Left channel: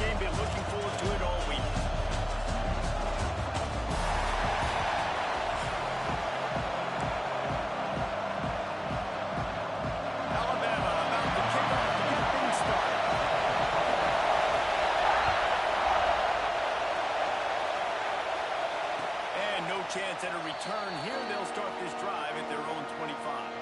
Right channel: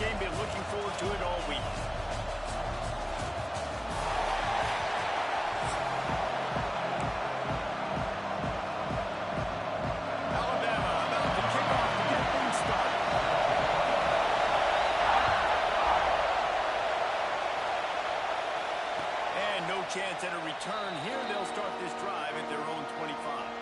game. Been looking forward to it all week. Alabama about to kick off to get things started. And no chance at a return here. They'll start this drive at their own 25.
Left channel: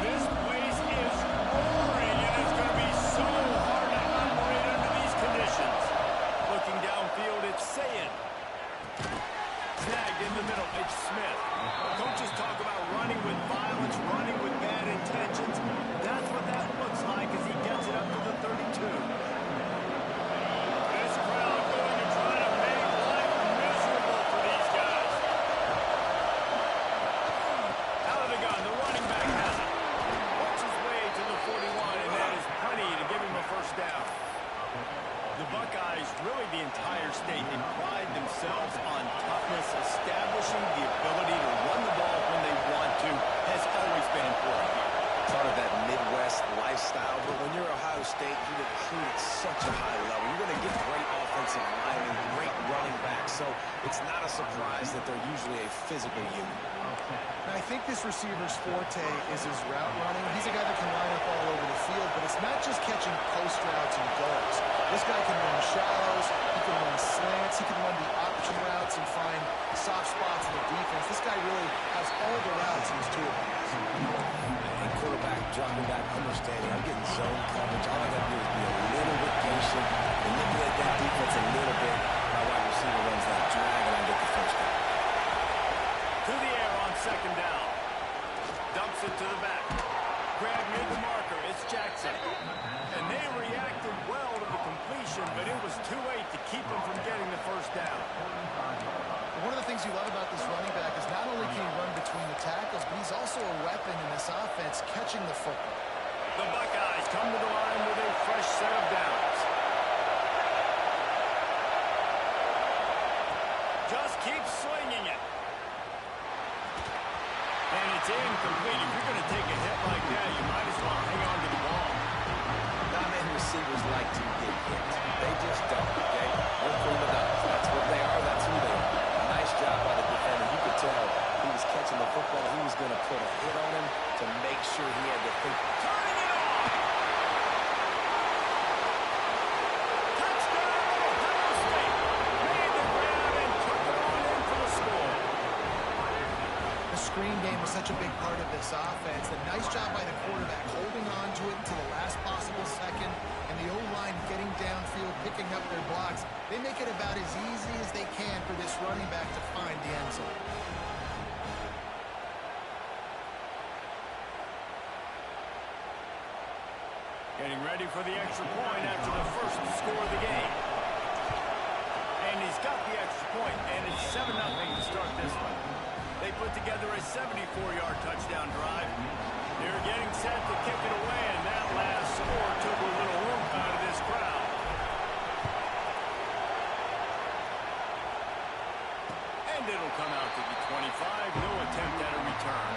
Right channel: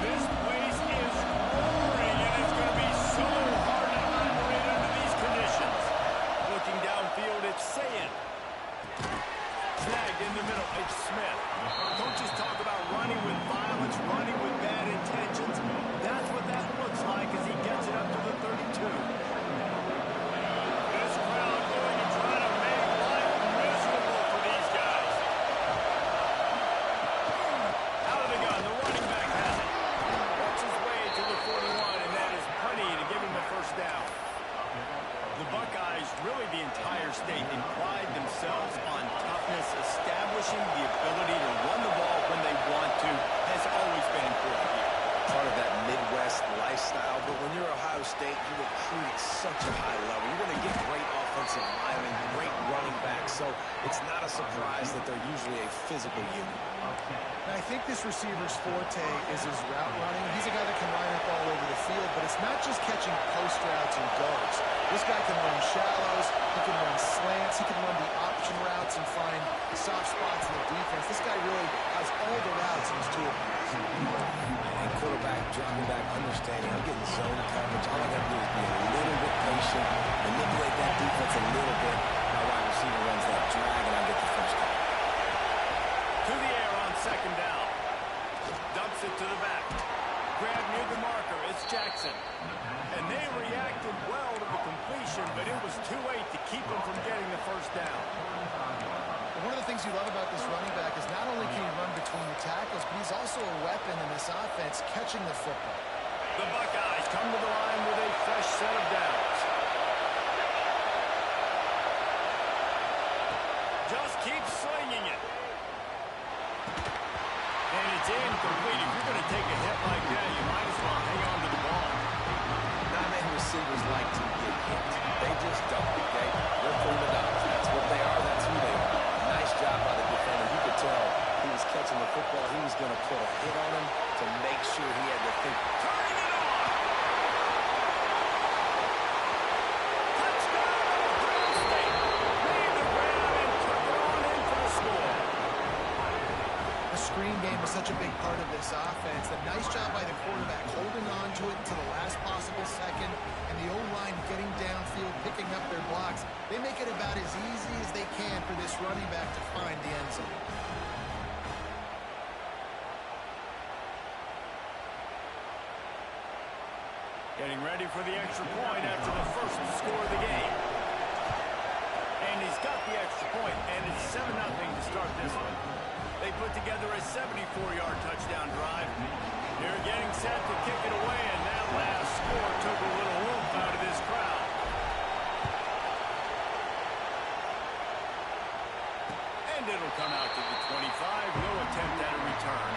This place is roaring, and it's going to be so hard to operate under these conditions. Looking downfield, it's Saying. Snagged in the middle, it's Smith. Coaches talk about running with violence, running with bad intentions. That's what that looks like as he gets it up to the 32. This crowd going to try to make life miserable for these guys. Out of the gun, the running back has it. Works his way to the 41, and that is plenty to give him a first down. The Buckeyes, really the entire state, they pride themselves on toughness. Establishing the ability to run the ball when they want to has always been important here. Part of that Midwest lifestyle, but when you're Ohio State, you recruit at such a high level. You're going to get great offensive linemen, great running backs, so it's not a surprise that they're usually a physical unit. Now, I think this receiver's forte is his route running. He's a guy that can line up all over the field, but it's not just catching post routes and goes. This guy can run shallows, he can run slants, he can run the option routes and find soft spots in the defense. This guy really has all the routes in his toolbox. And quarterback dropping back, understanding, I'm getting zone coverage. All I got to do is be a little bit patient, manipulate that defense a little bit. My wide receiver runs that drag, and I get the first down. To the air on second down. Dumps it to the back. Grab near the marker. It's Jackson. And they reacted well to the completion, but it was too late to keep them from getting the first down. One of the things you love about this running back is not only can he run between the tackles, but he's also a weapon in this offense catching the football. The Buckeyes come to the line with a fresh set of downs. Just keep slinging it. And it's incomplete. If you're going to take a hit like that, you might as well hang on to the ball. Not many receivers like to get hit. They just don't, okay? They're prima donnas. That's what they are. That's who they are. Nice job by the defender. You could tell he was catching the football. He was going to put a hit on him to make sure he had to think. Turning it on! Touchdown, Ohio State! Made the grab and took it on in for the score. The screen game is such a big part of this offense. A nice job by the quarterback holding on to it until the last possible second, and the O-line getting downfield, picking up their blocks. They make it about as easy as they can for this running back to find the end zone. Getting ready for the extra point after the first score of the game. And he's got the extra point, and it's 7-0 to start this one. They put together a 74-yard touchdown drive. They're getting set to kick it away, and that last score took a little oomph out of this crowd. And it'll come out to the 25. No attempt at a return.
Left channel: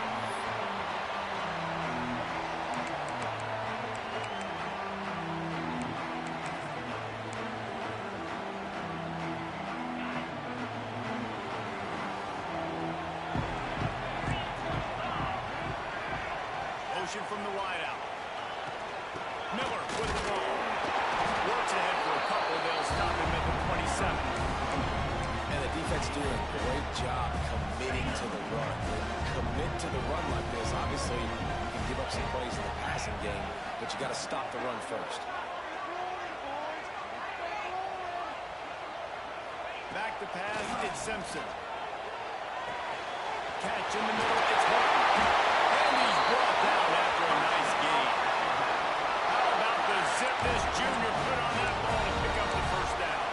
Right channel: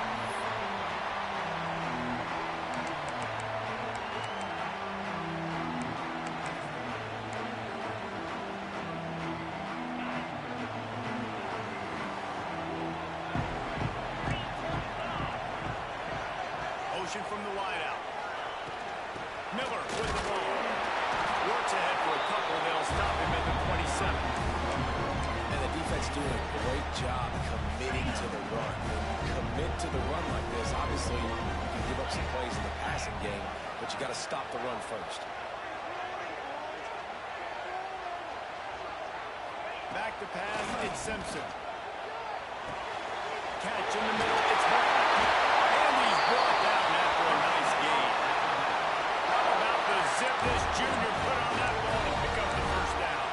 From the wideout. Miller with the ball. Works ahead for a couple. They'll stop him at the 27. And the defense doing a great job committing to the run. When you commit to the run like this, obviously you can give up some plays in the passing game, but you got to stop the run first. Back to pass, it's Simpson. Catch in the middle, it's Martin. And he's brought down after a nice gain. How about the zip this junior put on that ball to pick up the first down?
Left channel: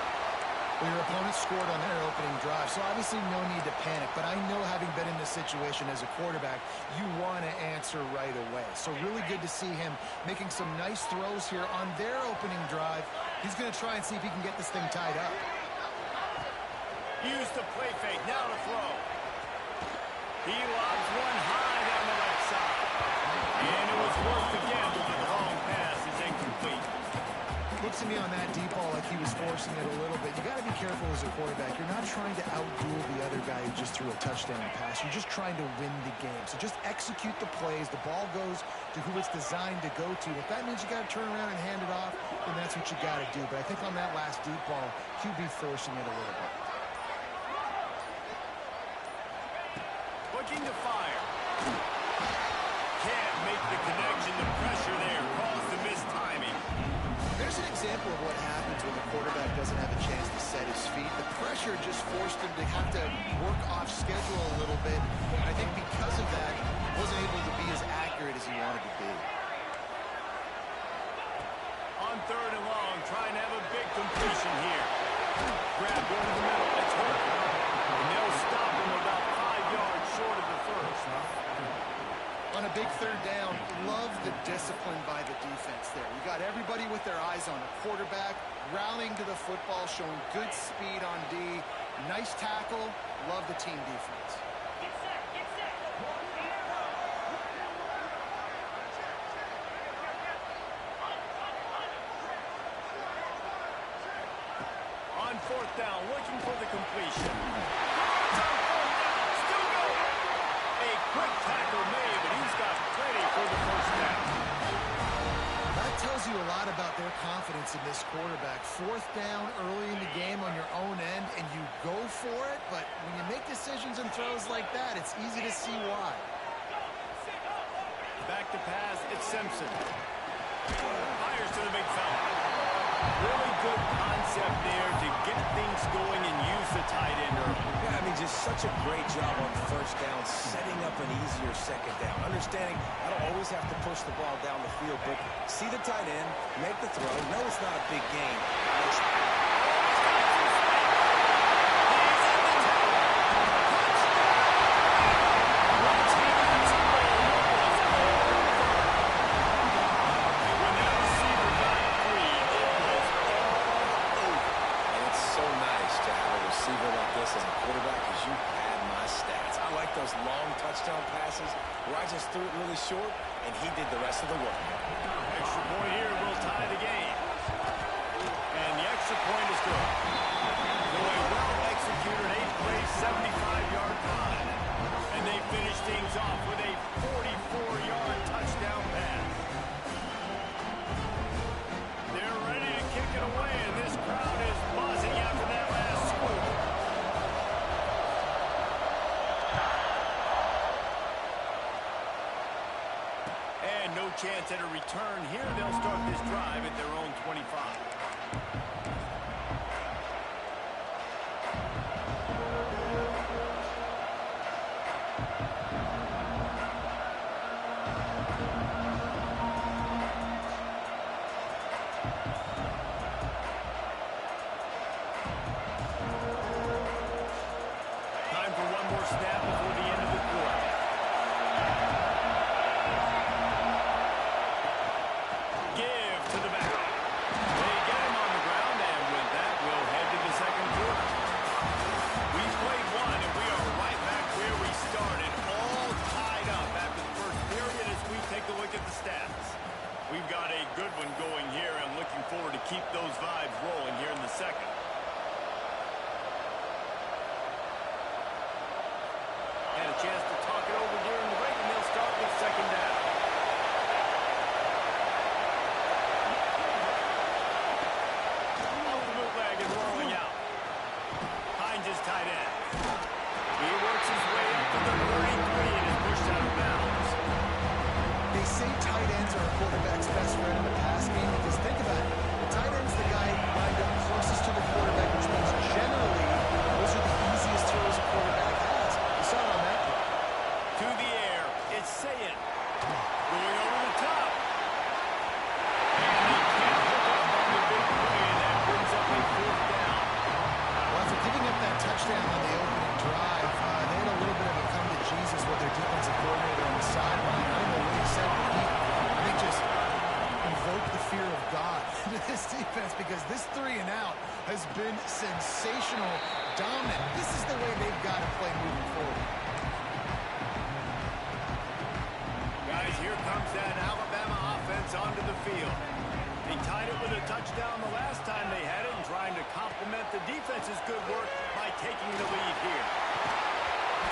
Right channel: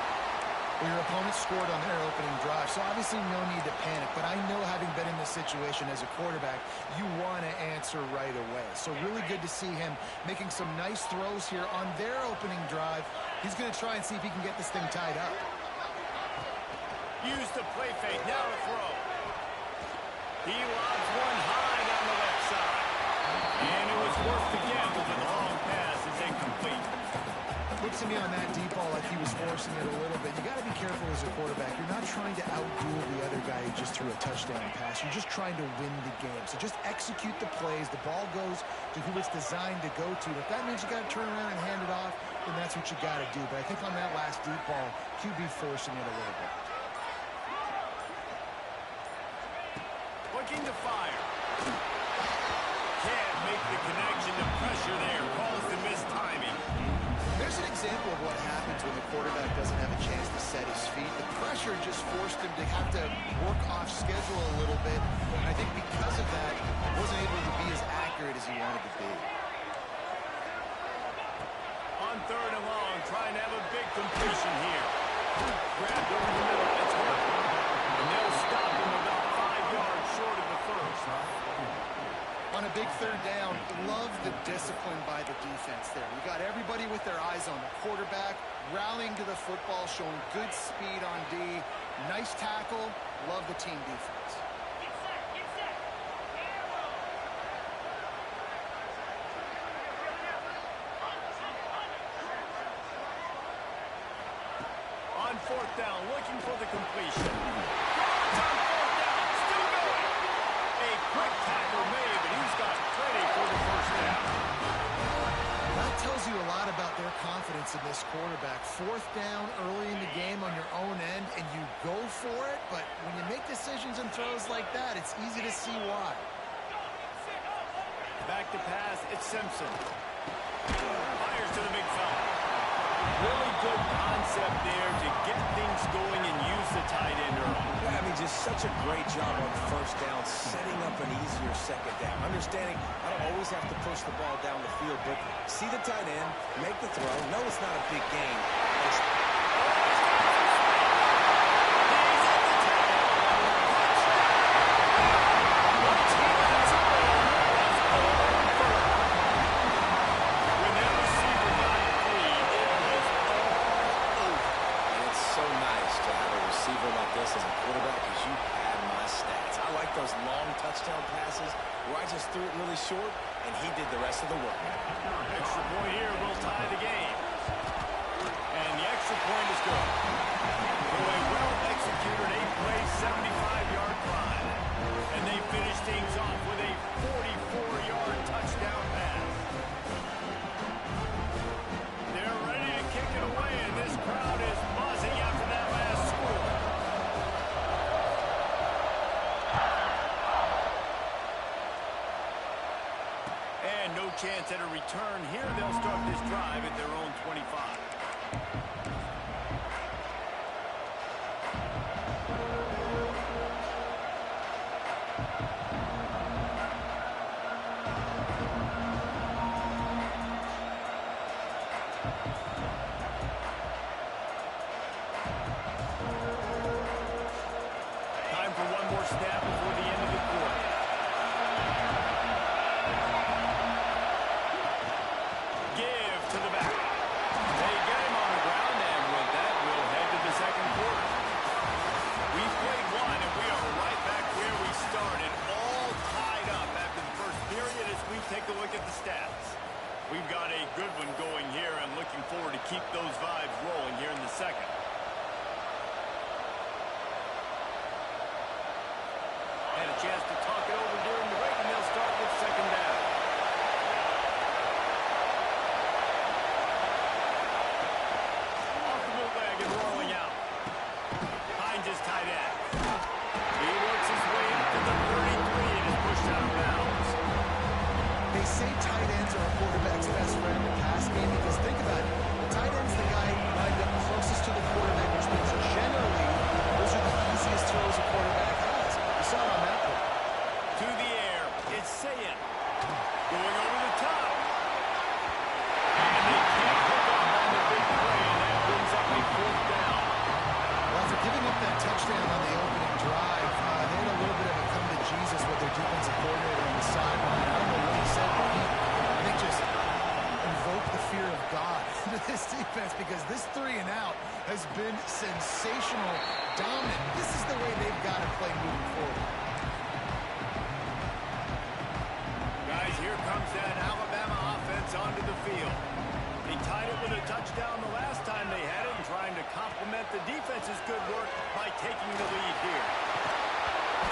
Well, your opponent scored on their opening drive, so obviously no need to panic. But I know, having been in this situation as a quarterback, you want to answer right away. So really good to see him making some nice throws here on their opening drive. He's going to try and see if he can get this thing tied up. Use the play fake, now to throw. He lobs one high down the left side. And it was worth the gamble, but the long pass is incomplete. Looks to me on that deep ball like he was forcing it a little bit. You got to be careful as a quarterback. You're not trying to outduel the other guy who just threw a touchdown pass. You're just trying to win the game. So just execute the plays. The ball goes to who it's designed to go to. If that means you got to turn around and hand it off, then that's what you got to do. But I think on that last deep ball, QB forcing it a little bit. Looking to fire. Can't make the connection. The pressure there caused the missed timing. There's an example of what happens when the quarterback doesn't have a chance to set his feet. The pressure just forced him to have to work off schedule a little bit. And I think because of that, wasn't able to be as accurate as he wanted to be. On third and long, trying to have a big completion here. Grabbed over the middle. It's working. And they'll stop him about 5 yards short of the first. On a big third down, love the discipline by the defense there. You got everybody with their eyes on the quarterback, rallying to the football, showing good speed on D. Nice tackle. Love the team defense. Get set, get set. On fourth down, looking for the completion. Yards on fourth down, still going. A quick tackle made, but he's got plenty for the first down. That tells you a lot about their confidence in this quarterback. Fourth down early in the game on your own end, and you go for it, but when you make decisions and throws like that, it's easy to see why. Back to pass, it's Simpson. Fires to the big fella. Really good concept there to get things going and use the tight end early. Yeah, I mean, just such a great job on first down, setting up an easier second down. Understanding I don't always have to push the ball down the field, but see the tight end, make the throw. No, it's not a big gain. He's got some space. He's at the 10. Touchdown! Once he got to roll, it was over. When that receiver got free, it was all over. And it's so nice to have a receiver like this as a quarterback because you pad my stats. I like those long touchdown passes where I just threw it really short and he did the rest of the work. Extra point here will tie the game. And the extra point is good. So a well-executed 8-play, 75-yard drive. And they finish things off with a 44-yard touchdown pass. They're ready to kick it away, and this crowd is buzzing after that last score. And no chance at a return here. They'll start this drive at their own 25. Time for one more snap before the end of the quarter. Give to the back. They get him on the ground, and with that, we'll head to the second quarter. We've played one, and we are right back where we started, all tied up after the first period as we take a look at the stats. We've got a good one going here, and looking forward to keep those vibes rolling here in the second. Had a chance to talk it over during the break, and they'll start with second down. Off the bootleg and rolling out. Finds his tight end. He works his way up to the 33 and is pushed out of bounds. They say tight ends are a quarterback's best friend in the pass game because think about it. The tight end's the guy lined up closest to the quarterback, which means generally those are the easiest throws a quarterback has. You saw it on that play. To the air, it's Ncaa. Going over the top. And they can't hook up on the big play, and that brings up a fourth down. Well, after giving up that touchdown on the opening drive, they had a little bit of a come to Jesus with their defensive coordinator on the sideline. I don't know what he said, but he, I think, just invoked the fear of God into this defense because this 3 and out has been sensational, dominant. This is the way they've got to play moving forward. here comes that Alabama offense onto the field. They tied it with a touchdown the last time they had it and trying to complement the defense's good work by taking the lead here.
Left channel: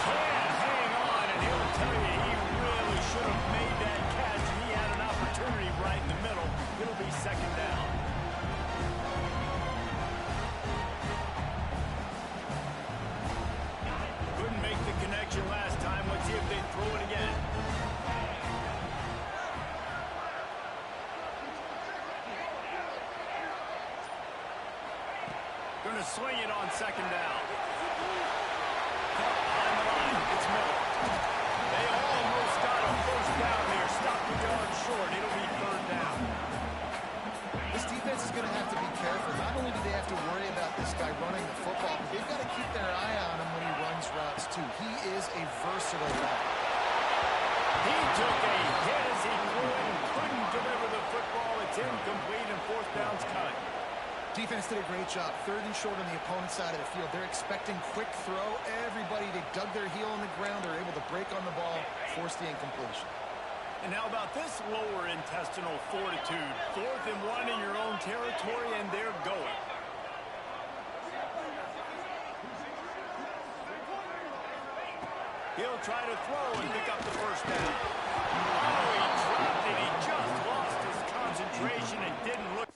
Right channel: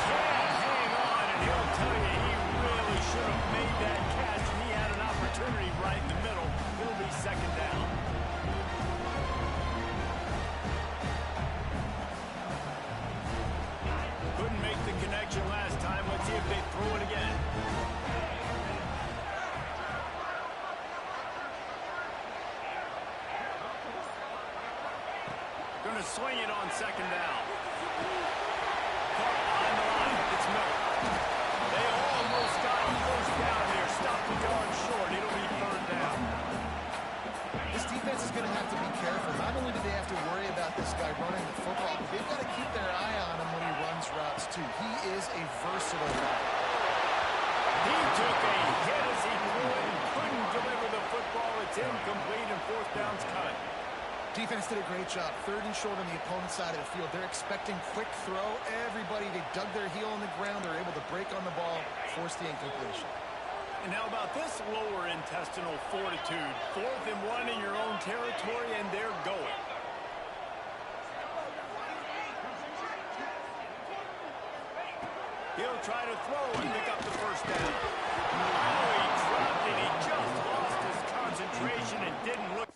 Can't hang on, and he'll tell you he really should have made that catch, and he had an opportunity right in the middle. It'll be second down. Couldn't make the connection last time. Let's see if they throw it again. Going to swing it on second down. Caught behind the line. It's Miller. They almost got a first down here. Stopped the yard short. It'll be third down. This defense is going to have to be careful. Not only do they have to worry about this guy running the football, but they've got to keep their eye on him when he runs routes, too. He is a versatile back. He took a hit as he threw it and couldn't deliver the football. It's incomplete and fourth down's cut. Defense did a great job. Third and short on the opponent's side of the field. They're expecting quick throw. Everybody, they dug their heel on the ground. They're able to break on the ball, force the incompletion. And how about this lower intestinal fortitude? 4th and 1 in your own territory, and they're going. He'll try to throw and pick up the first down. Oh, he dropped it. He just lost his concentration and didn't look.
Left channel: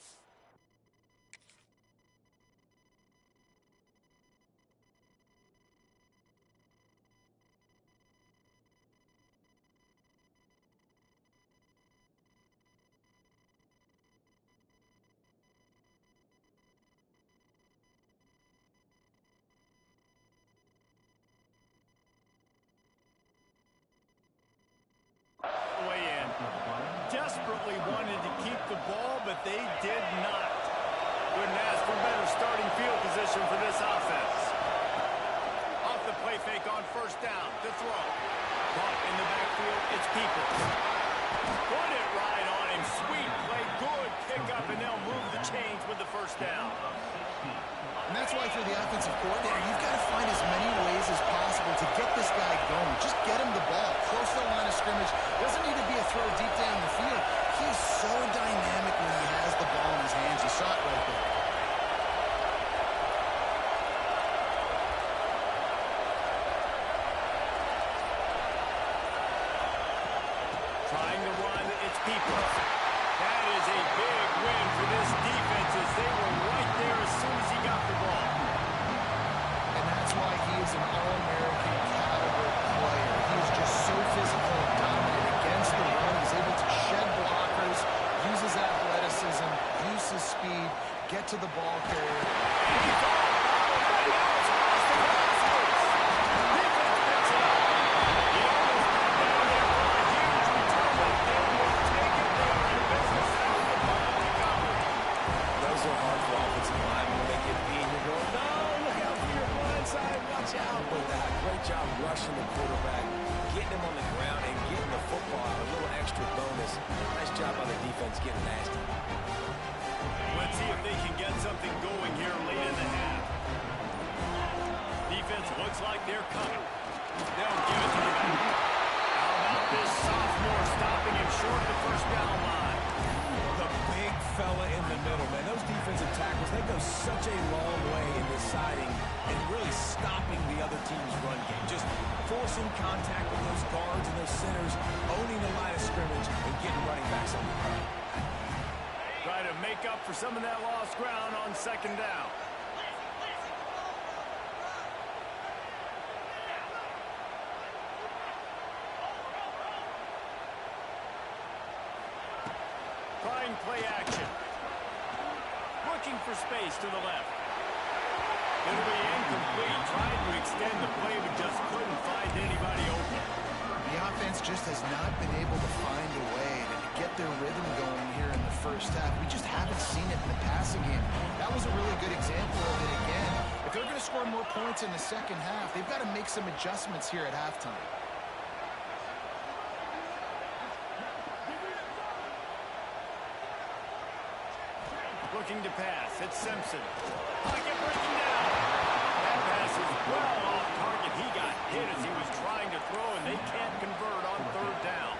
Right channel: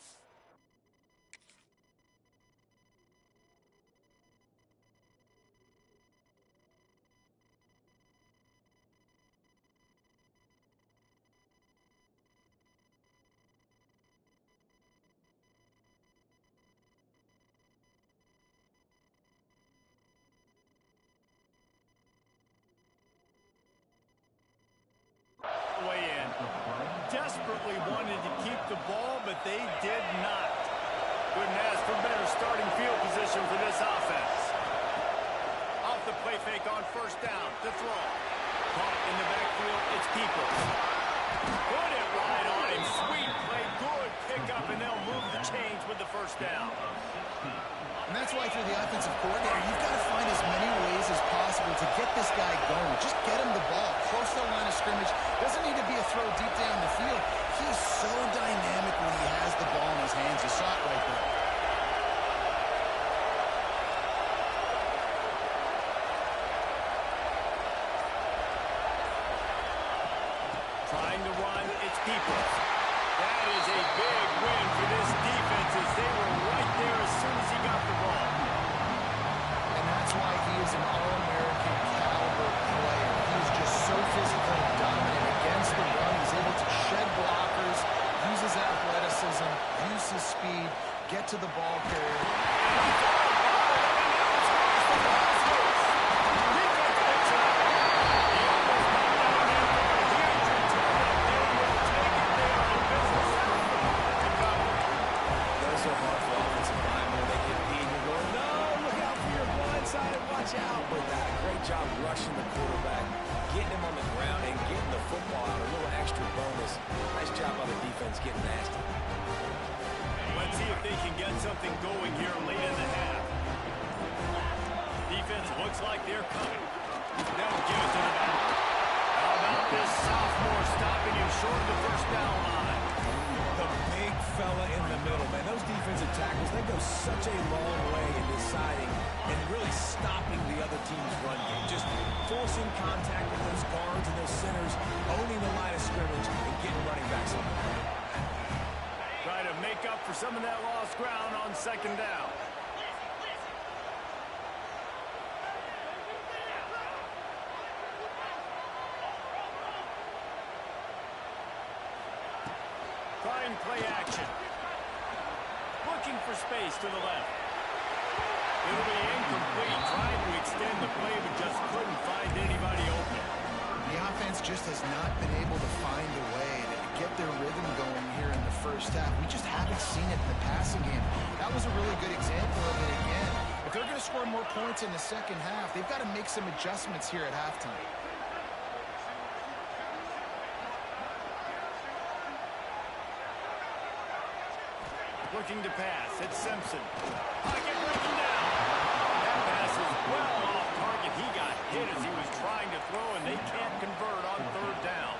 Way in. Desperately wanted to keep the ball, but they did not. Couldn't ask for better starting field position for this offense. Off the play fake on first down to throw. Caught in the backfield, it's Peoples. Put it right on him. Sweet play, good pickup, and they'll move the chains with the first down. And that's why, if you're the offensive coordinator, you've got to find as many ways as possible to get this guy going. Just get him the ball close to the line of scrimmage. Doesn't need to be a throw deep down the field. He's so dynamic when he has the ball in his hands. You saw it right there. Trying to run, it's Peoples. That is a big win for this defense as they were right there as soon as he got the ball. And that's why he is an All-American caliber player. He is just so physical and dominant against the run. He's able to shed blockers, use his athleticism, use his speed, get to the ball carrier. And he's all bobbled up, and now it's lost the ball's loose. Defense picks it up. He almost knocked down there for a huge return, but they will take it. They are in business after the ball recovery. Those are hard for offensive linemen when they get beat. You're going, no, look out for your blind side, watch out. But that great job rushing the quarterback, getting him on the ground, and getting the football out. A little extra bonus. Nice job by the defense getting nasty. Let's see if they can get something going here late in the half. Defense looks like they're coming. They'll give it to the back. How about this sophomore stopping him short of the first down line? The big fella in the middle, man. Those defensive tackles, they go such a long way in deciding and really stopping the other team's run game. Just forcing contact with those guards and those centers, owning the line of scrimmage, and getting running backs on the ground. Try to make up for some of that lost ground on second down. Trying play action. Looking for space to the left. It'll be incomplete. Trying to extend the play, but just couldn't find anybody open. The offense just has not been able to find a way to get their rhythm going here in the first half. We just haven't seen it in the passing game. That was a really good example of it again. If they're going to score more points in the second half, they've got to make some adjustments here at halftime. Looking to pass. It's Simpson. Pocket breaking down. That pass is well off target. He got hit as he was trying to throw, and they can't convert on third down.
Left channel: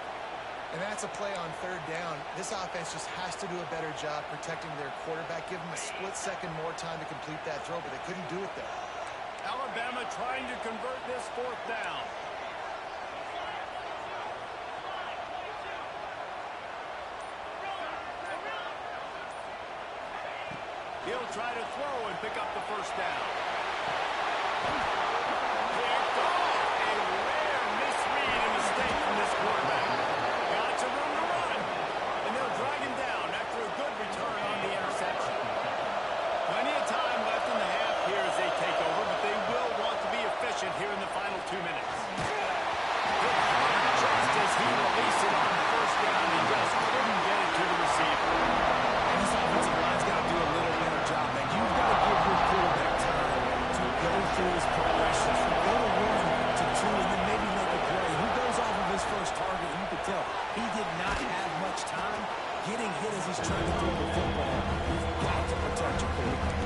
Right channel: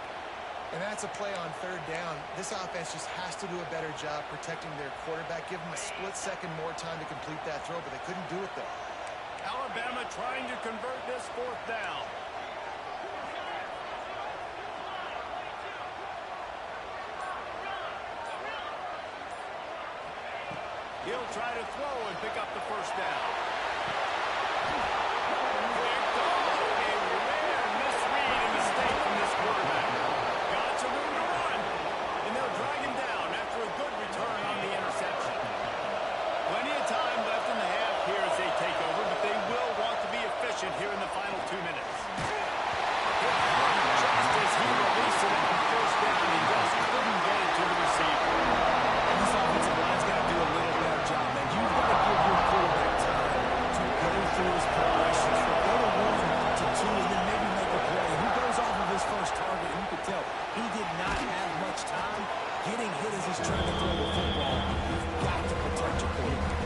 And that's a play on third down. This offense just has to do a better job protecting their quarterback. Give them a split second more time to complete that throw, but they couldn't do it there. Alabama trying to convert this fourth down. He'll try to throw and pick up the first down. Picked off. A rare misread and mistake from this quarterback. Got some room to run. And they'll drag him down after a good return on the interception. Plenty of time left in the half here as they take over, but they will want to be efficient here in the final 2 minutes. Hit hard just as he released it on first down. He just couldn't get it to the receiver. And this offensive line's got to do a little better job, man. You've got to give your quarterback time to go through his progressions, from go to 1 to 2, and then maybe make a play. He goes off of his first target, and you could tell he did not have much time getting hit as he's trying to throw the football. You've got to protect your quarterback.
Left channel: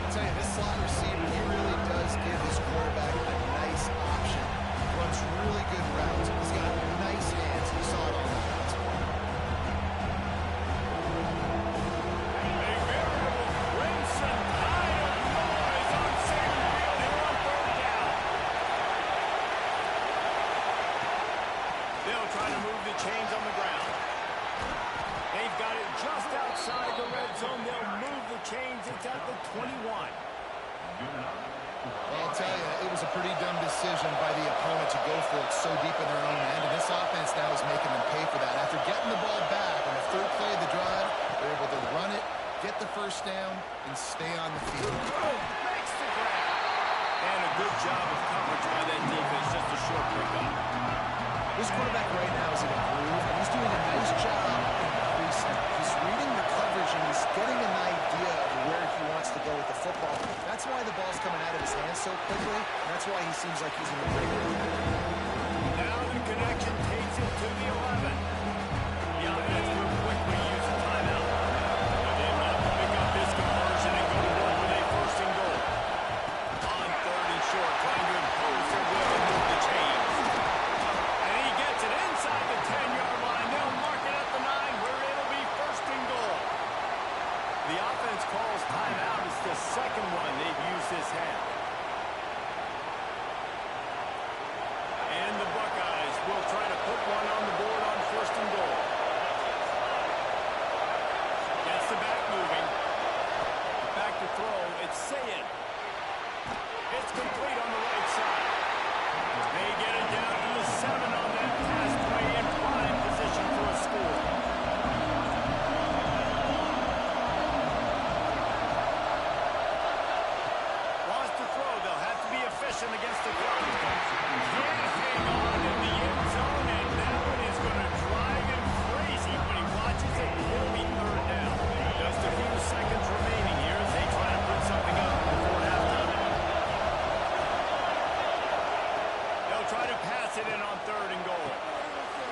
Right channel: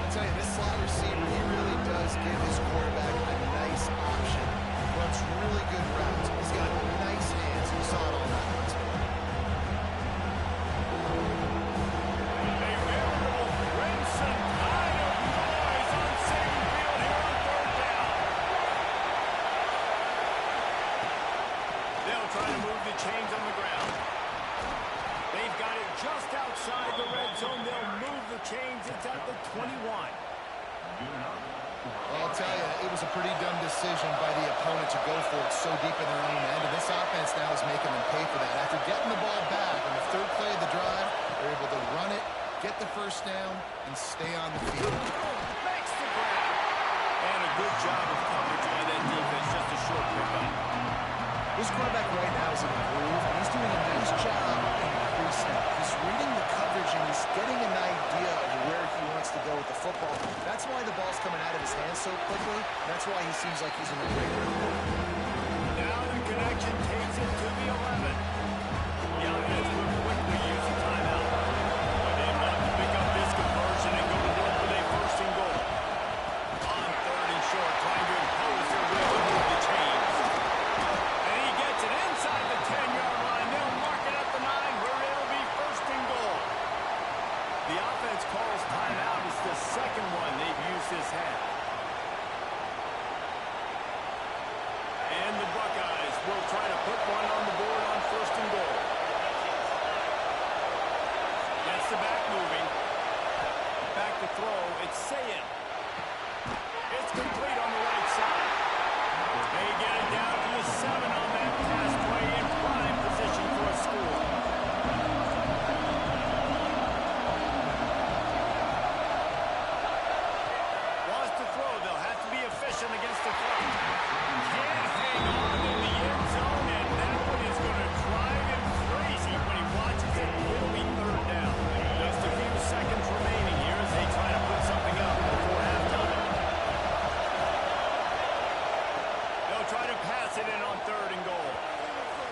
I'll tell you, this slot receiver, he really does give his quarterback a nice option. Runs really good routes. He's got nice hands. You saw it all night. A veritable crimson tide of noise on Saban Field here on third down. They'll try to move the chains on the ground. They've got it just outside the red zone. They'll move the chains. It's at the 21. Well, I'll tell you, it was a pretty dumb decision by the opponent to go for it so deep in their own end, and this offense now is making them pay for that. After getting the ball back on the third play of the drive, they're able to run it, get the first down, and stay on the field. Makes the grab. And a good job of coverage by that defense. Just a short pickup. This quarterback right now is in a groove, and he's doing a nice job increasing. He's reading the coverage, and he's getting an idea of where he wants to go with the football. That's why the ball's coming out of his hands so quickly. That's why he seems like he's in a great rhythm. Now the connection takes it to the 11. The offense will quickly use a timeout. But they have to pick up this conversion and go to work with a first and goal. On third and short, trying to impose their will and move the chains. And he gets it inside the 10-yard line. They'll mark it at the 9 where it'll be first and goal. The offense calls timeout. It's the second one they've used this half. And the Buckeyes will try to put one on the board on first and goal. Gets the back moving. Back to throw. It's Ncaa. It's complete on the right side. They get it down to the 7 on that pass play in prime position for a score. Wants to throw. They'll have to be efficient against the clock. Can't hang on in the end zone, and that one is going to drive him crazy when he watches it. It'll be third down. Just a few seconds remaining here as they try to put something up before halftime. They'll try to pass it in on third and goal.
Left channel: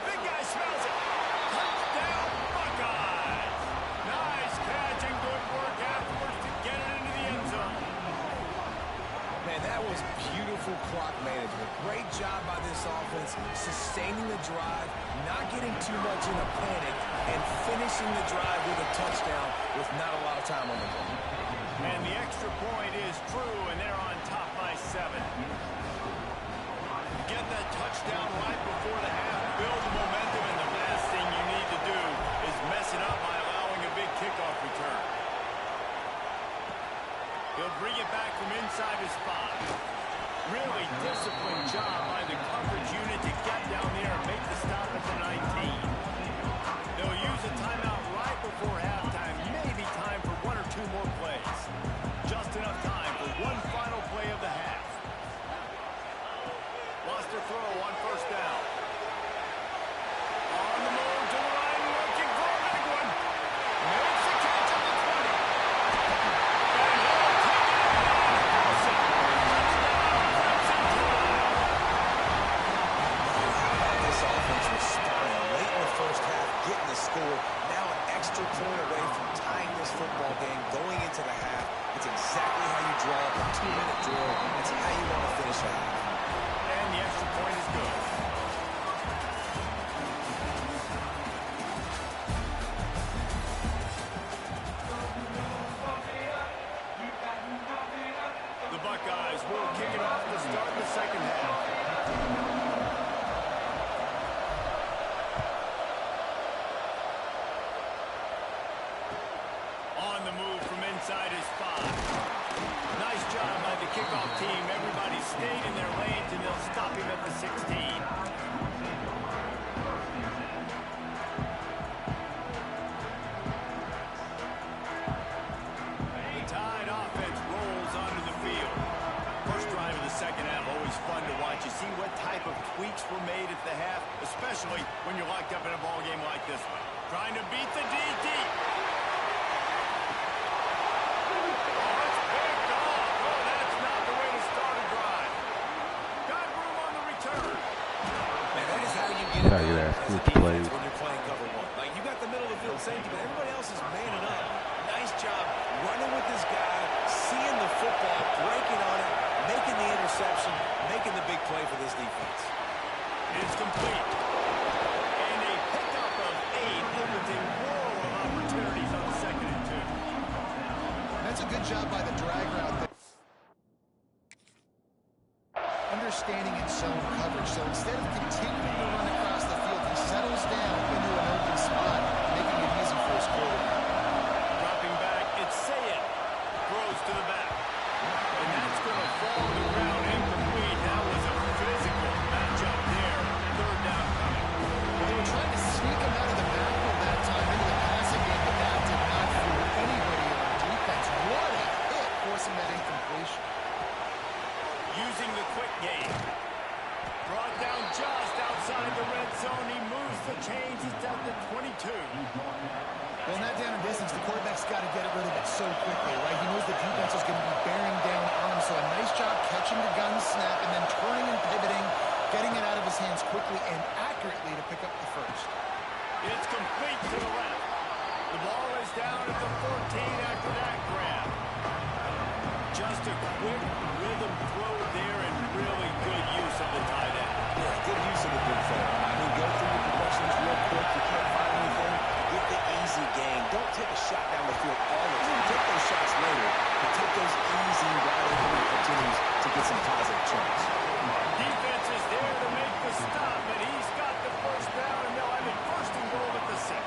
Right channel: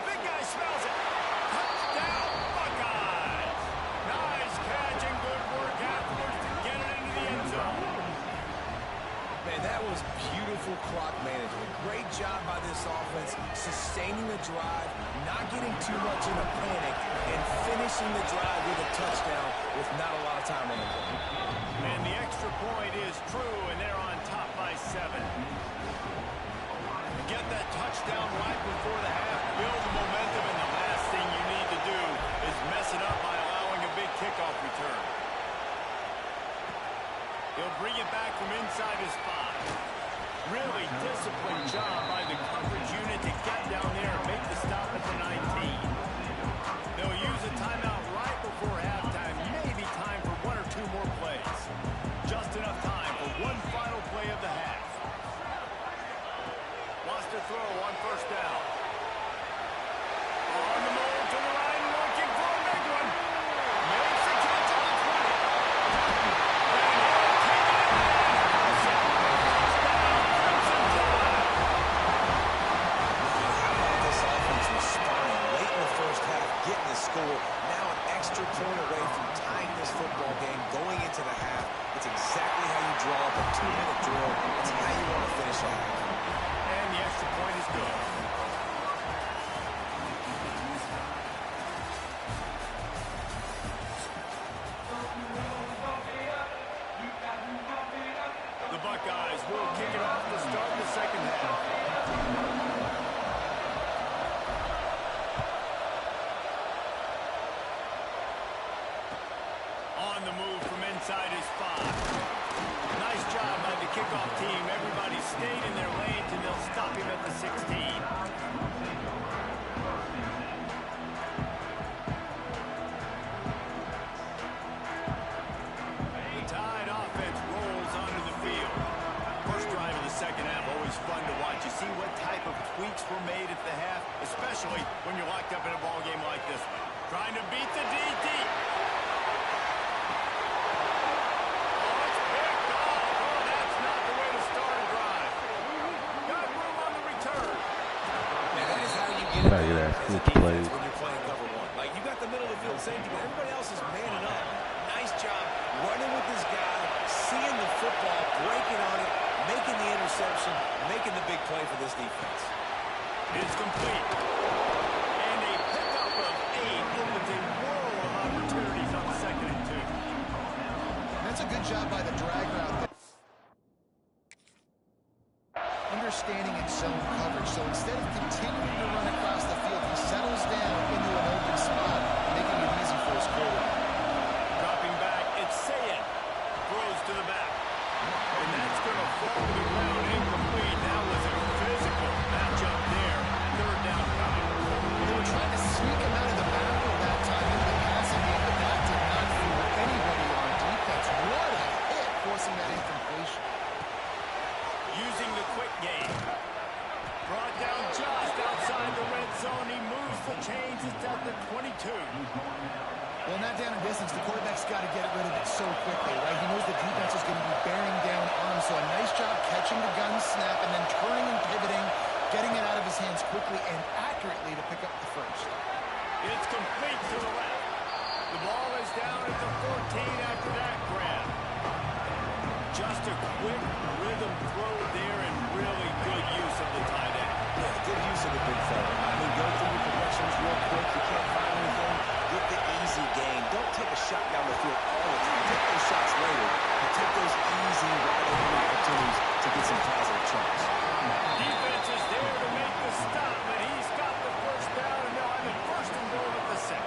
Big guy smells it. Touchdown, Buckeyes. Nice catch and good work afterwards to get it into the end zone. Man, that was beautiful clock management. Great job by this offense, sustaining the drive, not getting too much in a panic, and finishing the drive with a touchdown with not a lot of time on the clock. And the extra point is true, and they're on top by 7. Get that touchdown right before the half, build the momentum, and the last thing you need to do is mess it up by allowing a big kickoff return. He'll bring it back from inside his 5. Really disciplined job by the coverage unit to get down there and make the stop at the 19. They'll use a timeout right before halftime, maybe time for 1 or 2 more plays. Just enough time for one final play of the half. Wants to throw on first down. On the move to the right, looking for a big one. Makes the catch at the 20. And he'll take it in. Touchdown, Crimson Tide. How about this offense responding late in the first half, getting the score, now an extra point away from tying this football game going into the half. It's exactly how you draw up a 2-minute drill. It's how you want to finish a half. And the extra point is good. Buckeyes will kick it off to start the second half. On the move from inside his 5. Nice job by the kickoff team. Everybody stayed in their lanes, and they'll stop him at the 16. The Tide offense rolls onto the field. First drive of the second half, always fun to watch. You see what type of tweaks were made at the half, especially when you're locked up in a ball game like this one. Trying to beat the DT. When you're playing cover 1. Like, you got the middle of the field safety, but everybody else is manning up. Nice job running with this guy, seeing the football, breaking on it, making the interception, making the big play for this defense. It's complete. And a pickup of 8 opens a world of opportunities on 2nd and 2. That's a good job by the drag route there. Understanding its zone coverage. So instead of continuing to run across the field, he settles down into an open spot, making it easy for his quarterback. Dropping back, it's Ncaa. Throws to the back. And that's going to fall to the ground incomplete. That was a physical matchup there. 3rd down coming. Well, they were trying to sneak him out of the backfield that time into the passing game, but that did not fool anybody on defense. What a hit, forcing that incompletion. Using the quick game. Brought down just outside the red zone. He moves the chains. It's at the 22. Well, in that down and distance, the quarterback's got to get rid of it so quickly, right? He knows the defense is going to be bearing down on him. So a nice job catching the gun snap and then turning and pivoting, getting it out of his hands quickly and accurately to pick up the first. It's complete to the left. The ball is down at the 14 after that grab. Just a quick rhythm throw there and really good use of the tight end. Yeah, good use of the big fella. I mean, go through your progressions real quick. You can't find anything. Get the easy gain. Don't take a shot down the field all the time. Take those shots later, but take those easy, wide-open opportunities to get some positive chunks. Defense is there to make the stop, but he's got the first down, and they'll have it 1st and goal at the 6.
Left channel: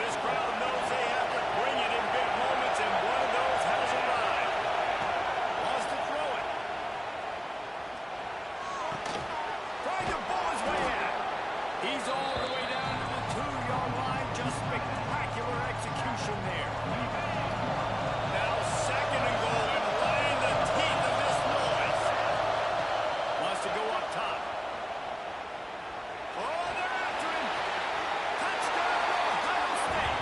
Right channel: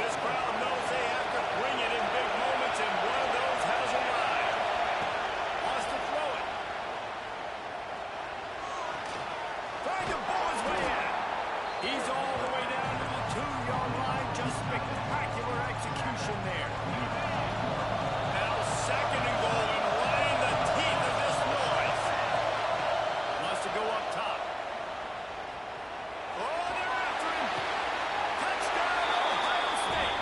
This crowd knows they have to bring it in big moments, and one of those has arrived. Wants to throw it. Trying to pull his way out. He's all the way down to the 2-yard line. Just spectacular execution there. Now 2nd and goal, and right in the teeth of this noise. Wants to go up top. Oh, they're after him. Touchdown, Ohio State.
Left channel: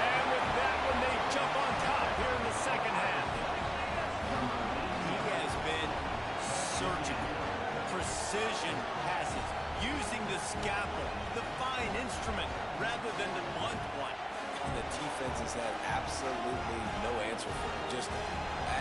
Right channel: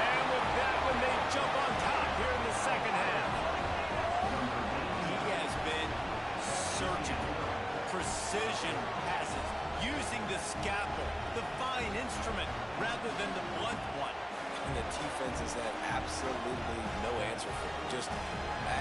And with that one, they jump on top here in the second half. He has been surgical. Precision passes. Using the scalpel, the fine instrument, rather than the blunt one. And the defense has had absolutely no answer for him. Just,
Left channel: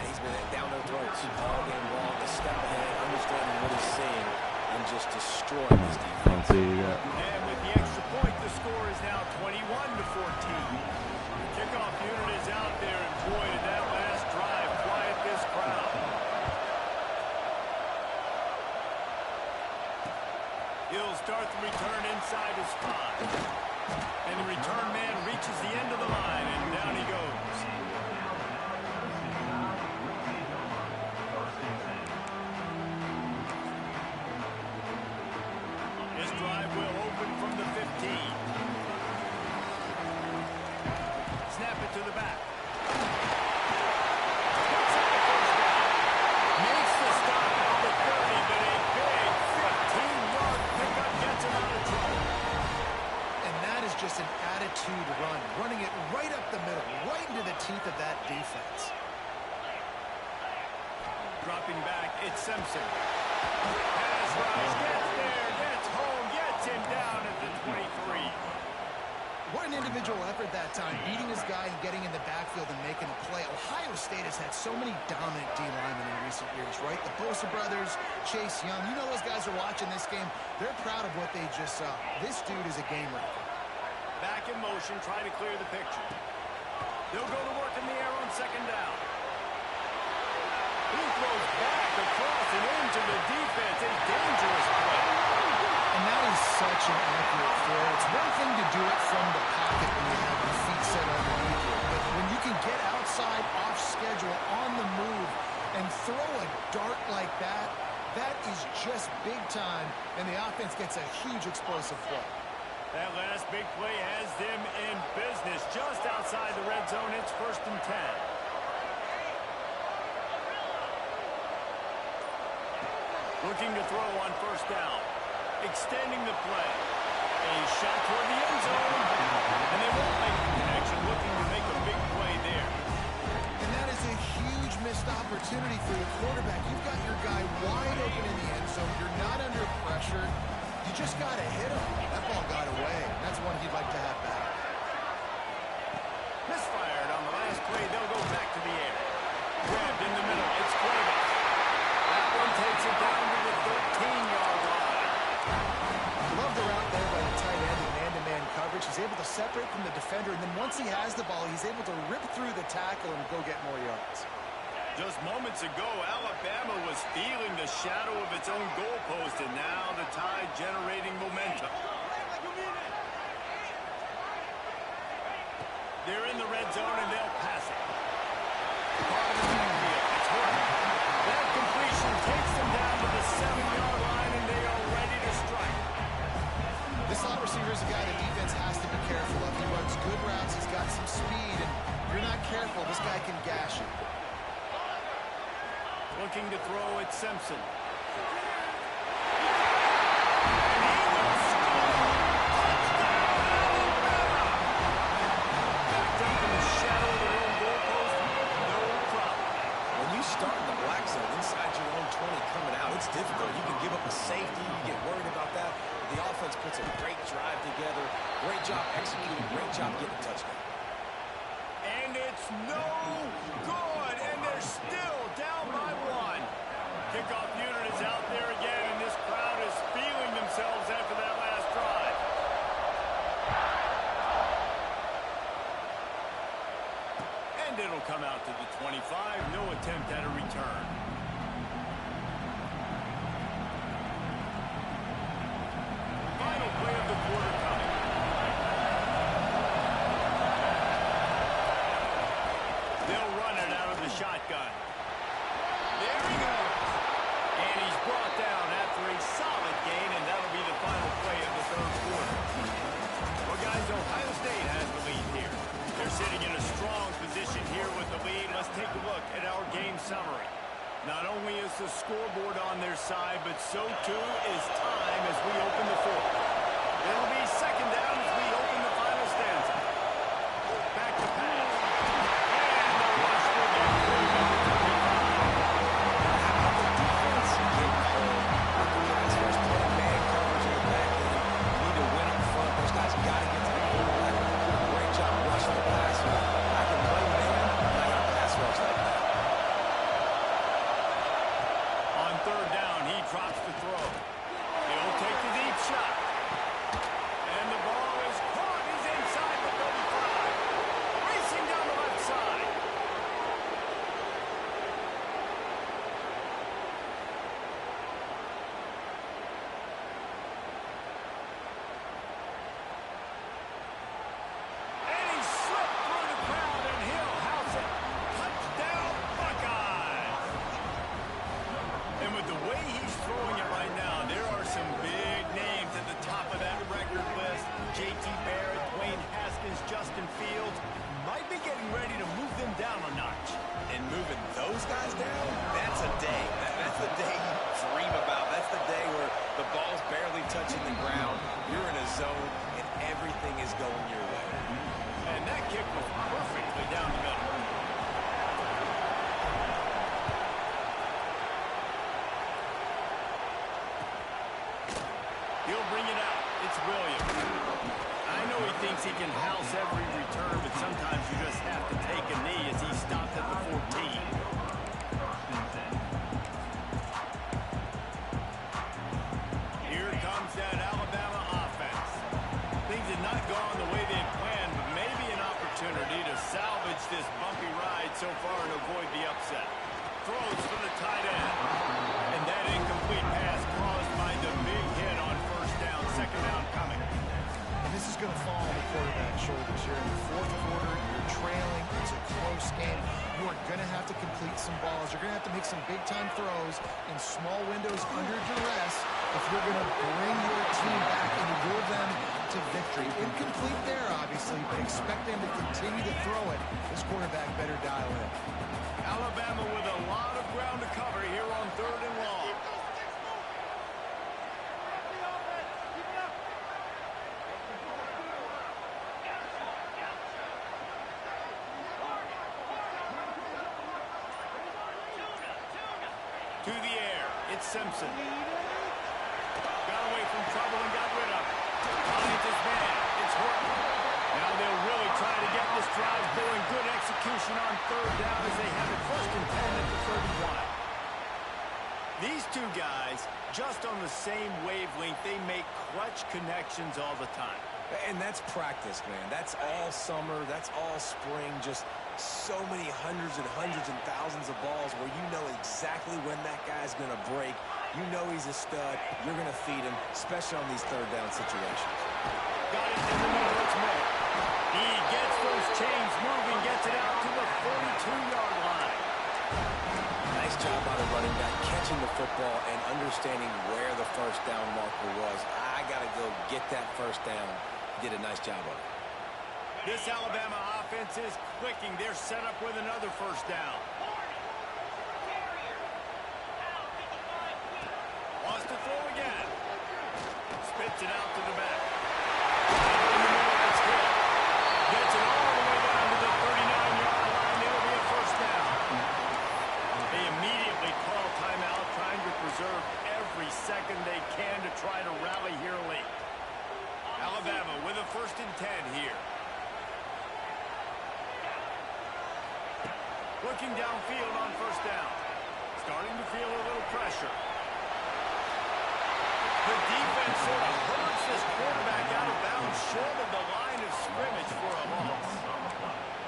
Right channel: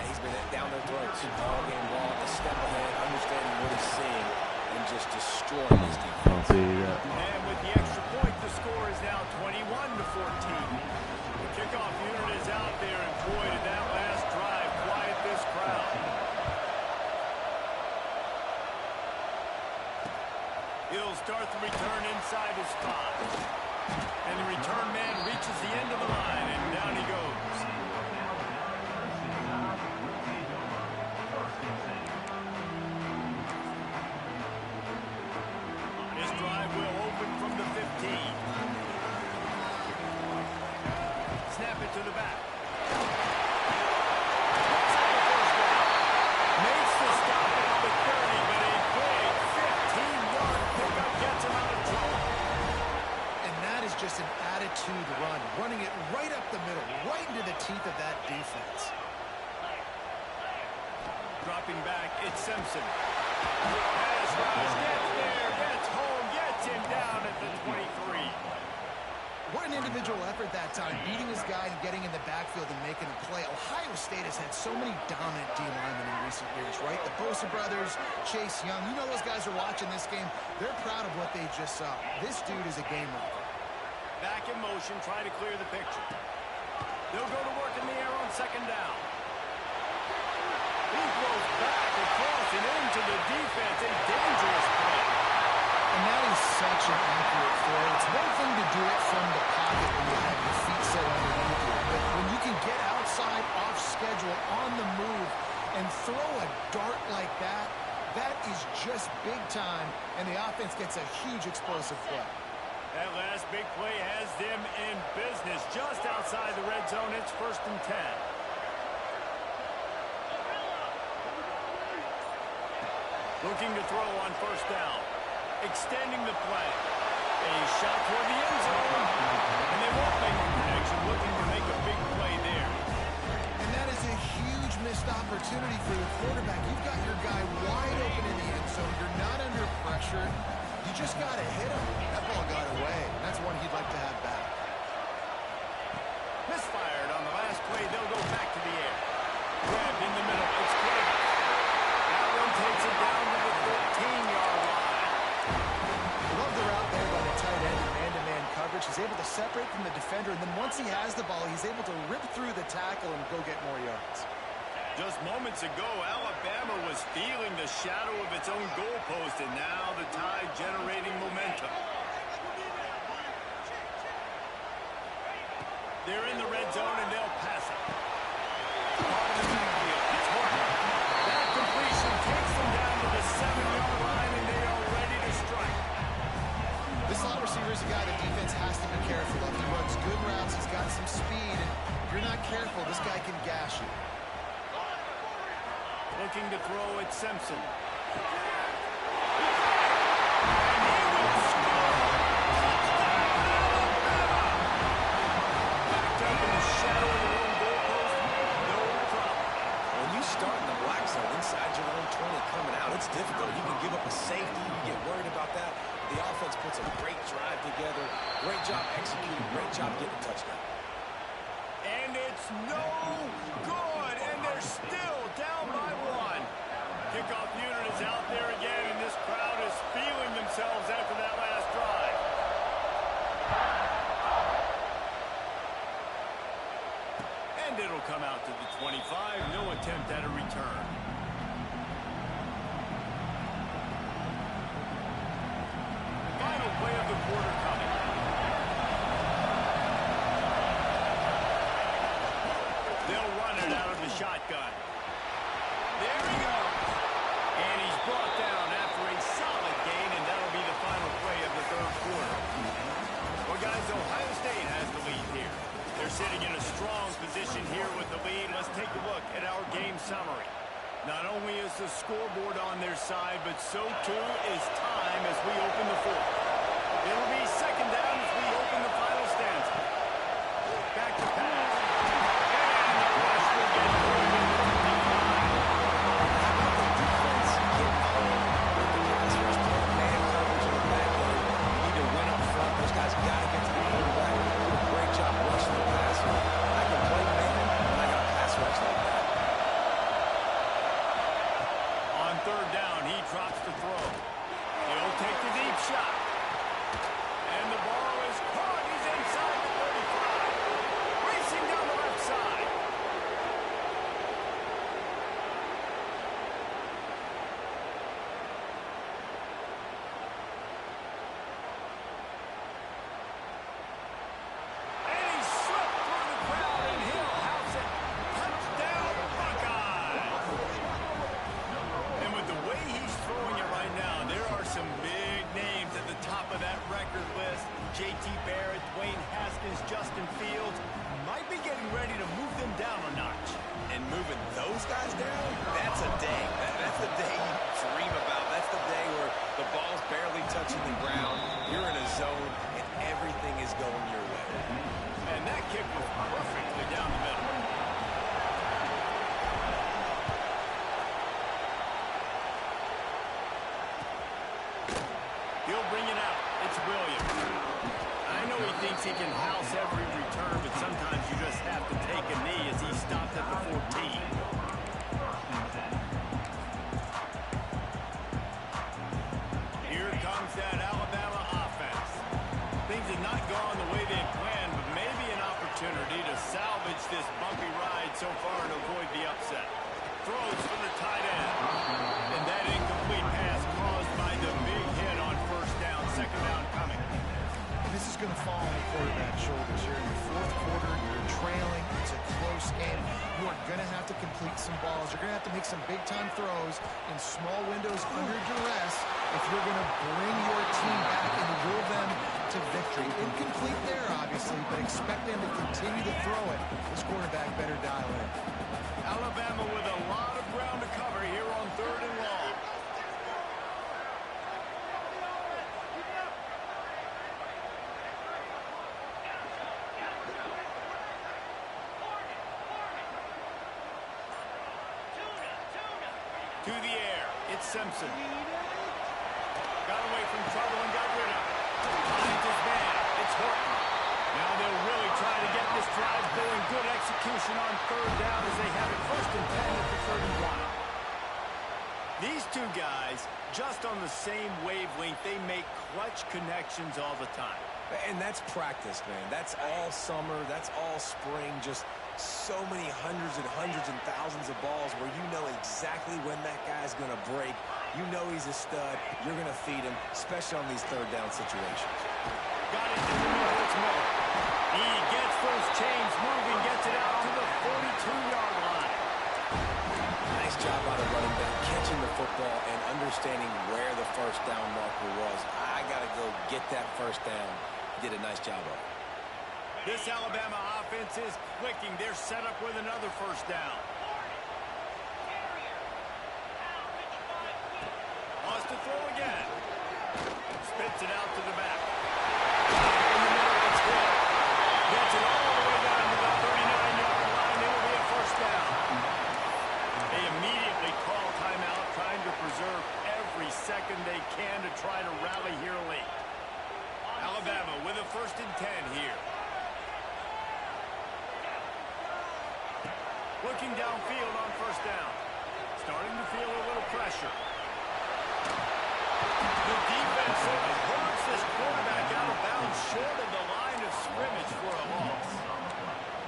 he's been down their throats all game long, a step ahead, understanding what he's seeing, and just destroying his defense. And with the extra point, the score is now 21-14. The kickoff unit is out there, and boy, did that last drive quiet this crowd. He'll start the return inside his 5. And the return man reaches the end of the line, and down he goes. His drive will open from the 15. Snap it to the back. Looks like a first down. Makes the stop at the 30, but a big 15-yard pickup gets him out of trouble. And that is just an attitude run, running it right up the middle, right into the teeth of that defense. Dropping back, it's Simpson. Pass rush, gets there, gets home, gets him down at the 23. What an individual effort that time, beating his guy and getting in the backfield and making a play. Ohio State has had so many dominant D linemen in recent years, right? The Bosa brothers, Chase Young, you know those guys are watching this game. They're proud of what they just saw. This dude is a game wrecker. Back in motion, try to clear the picture. They'll go to work in the air on 2nd down. He throws back across and into the defense. A dangerous play. And that is such an accurate throw. It's one thing to do it from the pocket when you have your feet set underneath you, but when you can get outside, off schedule, on the move, and throw a dart like that, that is just big time, and the offense gets a huge explosive play. That last big play has them in business. Just outside the red zone, it's 1st and 10. Looking to throw on 1st down. Extending the play. A shot toward the end zone. And they won't make the connection. Looking to make a big play there. And that is a huge missed opportunity for the quarterback. You've got your guy wide open in the end zone. You're not under pressure. You just got to hit him. That ball got away. And that's one he'd like to have back. Misfired on the last play. They'll go back to the air. Grabbed in the middle. It's Cuevas. That one takes it down to the 13-yard line. Love the route there by the tight end in man-to-man coverage. He's able to separate from the defender, and then once he has the ball, he's able to rip through the tackle and go get more yards. Just moments ago, Alabama was feeling the shadow of its own goalpost, and now the Tide generating momentum. They're in the red zone, and they'll pass it. Part of the backfield. It's Horton. That completion takes them down to the 7-yard line, and they are ready to strike. This slot receiver is a guy the defense has to be careful of. He runs good routes. He's got some speed, and if you're not careful, this guy can gash you. Looking to throw at Simpson. And he will score! Touchdown, Alabama! Backed up in the shadow of their own goalpost, no problem. When you start in the black zone inside your own 20 coming out, it's difficult. You can give up a safety. You get worried about that. The offense puts a great drive together. Great job executing. Great job getting a touchdown. And it's no good, and they're still down by 1. Kickoff unit is out there again, and this crowd is feeling themselves after that last drive. And it'll come out to the 25. No attempt at a return. Final play of the quarter coming. They'll run it out of the shotgun. There he goes. And he's brought down after a solid gain, and that'll be the final play of the 3rd quarter. Well, guys, Ohio State has the lead here. They're sitting in a strong position here with the lead. Let's take a look at our game summary. Not only is the scoreboard on their side, but so too is time as we open the 4th. It'll be 2nd down as we open the final stanza. Back to pass. And the rush will get through to the 25. How about the defense getting home with the pass rush, playing man coverage in the back end? You need to win up front. Those guys got to get to the quarterback. Do a great job rushing the passer. I can play man, and I got a pass rush like that. On 3rd down, he drops the throw. He'll take the deep shot. And the ball is caught. He's inside the 35. Racing down the left side. And he slipped through the crowd, and he'll house it. Touchdown, Buckeyes. And with the way he's throwing it right now, there are some big names at the top of that record list. J.T. Barrett, Dwayne Haskins, Justin Fields might be getting ready to move them down a notch. And moving those guys down, that's a day. That's the day you dream about. That's the day where the ball's barely touching the ground. You're in a zone, and everything is going your way. And that kick was perfectly down the middle. He'll bring it out. It's Williams. I know he thinks he can house every return, but sometimes you just have to take a knee as he stopped at the 14. Here comes that Alabama offense. Things have not gone the way they had planned, but maybe an opportunity to salvage this bumpy ride so far and avoid the upset. throws for the tight end. And that incomplete pass caused by the big hit on first down. Second down coming. And this is going to fall on the quarterback's shoulders here in the fourth quarter. You're trailing. It's a close game. You are going to have to complete some balls. You're going to have to make some big-time throws in small windows under duress if you're going to bring your team back and will them to victory. Incomplete there, obviously, but expect them to continue to throw it. This quarterback better dial in. Alabama with a lot of ground to cover here on 3rd and long. To the air, it's Simpson. Got away from trouble and got rid of it. Finds his man, it's Horton. Now they'll really try to get this drive going. Good execution on 3rd down as they have it 1st and 10 at the 31. These two guys, just on the same wavelength, they make clutch connections all the time. And that's practice, man. That's all summer. That's all spring. Just so many hundreds and thousands of balls where you know exactly when that guy's going to break. You know he's a stud. You're going to feed him, especially on these 3rd down situations. Got it in the middle. It's Miller. He gets those chains moving, gets it out to the 42-yard line. Nice job by the running back, catching the football and understanding where the first down marker was. I got to go get that first down. He did a nice job of it. This Alabama offense is clicking. They're set up with another first down. Wants to throw again. Spits it out to the back. In the middle, it's Hill. Gets it all the way down to the 39-yard line. It'll be a first down. They immediately call timeout, trying to preserve every second they can to try to rally here late. Alabama with a 1st and 10 here. Looking downfield on first down. Starting to feel a little pressure. The defense sort of hurts this quarterback out of bounds short of the line of scrimmage for a loss.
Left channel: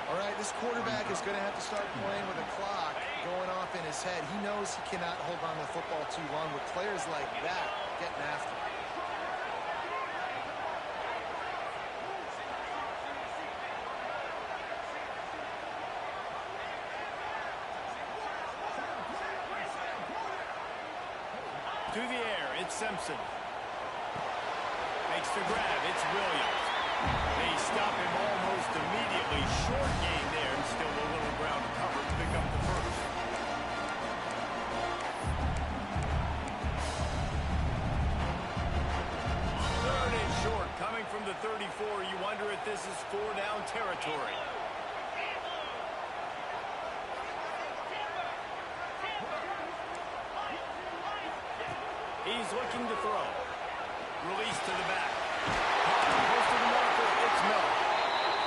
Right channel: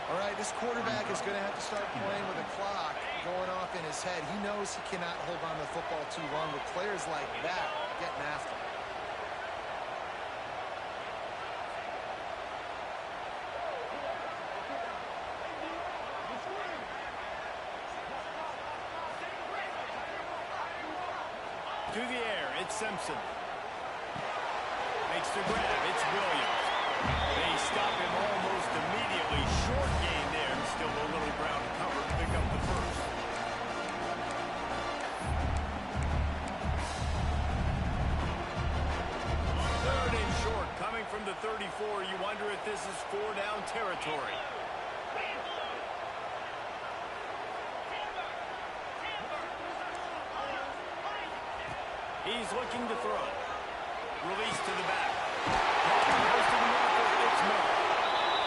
All right, this quarterback is going to have to start playing with a clock going off in his head. He knows he cannot hold on to the football too long with players like that getting after him. To the air, it's Simpson. Makes the grab, it's Williams. They stop him almost immediately. Short gain there, and still a little ground to cover to pick up the first. Third and short, coming from the 34. You wonder if this is 4-down territory. He's looking to throw. Release to the back. Close to the marker, it's Miller.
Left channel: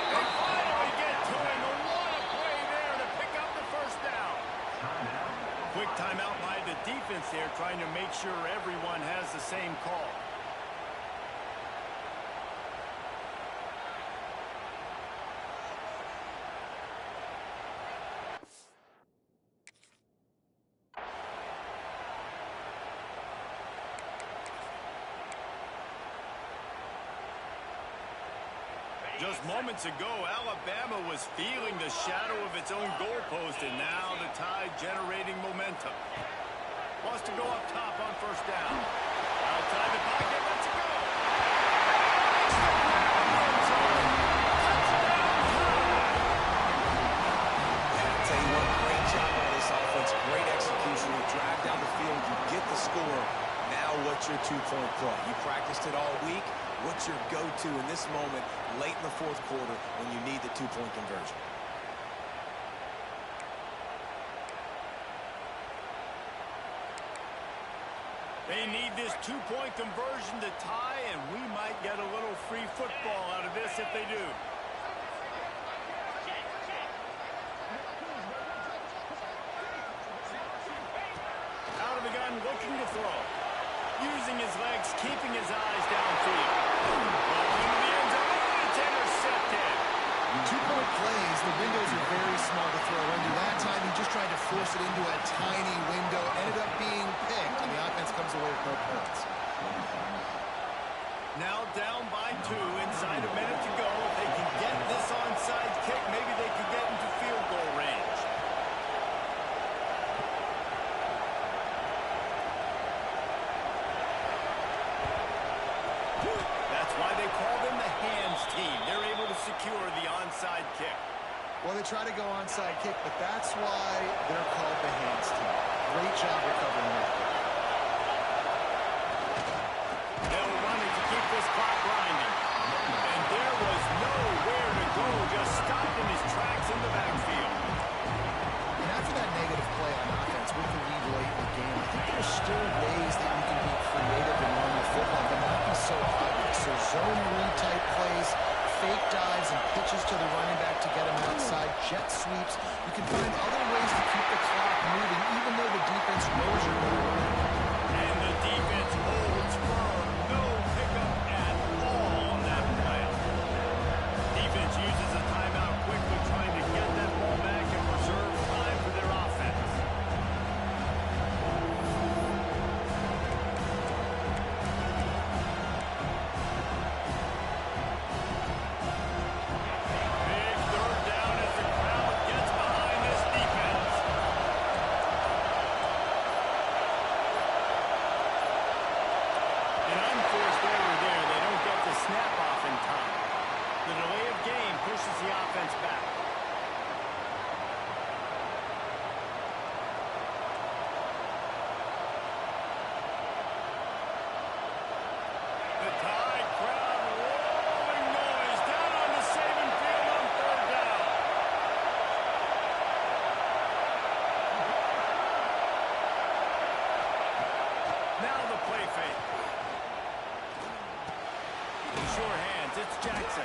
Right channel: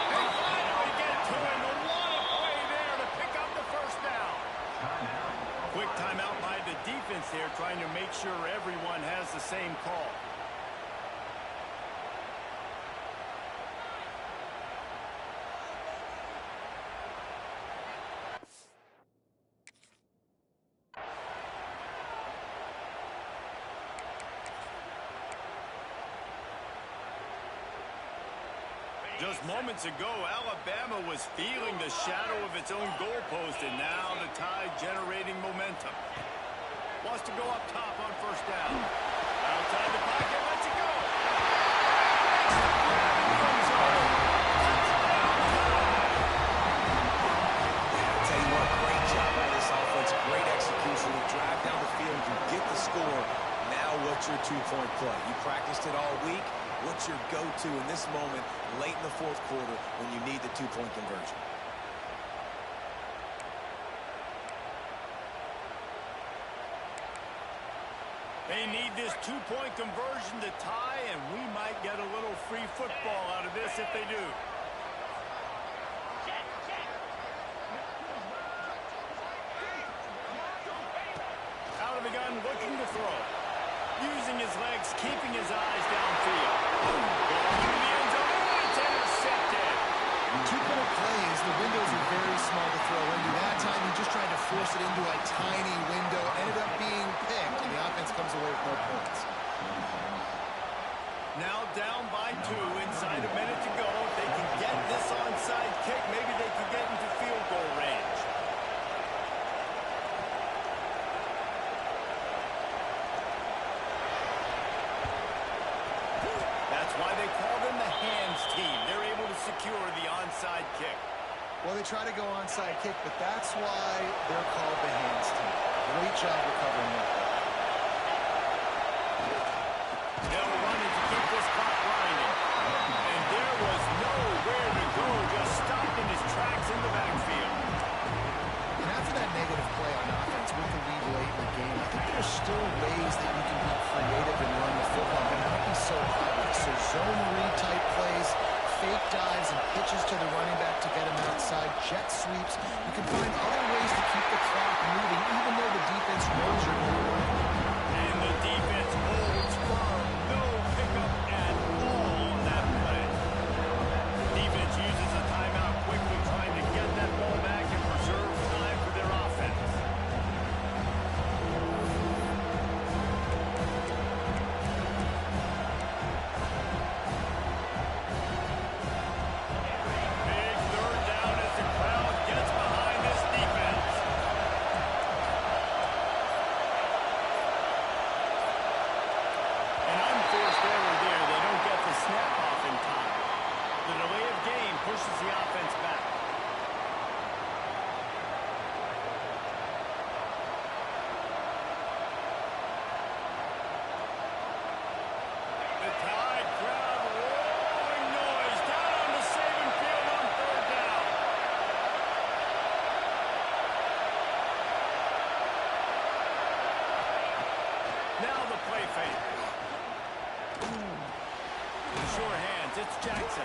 They finally get to him. What a play there to pick up the first down. Quick timeout by the defense there, trying to make sure everyone has the same call. Just moments ago, Alabama was feeling the shadow of its own goalpost, and now the Tide generating momentum. Wants to go up top on first down. Outside the pocket, lets it go. Makes the grab in the end zone. Touchdown, Tide! Yeah, I'll tell you what, great job by this offense. Great execution. You drive down the field, you get the score. Now what's your two-point play? You practiced it all week. What's your go-to in this moment late in the fourth quarter when you need the two-point conversion? They need this two-point conversion to tie, and we might get a little free football out of this if they do. Out of the gun, looking to throw. Using his legs, keeping his eyes downfield. Ball into the end zone, and it's intercepted. Two-point plays, the windows are very small to throw into. That time, he just tried to force it into a tiny window, ended up being picked, and the offense comes away with no points. Now down by 2, inside a minute to go. If they can get this onside kick, maybe they can get into field goal range. That's why they call them the hands team. They're able to secure the onside kick. Well, they try to go onside kick, but that's why they're called the hands team. Great job recovering that. They'll run it to keep this clock grinding. And there was nowhere to go, just stopped in his tracks in the backfield. And after that negative play on offense with the lead late in the game, I think there's still ways that you can be creative and run the football, but not be so obvious. So zone read type plays, fake dives and pitches to the running back to get him outside, jet sweeps. You can find other ways to keep the clock moving, even though the defense knows you're going to run. And the defense holds firm. No pickup at all on that play. Defense uses a timeout quickly, trying to get that ball back and preserve time for their offense. Big third down as the crowd gets behind this defense. An unforced error there. They don't get the snap off in time. The delay of game pushes the offense back. The Tide crowd rolling noise down on the Saban field on third down. Now the play fake. In sure hands, it's Jackson.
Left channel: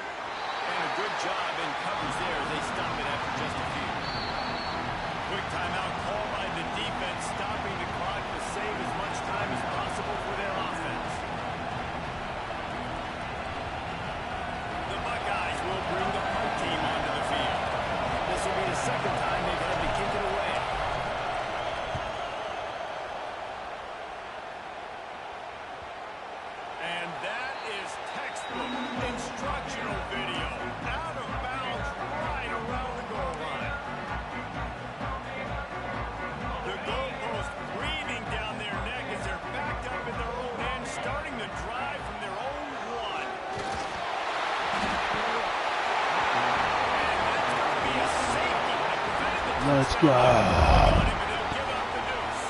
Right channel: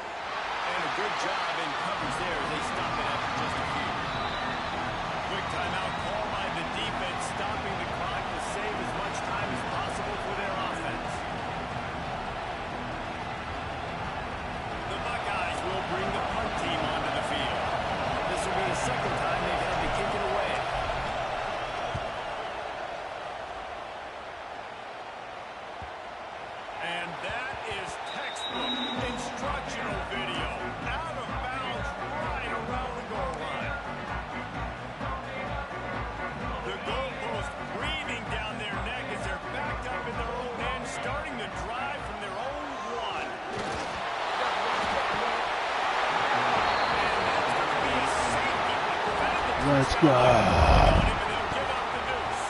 And a good job in coverage there as they stop it after just a few. Quick timeout called by the defense, stopping the clock to save as much time as possible for their offense. The Buckeyes will bring the punt team onto the field. This will be the second time they've had to kick it away. And that is textbook instructional video. Out of bounds right around the goal line. The goalpost breathing down their neck as they're backed up in their own end, starting the drive from their own 1. And that's going to be a safety that prevented the Let's touchdown. go. They'll give up the deuce.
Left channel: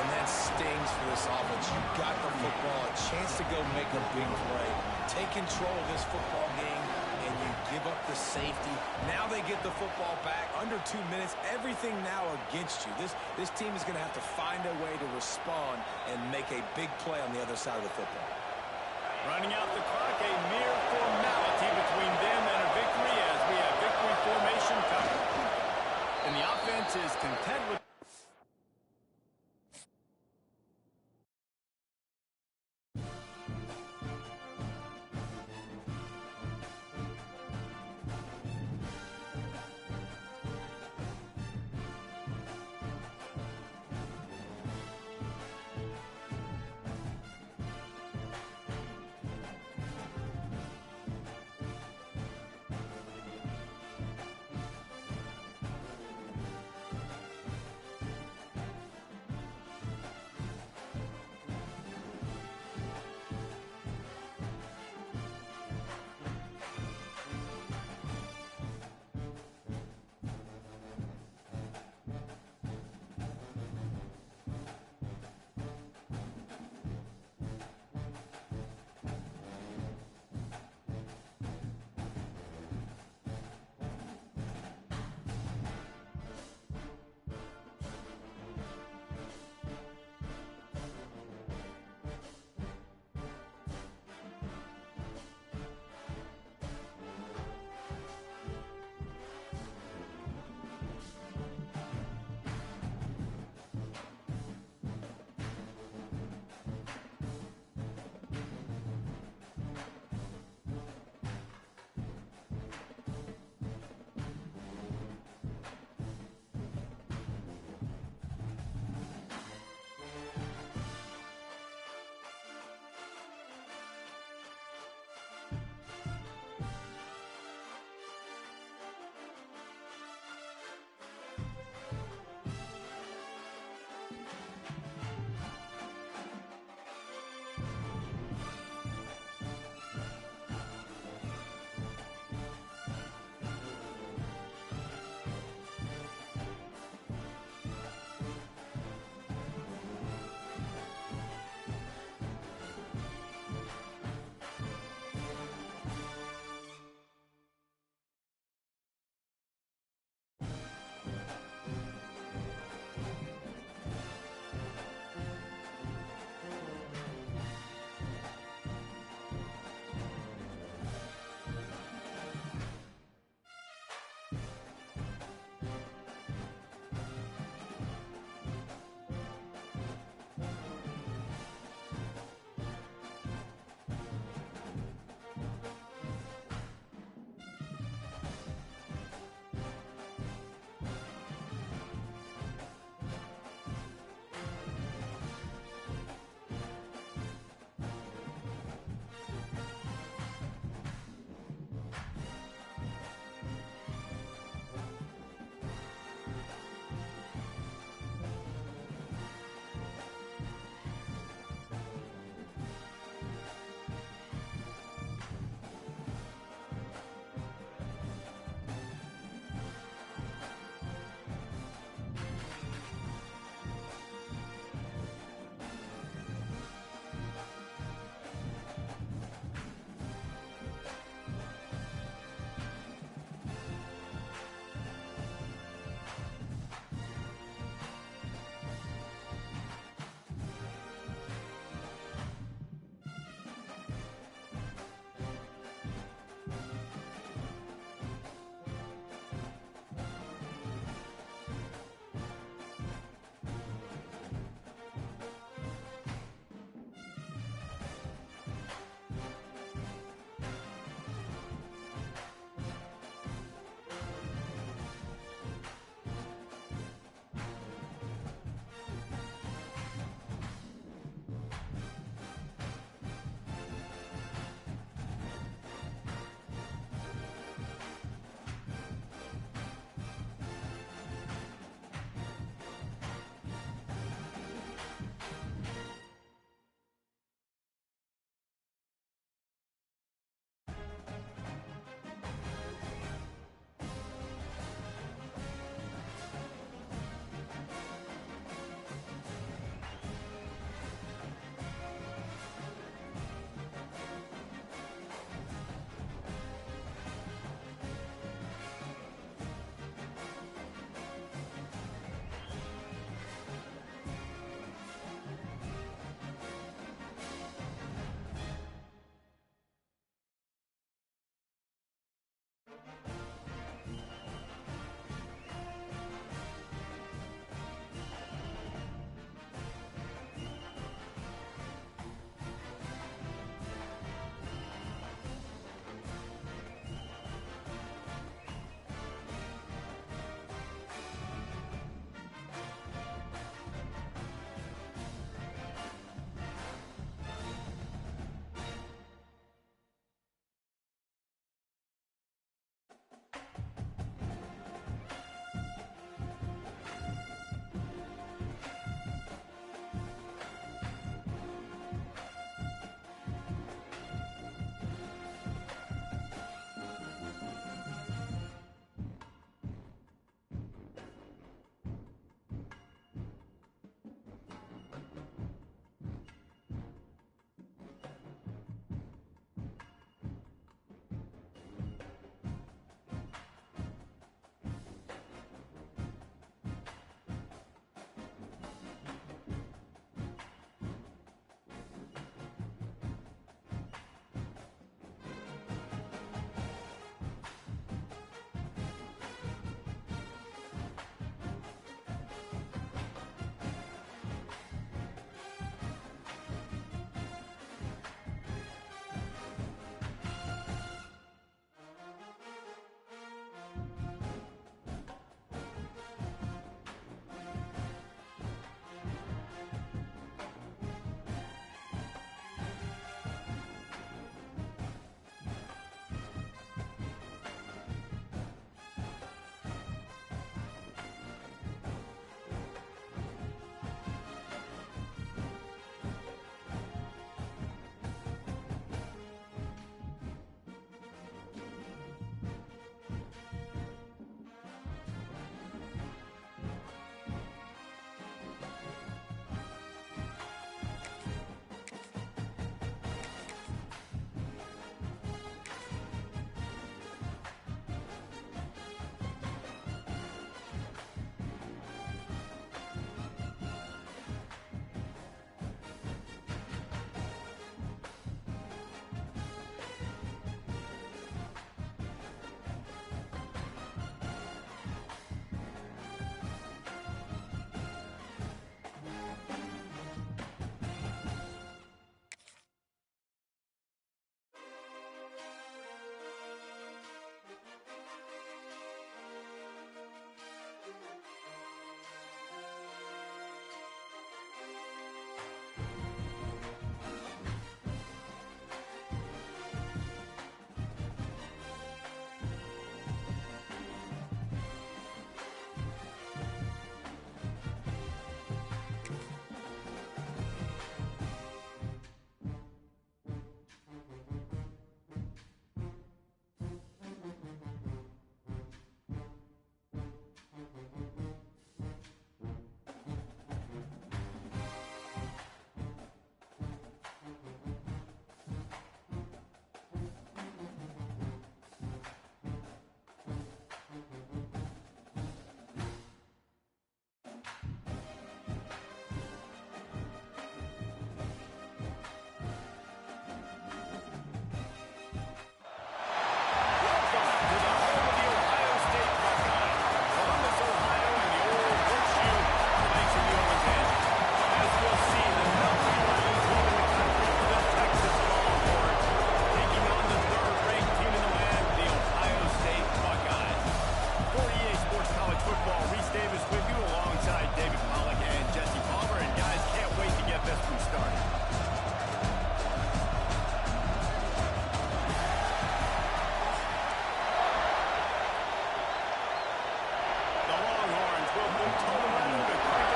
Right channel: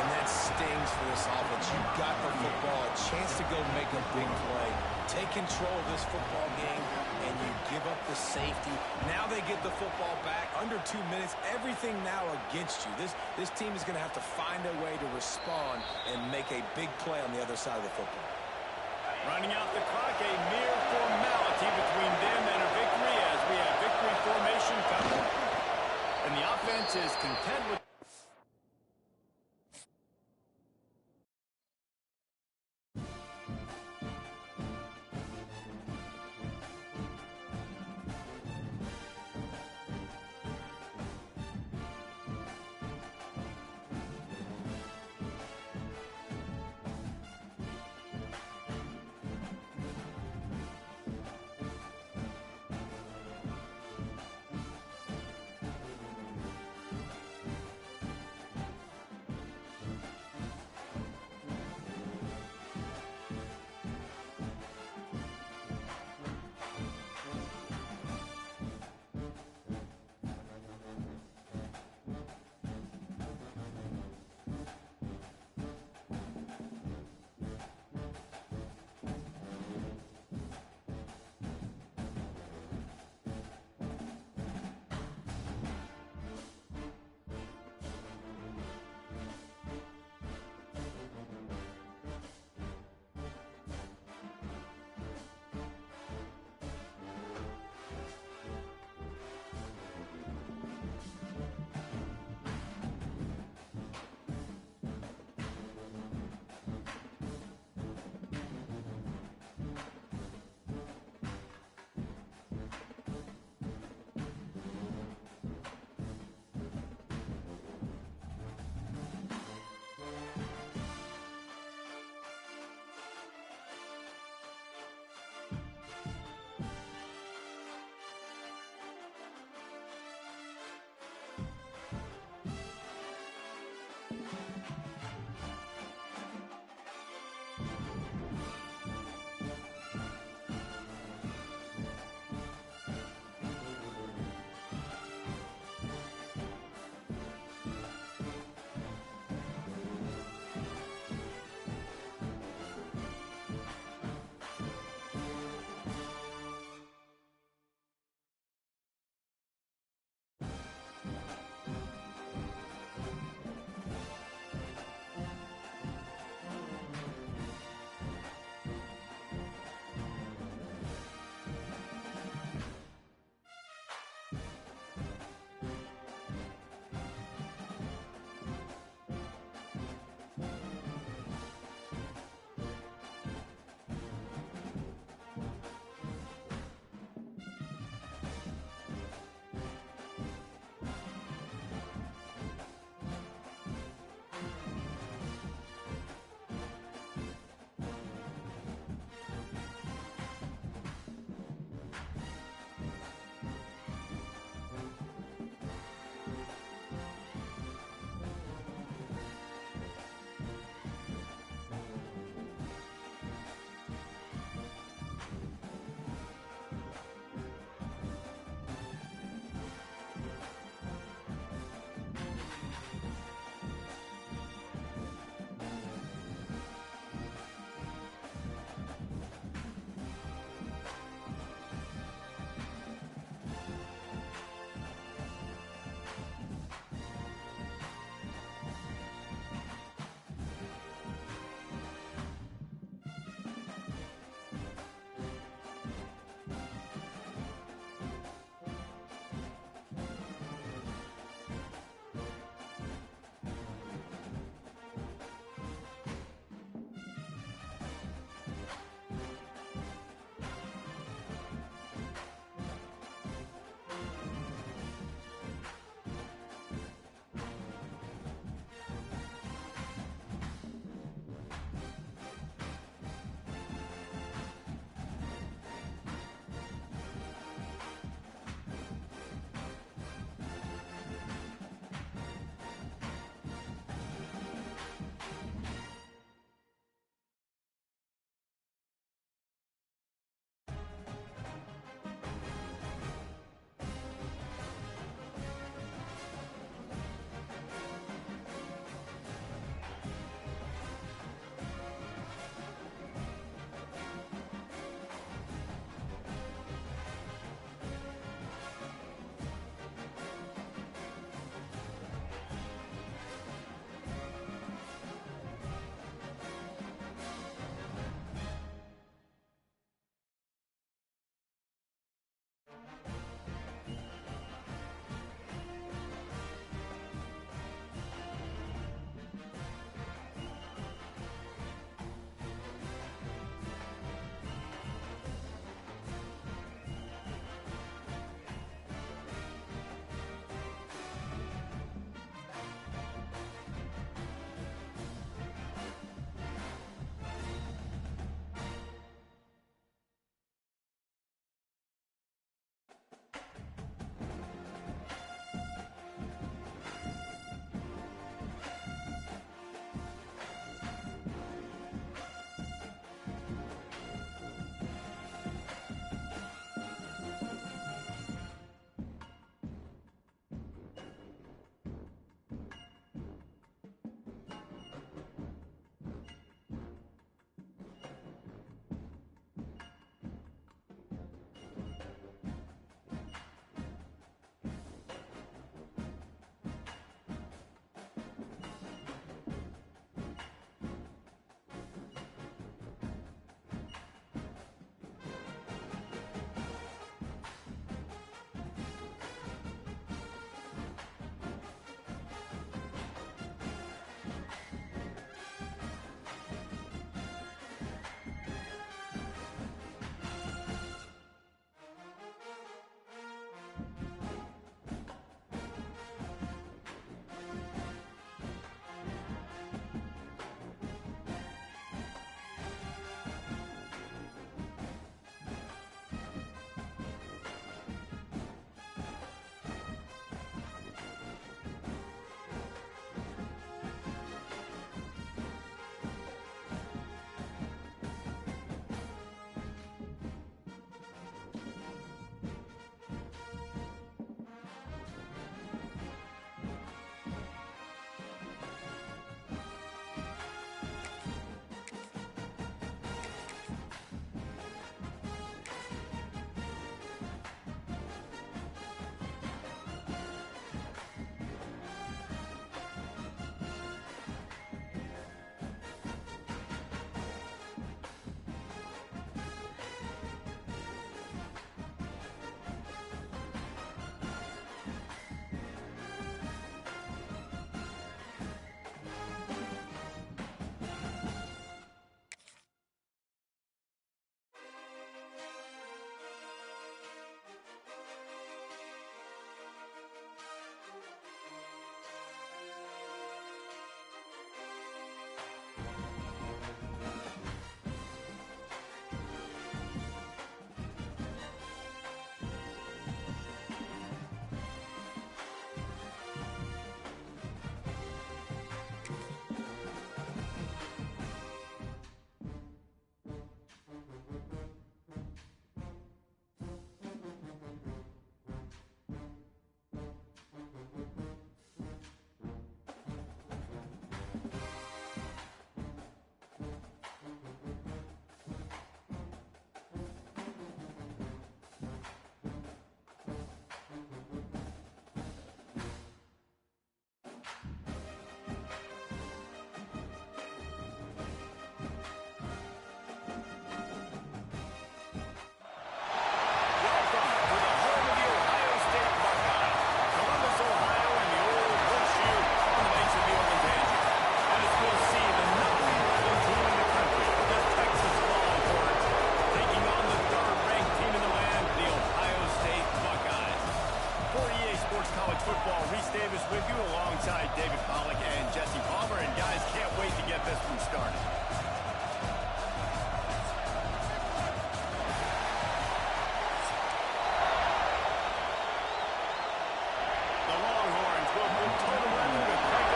And that stings for this offense. You got the football, a chance to go make a big play. Take control of this football game, and you give up the safety. Now they get the football back. Under 2 minutes, everything now against you. This team is going to have to find a way to respond and make a big play on the other side of the football. Running out the clock, a mere formality between them and a victory as we have victory formation covered. And the offense is content with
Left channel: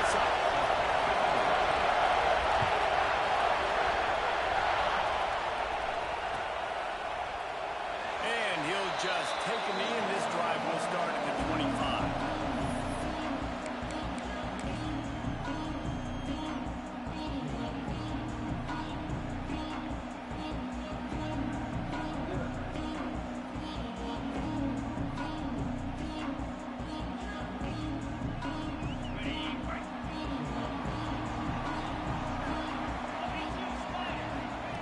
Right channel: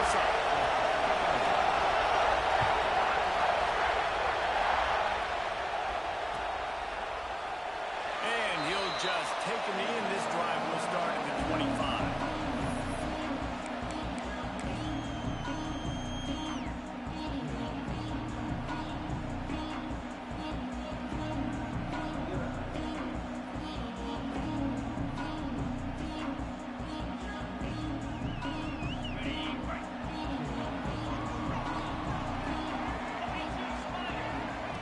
this up. And he'll just take a knee, and this drive will start at the 25.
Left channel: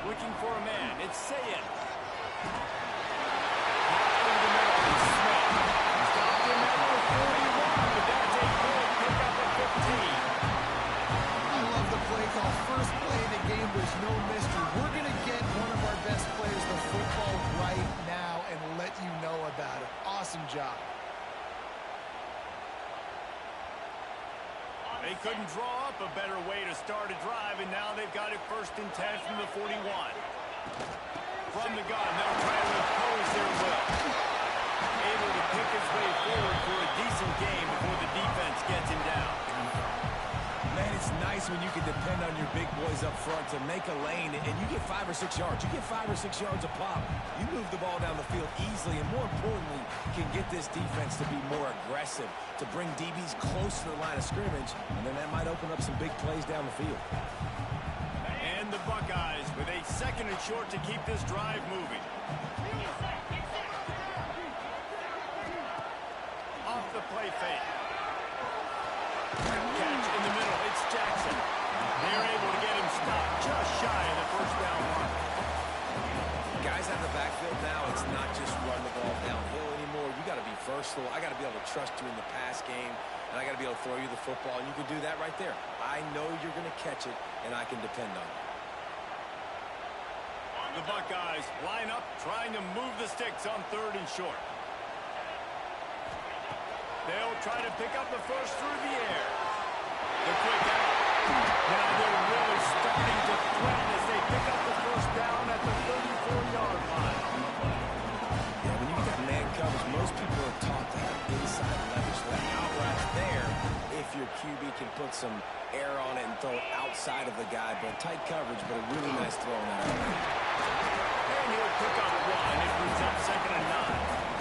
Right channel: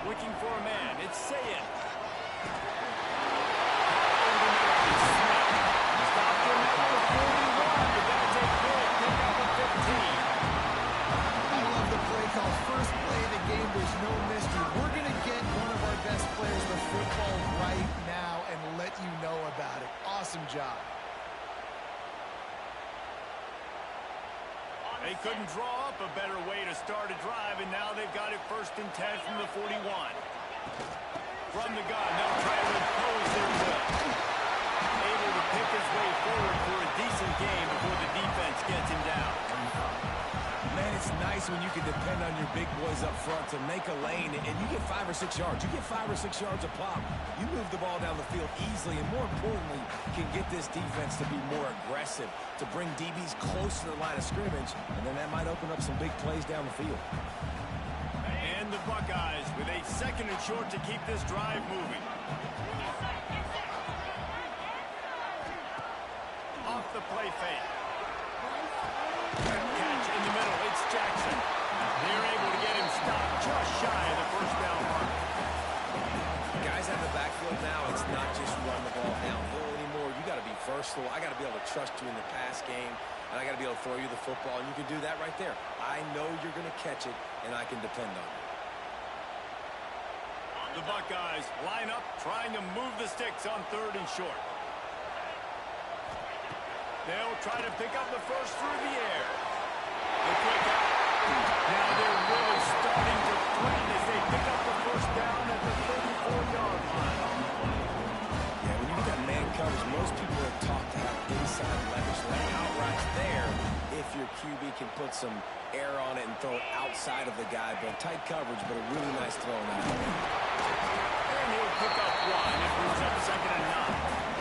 Looking for a man. It's Ncaa. Over the middle. It's Smith. Stopped him at the 41, but that's a big pickup of 15. I love the play call. First play of the game, there's no mystery. We're going to get one of our best players the football right now and let you know about it. Awesome job. They couldn't draw up a better way to start a drive, and now they've got it 1st and 10 from the 41. From the gun, they'll try to impose their will. Able to pick his way forward for a decent game before the defense gets him down. Man, it's nice when you can depend on your big boys up front to make a lane, and you get 5 or 6 yards. You get 5 or 6 yards a pop. You move the ball down the field easily, and more importantly, can get this defense to be more aggressive, to bring DBs close to the line of scrimmage, and then that might open up some big plays down the field. And the Buckeyes with a 2nd and short to keep this drive moving. Off the play fake. Catch in the middle. It's Jackson. They're able to get him stopped just shy of the 1st down mark. Guys out of the backfield now, it's not just run the ball downhill anymore. You got to be versatile. I got to be able to trust you in the pass game, and I got to be able to throw you the football, and you can do that right there. I know you're going to catch it, and I can depend on you. The Buckeyes line up, trying to move the sticks on 3rd and short. They'll try to pick up the first through the air. The quick out. Now they're really starting to threaten as they pick up the 1st down at the 34-yard line. Yeah, when you get that man coverage, most people are taught to have inside leverage. So that out right there, if your QB can put some air on it and throw it outside of the guy, but tight coverage, but a really nice throw on that. And he'll pick up 1. It brings up 2nd and 9.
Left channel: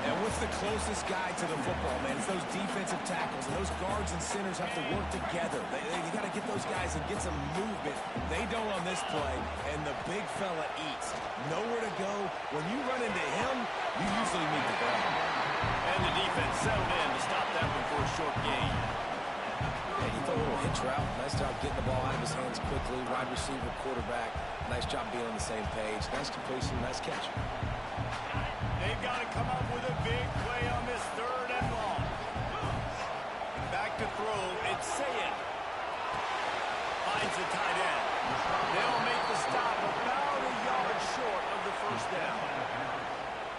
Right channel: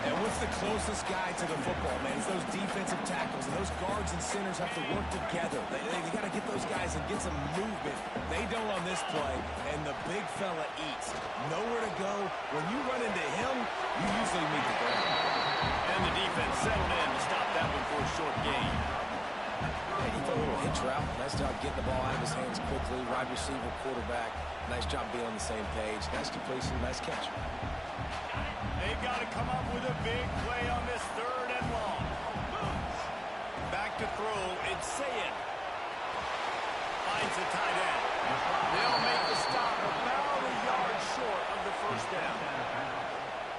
And what's the closest guy to the football, man? It's those defensive tackles, and those guards and centers have to work together. They got to get those guys and get some movement. They don't on this play, and the big fella eats. Nowhere to go. When you run into him, you usually meet the ground. And the defense settled in to stop that one for a short gain. Yeah, he threw a little hitch route. Nice job getting the ball out of his hands quickly. Wide receiver, quarterback. Nice job being on the same page. Nice completion, nice catch. They've got to come up with a big play on this 3rd and long. Back to throw. It's Ncaa. Finds the tight end. They'll make the stop about a yard short of the 1st down.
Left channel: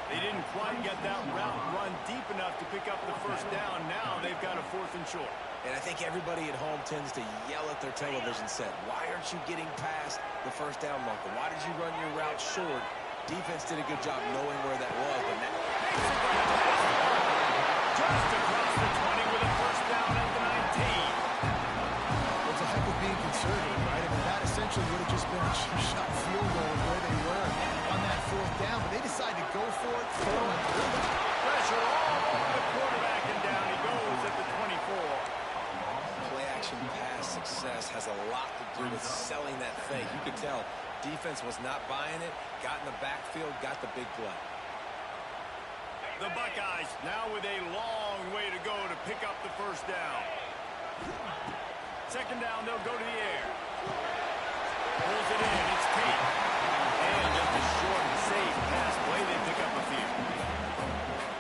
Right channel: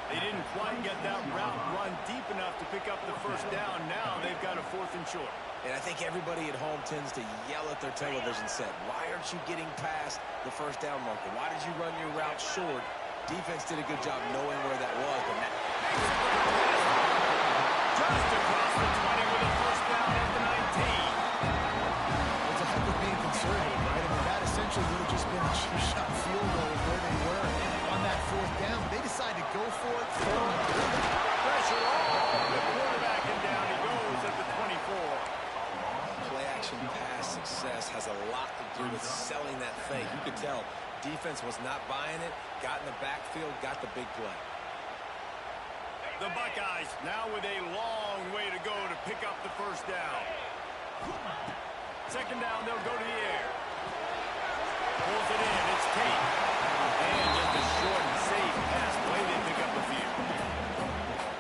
They didn't quite get that route run deep enough to pick up the 1st down. Now they've got a 4th and short. And I think everybody at home tends to yell at their television set. Why aren't you getting past the 1st down marker? Why did you run your route short? Defense did a good job knowing where that was, but that makes a grab past the marker. Just across the 20 with a 1st down at the 19. It's a heck of being conservative, right? I mean, that essentially would have just been a two-shot field goal where they were on that 4th down, but they decided to go for it, throw it. Pressure all over the quarterback, and down he goes at the 24. Play-action pass success has a lot to do with selling that fake. You could tell defense was not buying it, got in the backfield, got the big play. The Buckeyes now with a long way to go to pick up the 1st down. 2nd down, they'll go to the air. Pulls it in, it's Tate. And just a short and safe pass play, they pick up a few.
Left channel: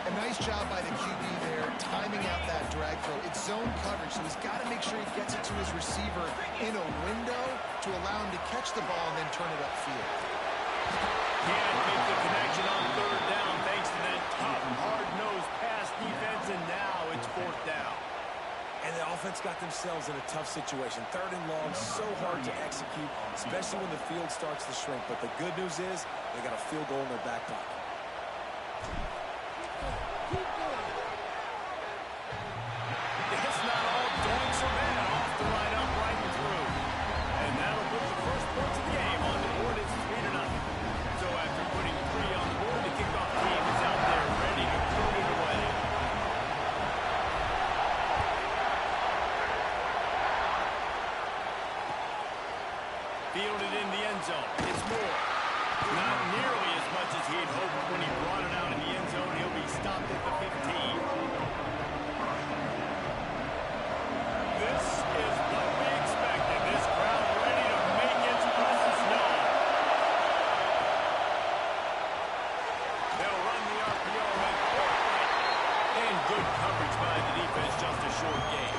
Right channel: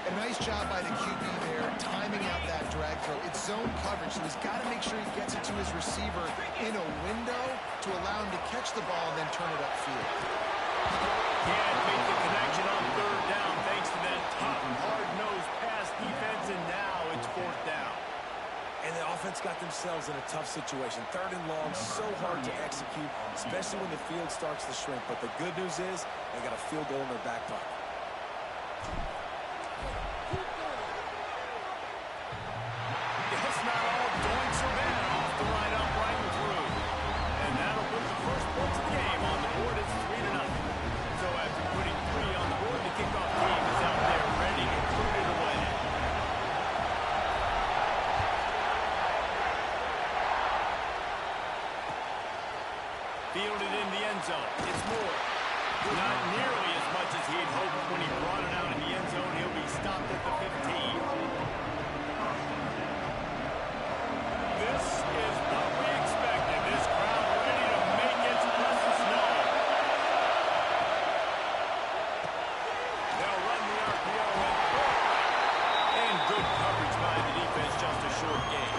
A nice job by the QB there, timing out that drag throw. It's zone coverage, so he's got to make sure he gets it to his receiver in a window to allow him to catch the ball and then turn it upfield. Can't make the connection on 3rd down thanks to that tough, hard-nosed pass defense, and now it's 4th down. And the offense got themselves in a tough situation. 3rd and long, so hard to execute, especially when the field starts to shrink. But the good news is they got a field goal in their back pocket. It's not all doinks or points of the game. On the board, it's 3-0. So after putting 3 on the board, the kickoff team is out there ready to put it away. Fielded in the end zone. It's Moore. Not nearly as much as he'd hoped when he brought it out in the end zone. He'll be stopped at the 15. This is what we expected. This crowd ready to make its presence known. They'll run the RPO and throw it right. And good coverage by the defense, just a short gain.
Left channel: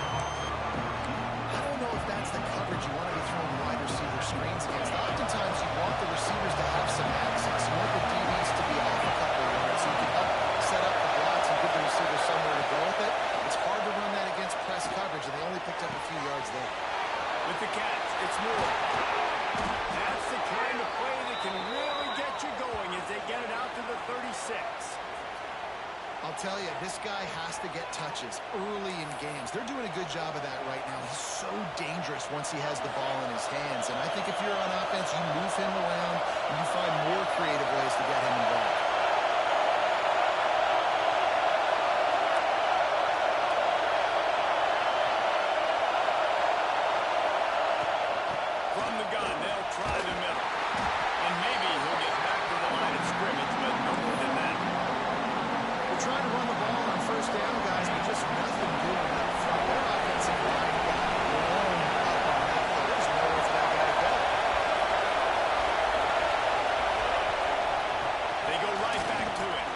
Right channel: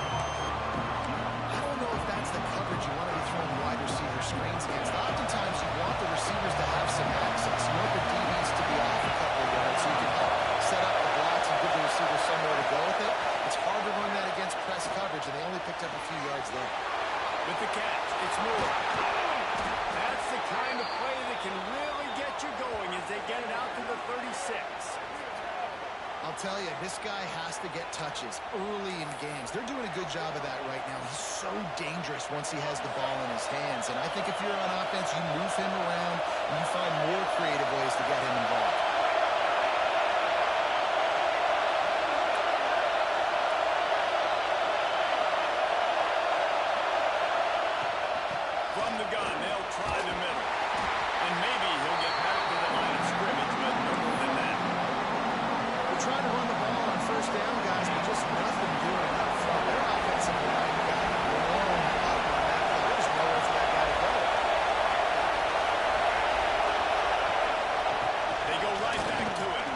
I don't know if that's the coverage you want to be throwing wide receiver screens against. Oftentimes you want the receivers to have some access. You want the DBs to be off a couple of yards so you can help set up the blocks and give the receiver somewhere to go with it. It's hard to run that against press coverage, and they only picked up a few yards there. With the catch, it's Moore. That's the kind of play that can really get you going as they get it out to the 36. I'll tell you, this guy has to get touches early in games. They're doing a good job of that right now. He's so dangerous once he has the ball in his hands. And I think if you're on offense, you move him around and you find more creative ways to get him involved. From the gun, they'll try the middle. And maybe he'll get back to the line of scrimmage, but no more than that. Trying to run the ball on first down, guys, but just nothing doing up front. Their offensive line got blown up on that play. There's nowhere for that guy to go. They go right back to it.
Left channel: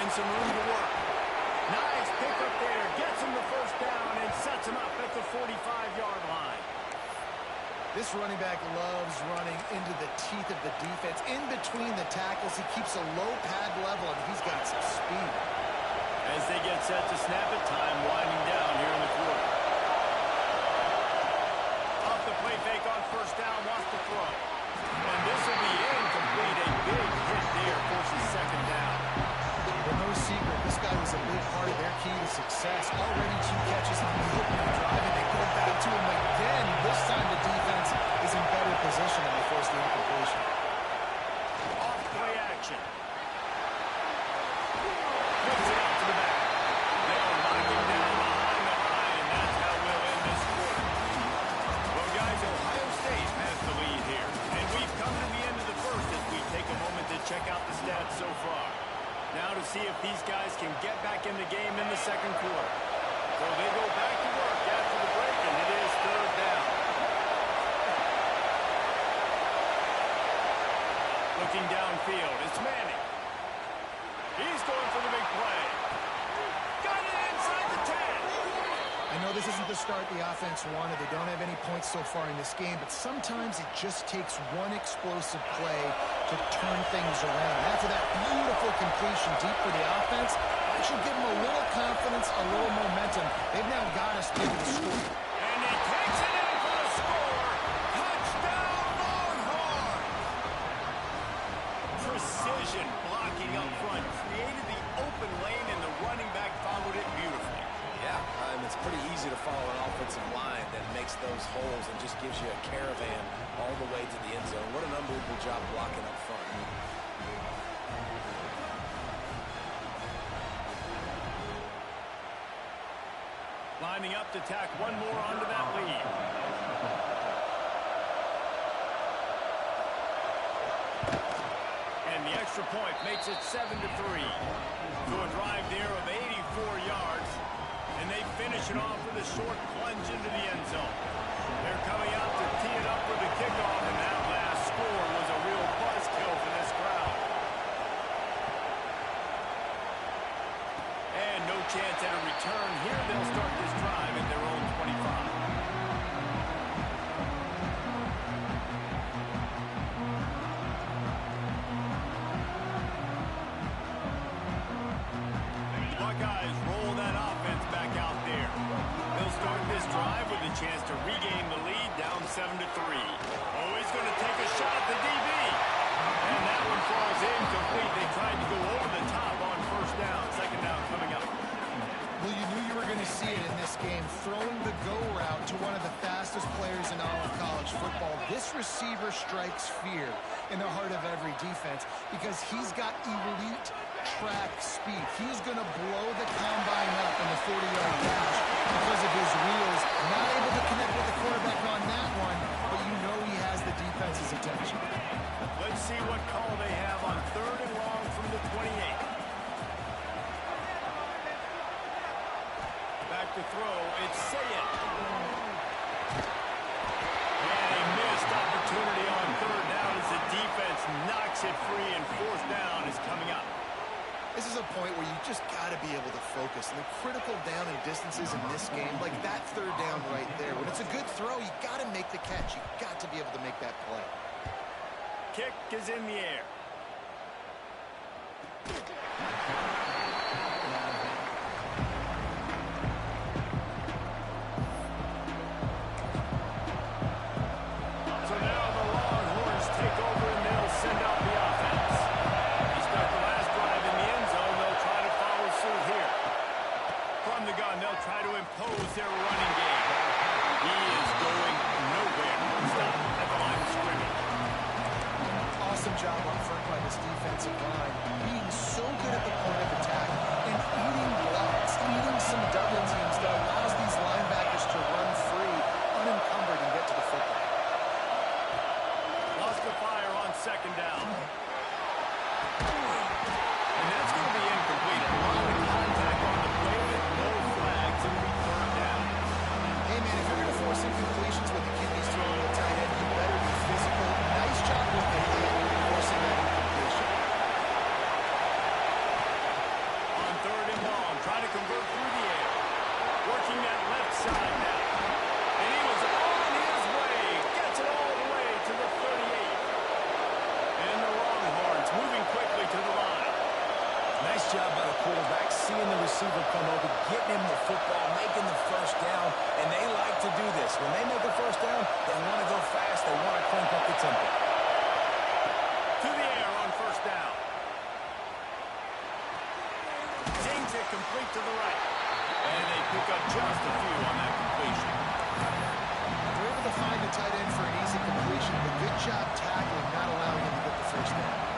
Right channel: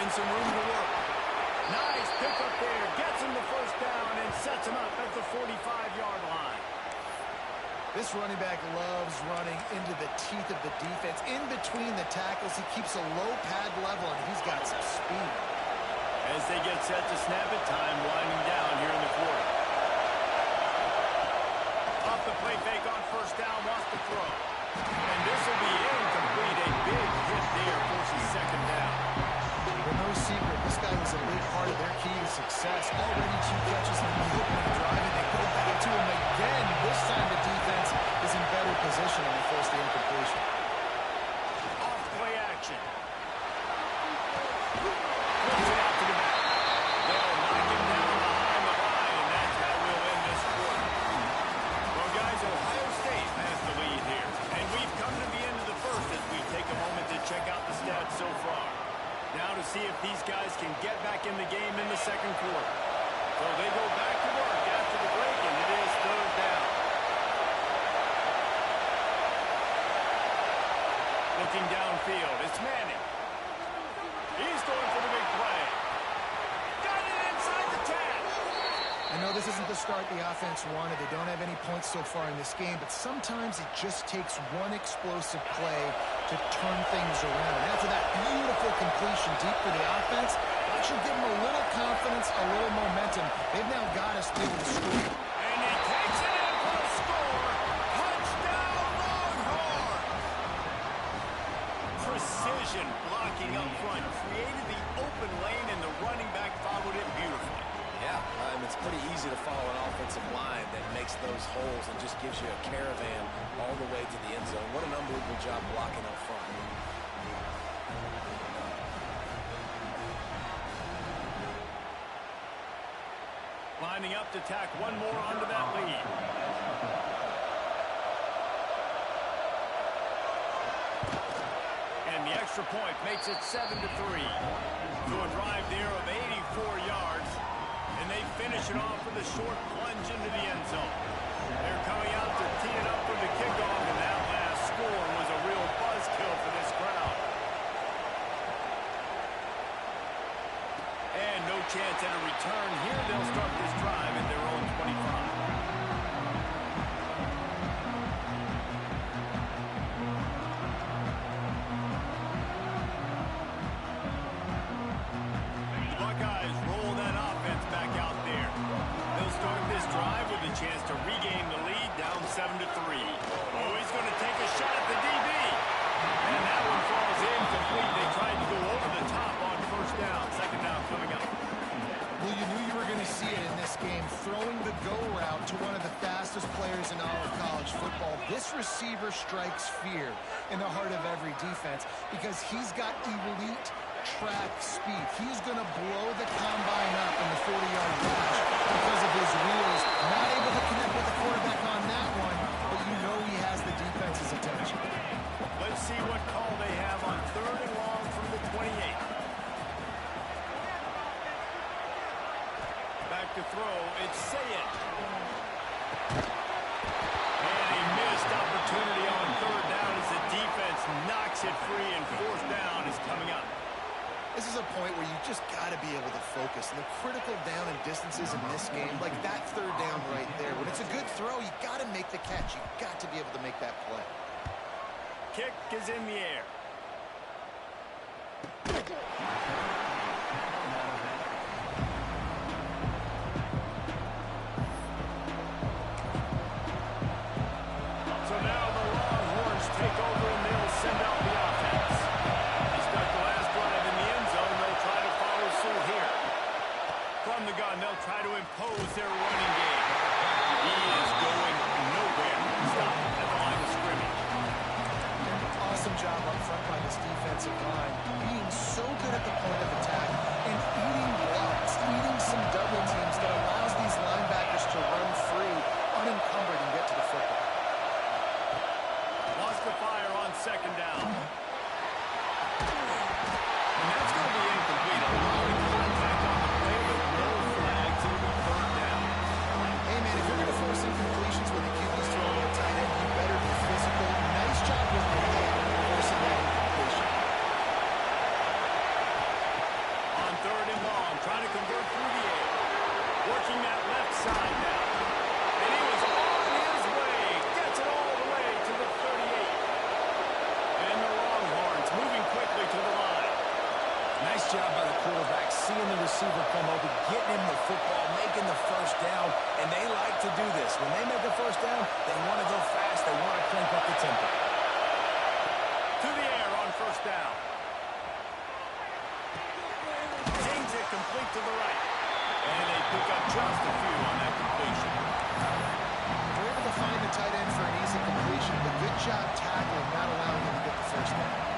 And some room to work. Nice pickup there. Gets him the first down and sets him up at the 45-yard line. This running back loves running into the teeth of the defense. In between the tackles, he keeps a low pad level, and he's got some speed. As they get set to snap it, time winding down here in the quarter. Off the play fake on first down, wants to throw. And this will be incomplete. A big hit there forces second down. Well, no secret, this guy was a big part of their key to success. Already 2 catches on the opening drive, and they go back to him again. This time the defense is in better position, and they force the incompletion. Off play action. Flips it out to the back. They'll knock him down behind the line, and that's how we'll end this quarter. Well, guys, Ohio State has the lead here. And we've come to the end of the first as we take a moment to check out the stats so far. Now to see if these guys can get back in the game in the second quarter. So they go back to work after the break, and it is third down. Looking downfield, it's Manning. He's going for the big play. Got it inside the 10. I know this isn't the start the offense wanted. They don't have any points so far in this game, but sometimes it just takes one explosive play to turn things around. And after that beautiful completion deep for the offense, that should give them a little confidence, a little momentum. They've now got us able to score. And he takes it in for the score. Touchdown, Longhorns! Precision blocking up front created the open lane, and the running back followed it beautifully. Yeah, it's pretty easy to follow an offensive line that makes those holes and just gives you a caravan all the way to the end zone. What an unbelievable job blocking up front. Lining up to tack one more onto that lead. And the extra point makes it 7-3. To a drive there of 84 yards. And they finish it off with a short plunge into the end zone. They're coming out to tee it up for the kickoff, and that last score was a real buzzkill for this crowd. And no chance at a return here. They'll start this drive at their own 25. Buckeyes roll that offense back out there. They'll start this drive with a chance to regain the lead, down 7-3. Oh, he's going to take a shot at the DB. And that one falls incomplete. They tried to go over the top on first down. Second down coming up. Well, you knew you were going to see it in this game. Throwing the go route to one of the fastest players in all of college football. This receiver strikes fear in the heart of every defense because he's got elite track speed. He's going to blow the combine up in the 40-yard dash because of his wheels. Not able to connect with the quarterback on that one, but you know he has the defense's attention. Let's see what call they have on 3rd and long from the 28. Back to throw, it's Ncaa. And a missed opportunity on 3rd down as the defense knocks it free, and 4th down is coming up. This is a point where you just got to be able to focus. And the critical down and distances in this game, like that 3rd down right there, when it's a good throw, you got to make the catch. You got to be able to make that play. Kick is in the air. So now the Longhorns take over and they'll send out the offense. He stuck the last drive in the end zone. They'll try to follow suit here. From the gun, they'll try to impose their running game. He is going nowhere. Stop at the line of scrimmage. Awesome job up front by this defensive line, being so good at the point of attack and eating blocks, eating some double teams that allows these linebackers to run free, unencumbered, and get to the football. Lost the fire on 2nd down. And that's going to be incomplete. A lot of contact on the play, but no flags. It'll be 3rd down. Hey, man, if you're going to force incompletions with the QB's throwing a tight end, you better be physical. Nice job with the hit, forcing that incompletion. On 3rd and long, trying to convert through the air. Working that left side now. And he was on his way. Gets it all the way to the 38. And the Longhorns moving quickly to the line. Nice job by the quarterback, seeing the receiver come open, getting him the football, making the 1st down, and they like to do this. When they make a 1st down, they want to go fast, they want to crank up the tempo. To the air on 1st down. Dings it complete to the right. And they pick up just a few on that completion. They're able to find the tight end for an easy completion, but good job tackling, not allowing him to get the 1st down.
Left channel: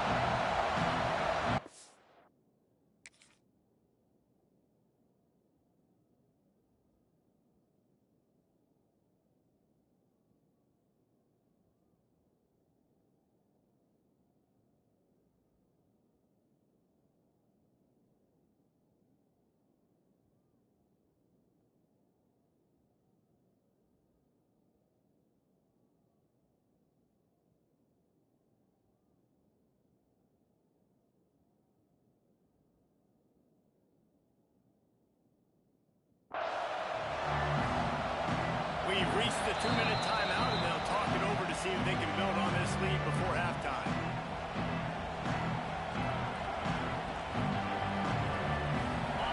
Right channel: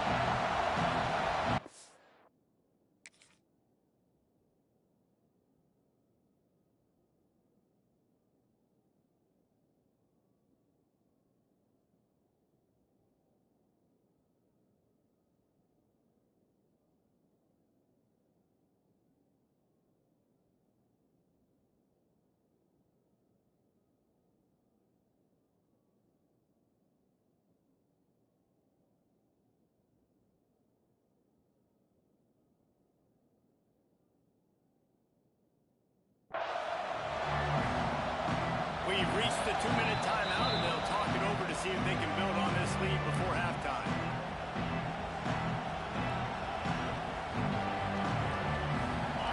We've reached the 2-minute timeout, and they'll talk it over to see if they can build on this lead before halftime.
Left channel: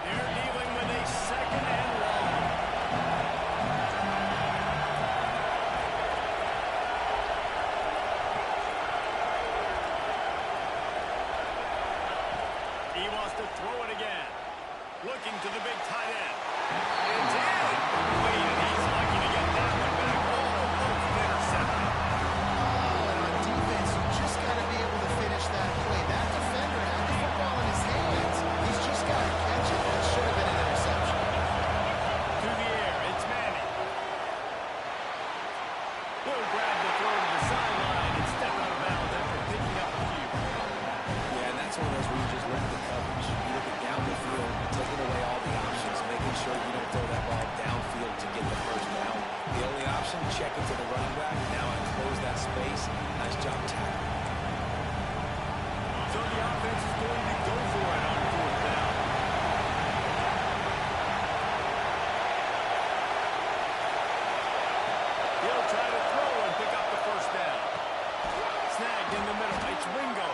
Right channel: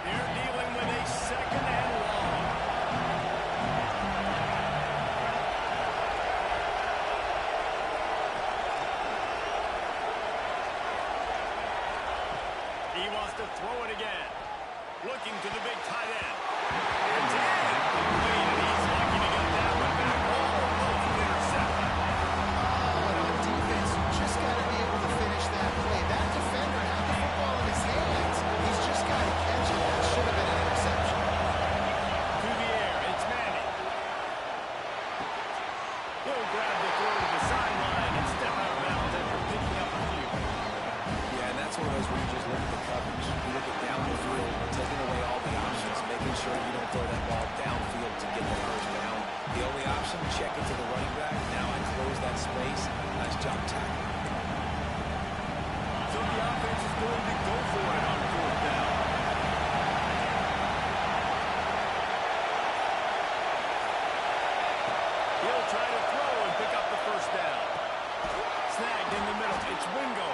They're dealing with a 2nd and long. He wants to throw it again. Looking to the big tight end. It's incomplete, and he's lucky to get that one back. Almost intercepted. Oh, and on defense, you just got to be able to finish that play. That defender had the football in his hands. He's just got to catch it. That should have been an interception. To the air, it's Manning. He'll grab the throw to the sideline and step out of bounds after picking up a few. Yeah, and that's one of those where you just look at the coverage. You look at down the field, taking away all the options, making sure you don't throw that ball downfield to get the 1st down. The only option, check it to the running back. Now I close that space. Nice job tackling. So the offense is going to go for it on 4th down. He'll try to throw and pick up the 1st down. Snagged in the middle. It's Wingo.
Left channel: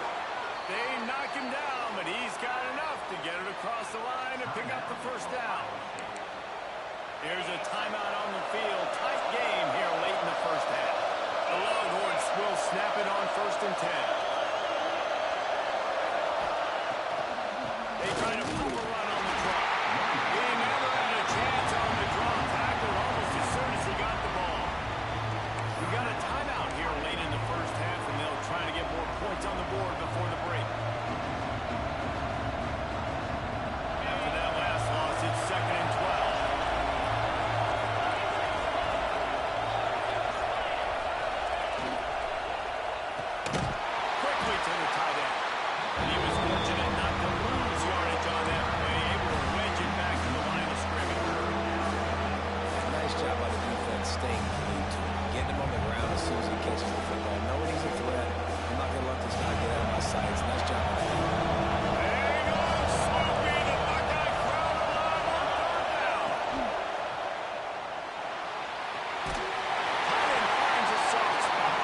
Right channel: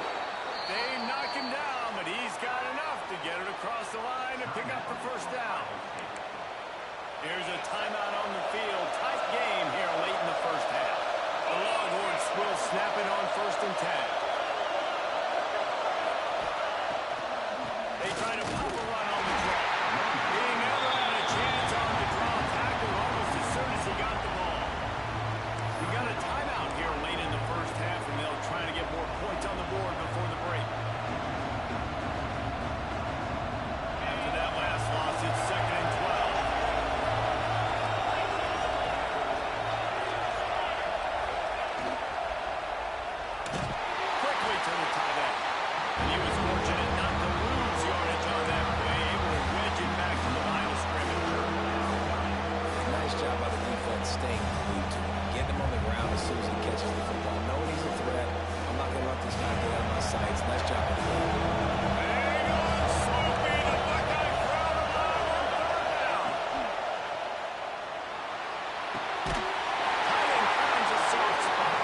They knock him down, but he's got enough to get it across the line and pick up the 1st down. Here's a timeout on the field. Tight game here late in the 1st half. The Longhorns will snap it on 1st and 10. They try to pop a run on the draw. He never points on the board before the break. After that last loss, it's 2nd and 12. Quickly to the tight end. And he was fortunate not to lose yardage on that play, able to wedge it back to the line of scrimmage. Nice job by the defense staying glued to him. Getting him on the ground as soon as he catches the football. Knowing he's a threat, I'm not going to let this guy get out of my sights. Nice job by the defense. Hang on, Snoopy. The Buckeye crowd alive on 3rd down. Tight end finds a soft spot.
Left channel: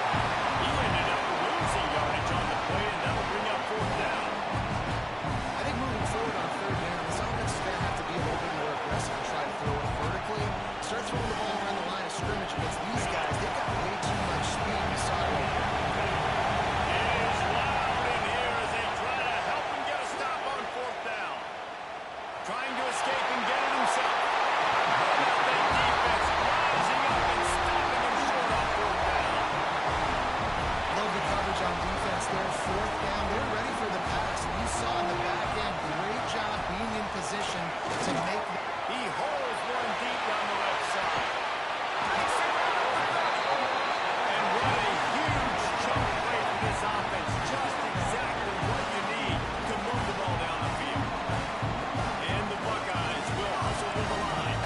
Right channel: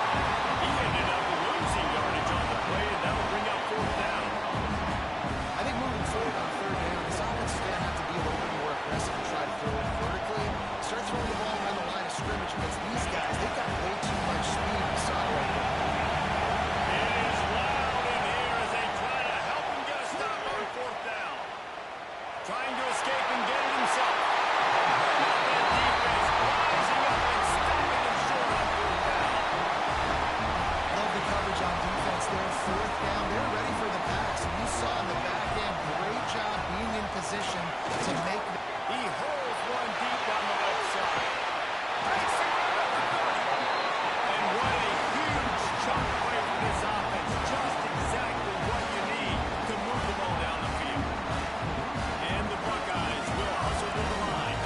He ended up losing yardage on the play, and that'll bring up 4th down. I think moving forward on 3rd down, this offense is going to have to be a little bit more aggressive and try to throw it vertically. Start throwing the ball around the line of scrimmage against these guys. They've got way too much speed. We saw it right here. It is loud in here as they try to help him get a stop on 4th down. Trying to escape and get it himself. Now that defense rising up and stopping him short on 4th down. Love the coverage on defense there. 4th down. They're ready for the pass. And you saw in the back end, great job being in position to make the... He holds one deep down the left side. Takes it right up the 30. And what a huge chunk play for this offense. Just exactly what you need to move the ball down the field. And the Buckeyes will hustle to the line.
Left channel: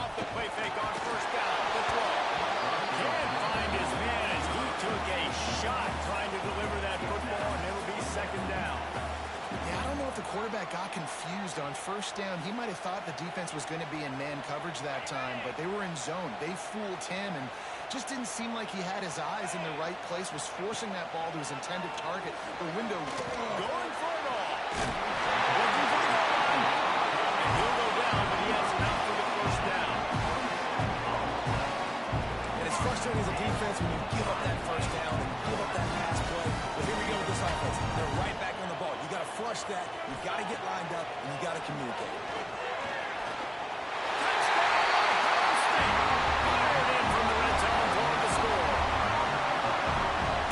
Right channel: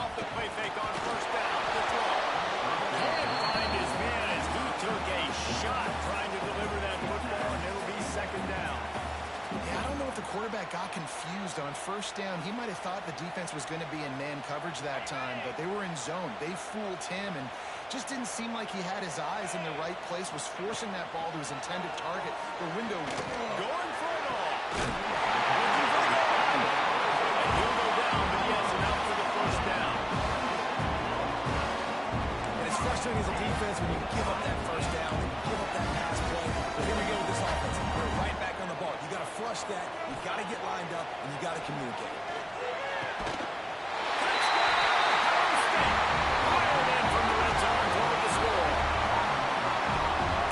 Off the play fake on 1st down. The throw. Can't find his man as he took a shot trying to deliver that football, and it'll be 2nd down. Yeah, I don't know if the quarterback got confused on 1st down. He might have thought the defense was going to be in man coverage that time, but they were in zone. They fooled him and just didn't seem like he had his eyes in the right place, was forcing that ball to his intended target. The window... Going for it all. Looking for the goal line. And he'll go down, but he has enough for the 1st down. And it's frustrating as a defense when you give up that 1st down and give up that pass play. But here we go with this offense. They're right back on the ball. You got to flush that. You've got to get lined up, and you got to communicate. Touchdown, Ohio State. Fired in from the red zone toward the score.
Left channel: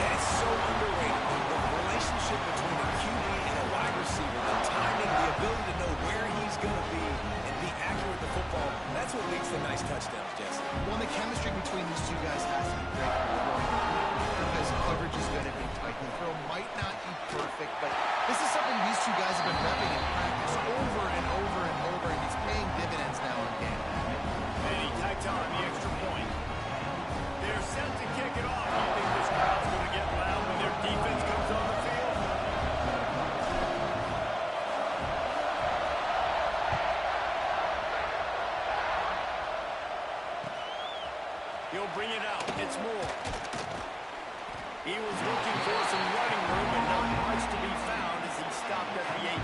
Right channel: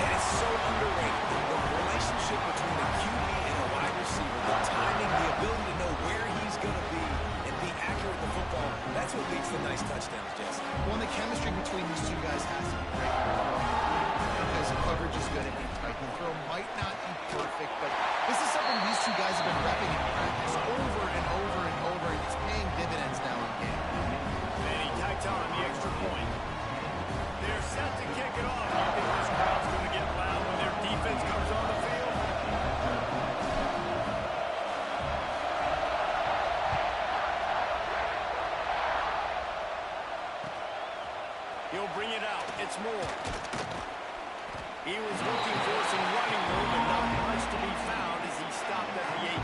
And it's so underrated. The relationship between a QB and a wide receiver, the timing, the ability to know where he's going to be and be accurate with the football, that's what leads to nice touchdowns, Jesse. Well, the chemistry between these two guys has to be great when they're throwing because coverage is going to be tight. The throw might not be perfect, but this is something these two guys have been repping in practice over and over and over, and it's paying dividends now in game. And he tacks on the extra point. They're set to kick it off. You think this crowd's going to get loud when their defense comes on the field? He'll bring it out. It's Moore. He was looking for some running room, and not much to be found as he stopped at the 18.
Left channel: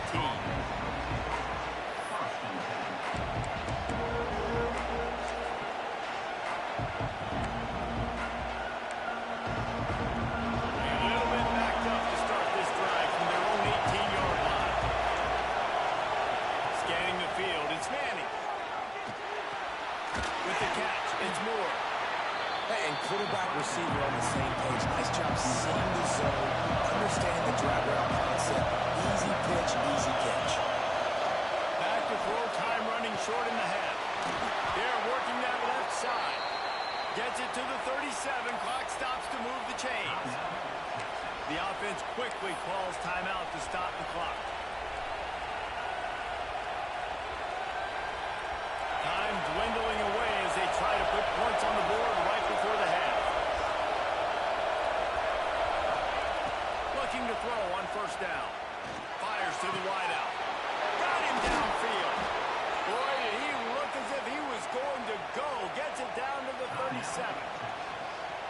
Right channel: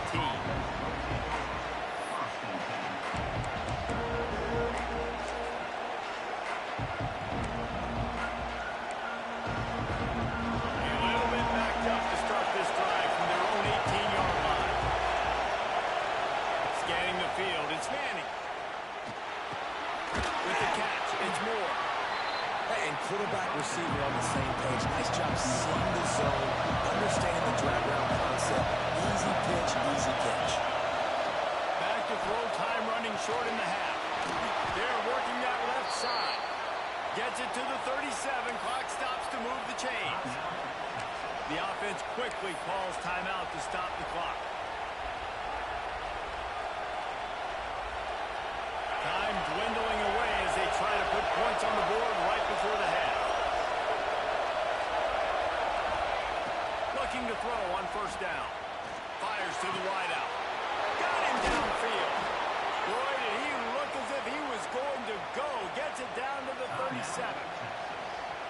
A little bit backed up to start this drive from their own 18-yard line. Scanning the field, it's Manning. With the catch, it's Moore. Hey, and quarterback receiver on the same page. Nice job seeing the zone, understanding the drag route concept. Easy pitch, easy catch. Back to throw, time running short in the half. They're working that left side. Gets it to the 37. Clock stops to move the chains. The offense quickly calls timeout to stop the clock. Time dwindling away as they try to put points on the board right before the half. Looking to throw on 1st down. Fires to the wideout. Got him downfield. Boy, did he look as if he was going to go. Gets it down to the 37.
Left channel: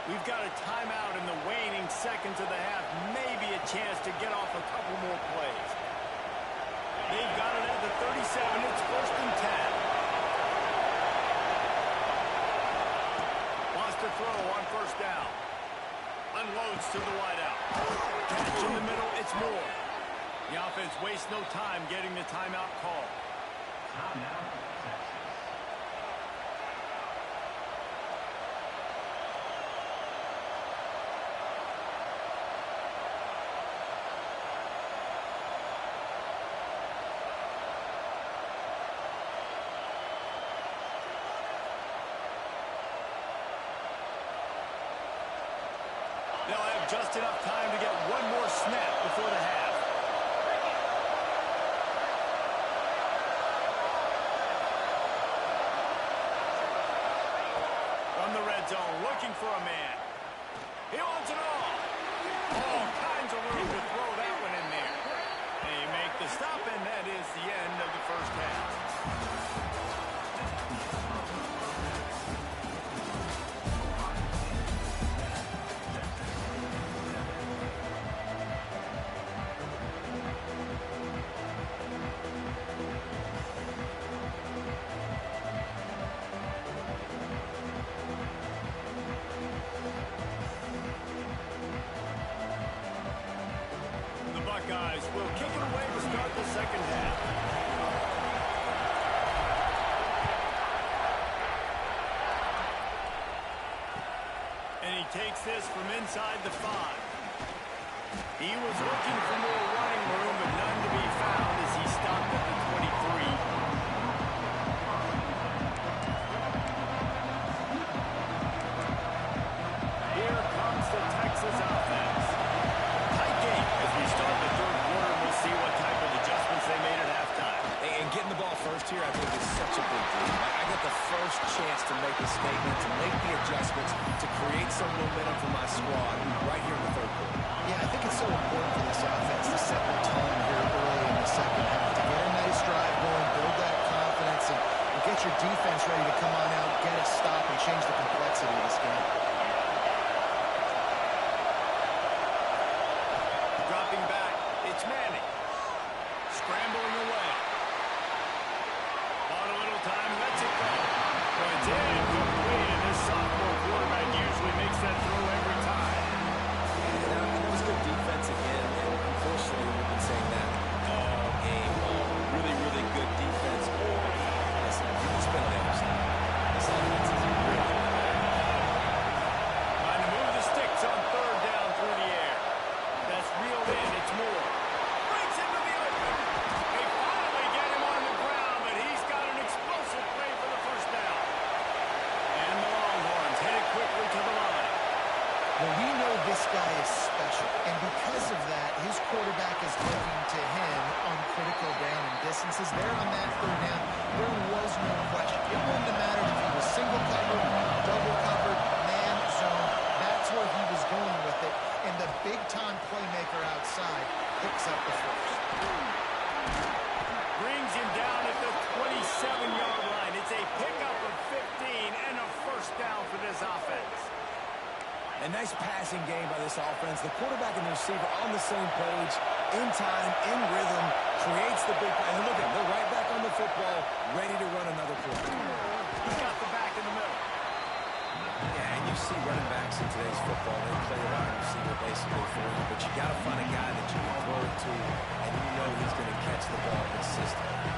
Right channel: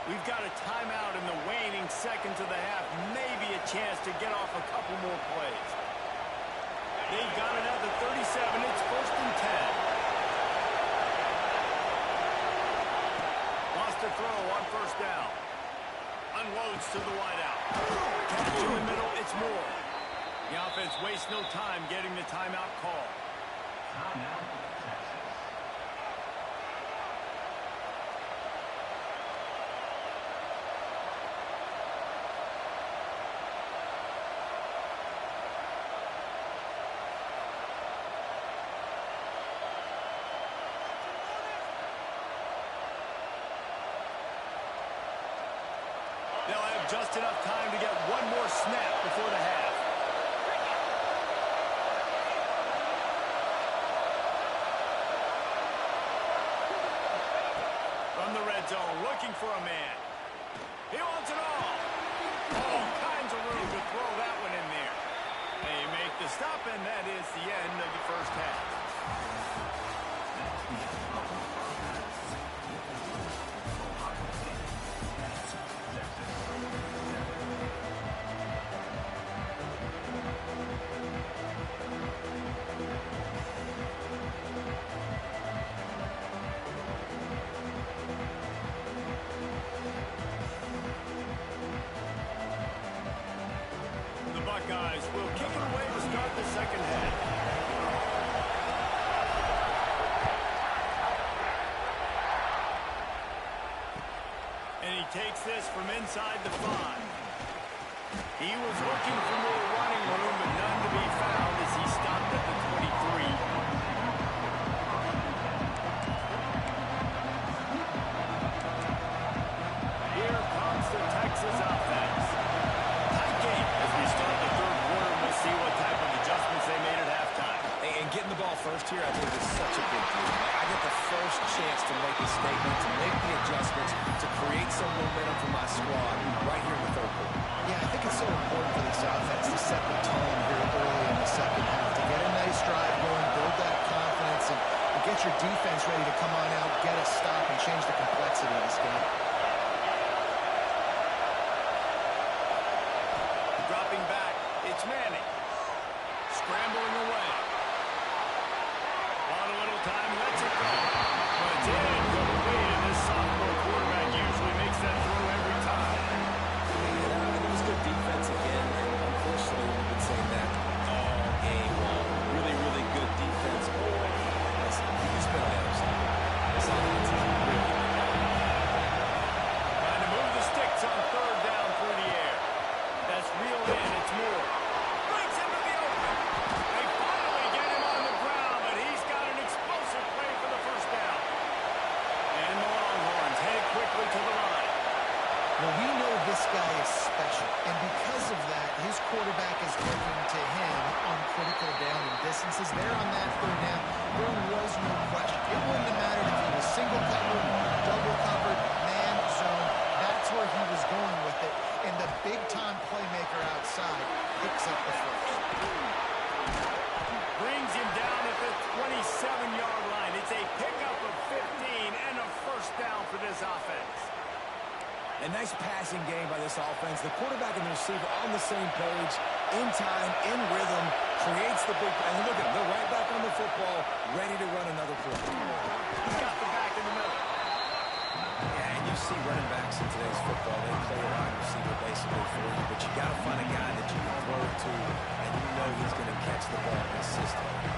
We've got a timeout in the waning seconds of the half. Maybe a chance to get off a couple more plays. They've got it at the 37. It's 1st and 10. Wants to throw on 1st down. Unloads to the wideout. Catch in the middle, it's Moore. The offense wastes no time getting the timeout call. They'll have just enough time to get one more snap before the half. From the red zone, looking for a man. He wants it all. All kinds of room to throw that one in there. They make the stop, and that is the end of the first half. Buckeyes will kick it away to start the second half. And he takes this from inside the 5. He was looking for more running room, but none to be found as he stopped at the 23. Here comes the Texas offense. As we start the third quarter, we'll see what type of adjustments they made at halftime. And getting the ball first here, I think, is such a big deal. I get the first chance to make a statement, to make the adjustments, to create some momentum for my squad right here in the third quarter. Yeah, I think it's so important for this offense to set the tone here early in the second half, to get a nice drive going, build that confidence, and get your defense ready to come on out, get a stop, and change the complexity of this game. Dropping back, it's Manning. Scrambling away. Bought a little time, lets it go. But it's incomplete, and this sophomore quarterback usually makes that throw every time. And it was good defense again, and unfortunately we've been saying that all game long. Really, really good defense. Or, listen, you can spin on the other side. This offense is really bad. Trying to move the sticks on third down through the air. That's reeled in. It's Moore. Breaks into the open. They finally get him on the ground, but he's got an explosive play for the first down. And the Longhorns headed quickly to the line. Well, we know this guy is special, and because of that, his quarterback is looking to him on critical down and distances. There on that third down, there was no question. It wouldn't have mattered if he was single covered, double covered, man, zone. That's where he was going with it, and the big-time playmaker outside picks up the first. Brings him down at the 27-yard line. It's a pickup of 15 and a first down for this offense. A nice passing game by this offense. The quarterback and the receiver on the same page, in time, in rhythm, creates the big play. And look at them. They're right back on the football, ready to run another play. He's got the back in the middle. Yeah, and you see running backs in today's football, they play a wide receiver basically for you, but you got to find a guy that you can throw it to, and you know he's going to catch the ball consistently.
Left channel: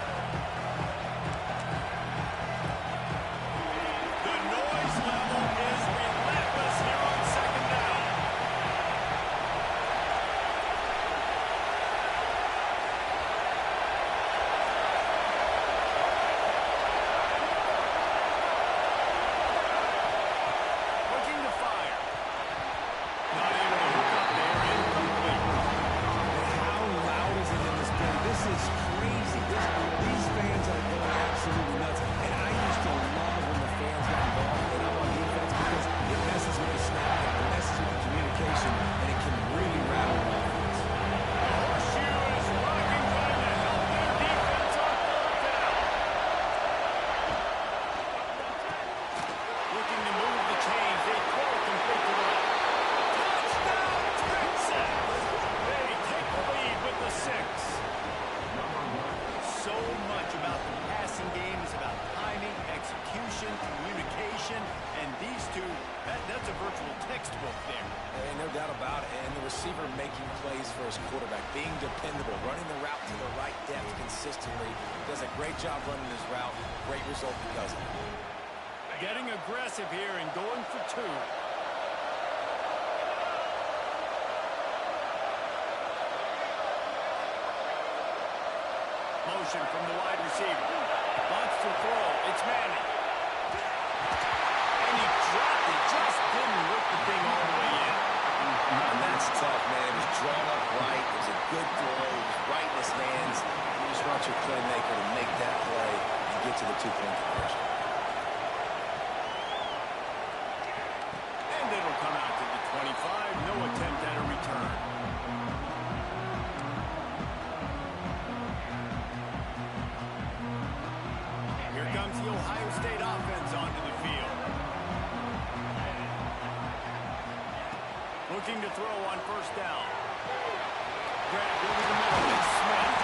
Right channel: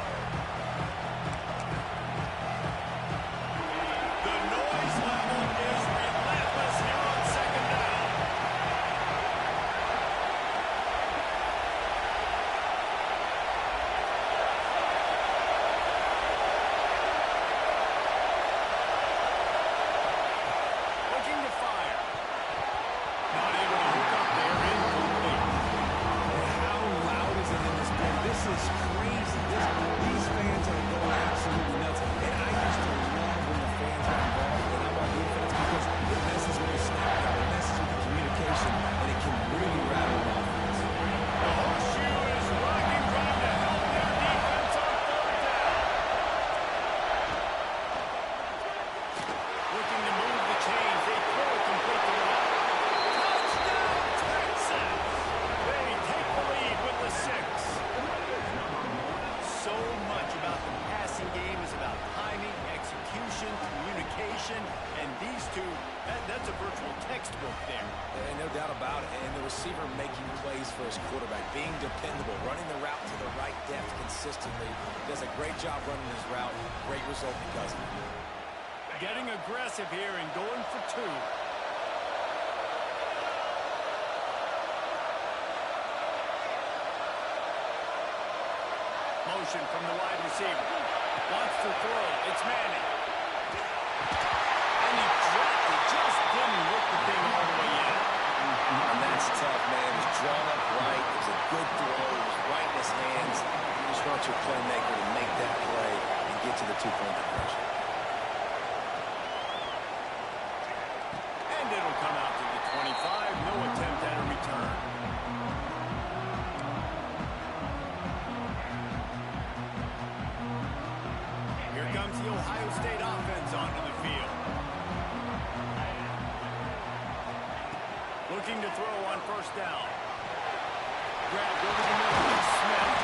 The noise level is relentless here on second down. Looking to fire. Not able to hook up there. Incomplete. How loud is it in this building? This is crazy. These fans are going absolutely nuts. And I used to love when the fans got involved, and I'm on defense because it messes with the snap count, it messes with the communication, and it can really rattle an offense. The horseshoe is rocking, trying to help their defense on third down. Looking to move the chains. They throw it complete to the left. Touchdown, Texas! They take the lead with the 6. So much about the passing game is about timing, execution, communication, and these two, that's a virtual textbook there. No doubt about it. And the receiver making plays for his quarterback, being dependable, running the route to the right depth consistently. Does a great job running his route. Great result because of it. Getting aggressive here and going for 2. Motion from the wide receiver. Wants to throw. It's Manning. And he dropped it. Just didn't look the thing all the way in. That's tough, man. It was drawn up right. It was a good throw. It was right in his hands. You just want your playmaker to make that play and get to the two-point conversion. And it'll come out to the 25. No attempt at a return. Here comes the Ohio State offense onto the field. Looking to throw on first down. Grabbed over the middle, and Smith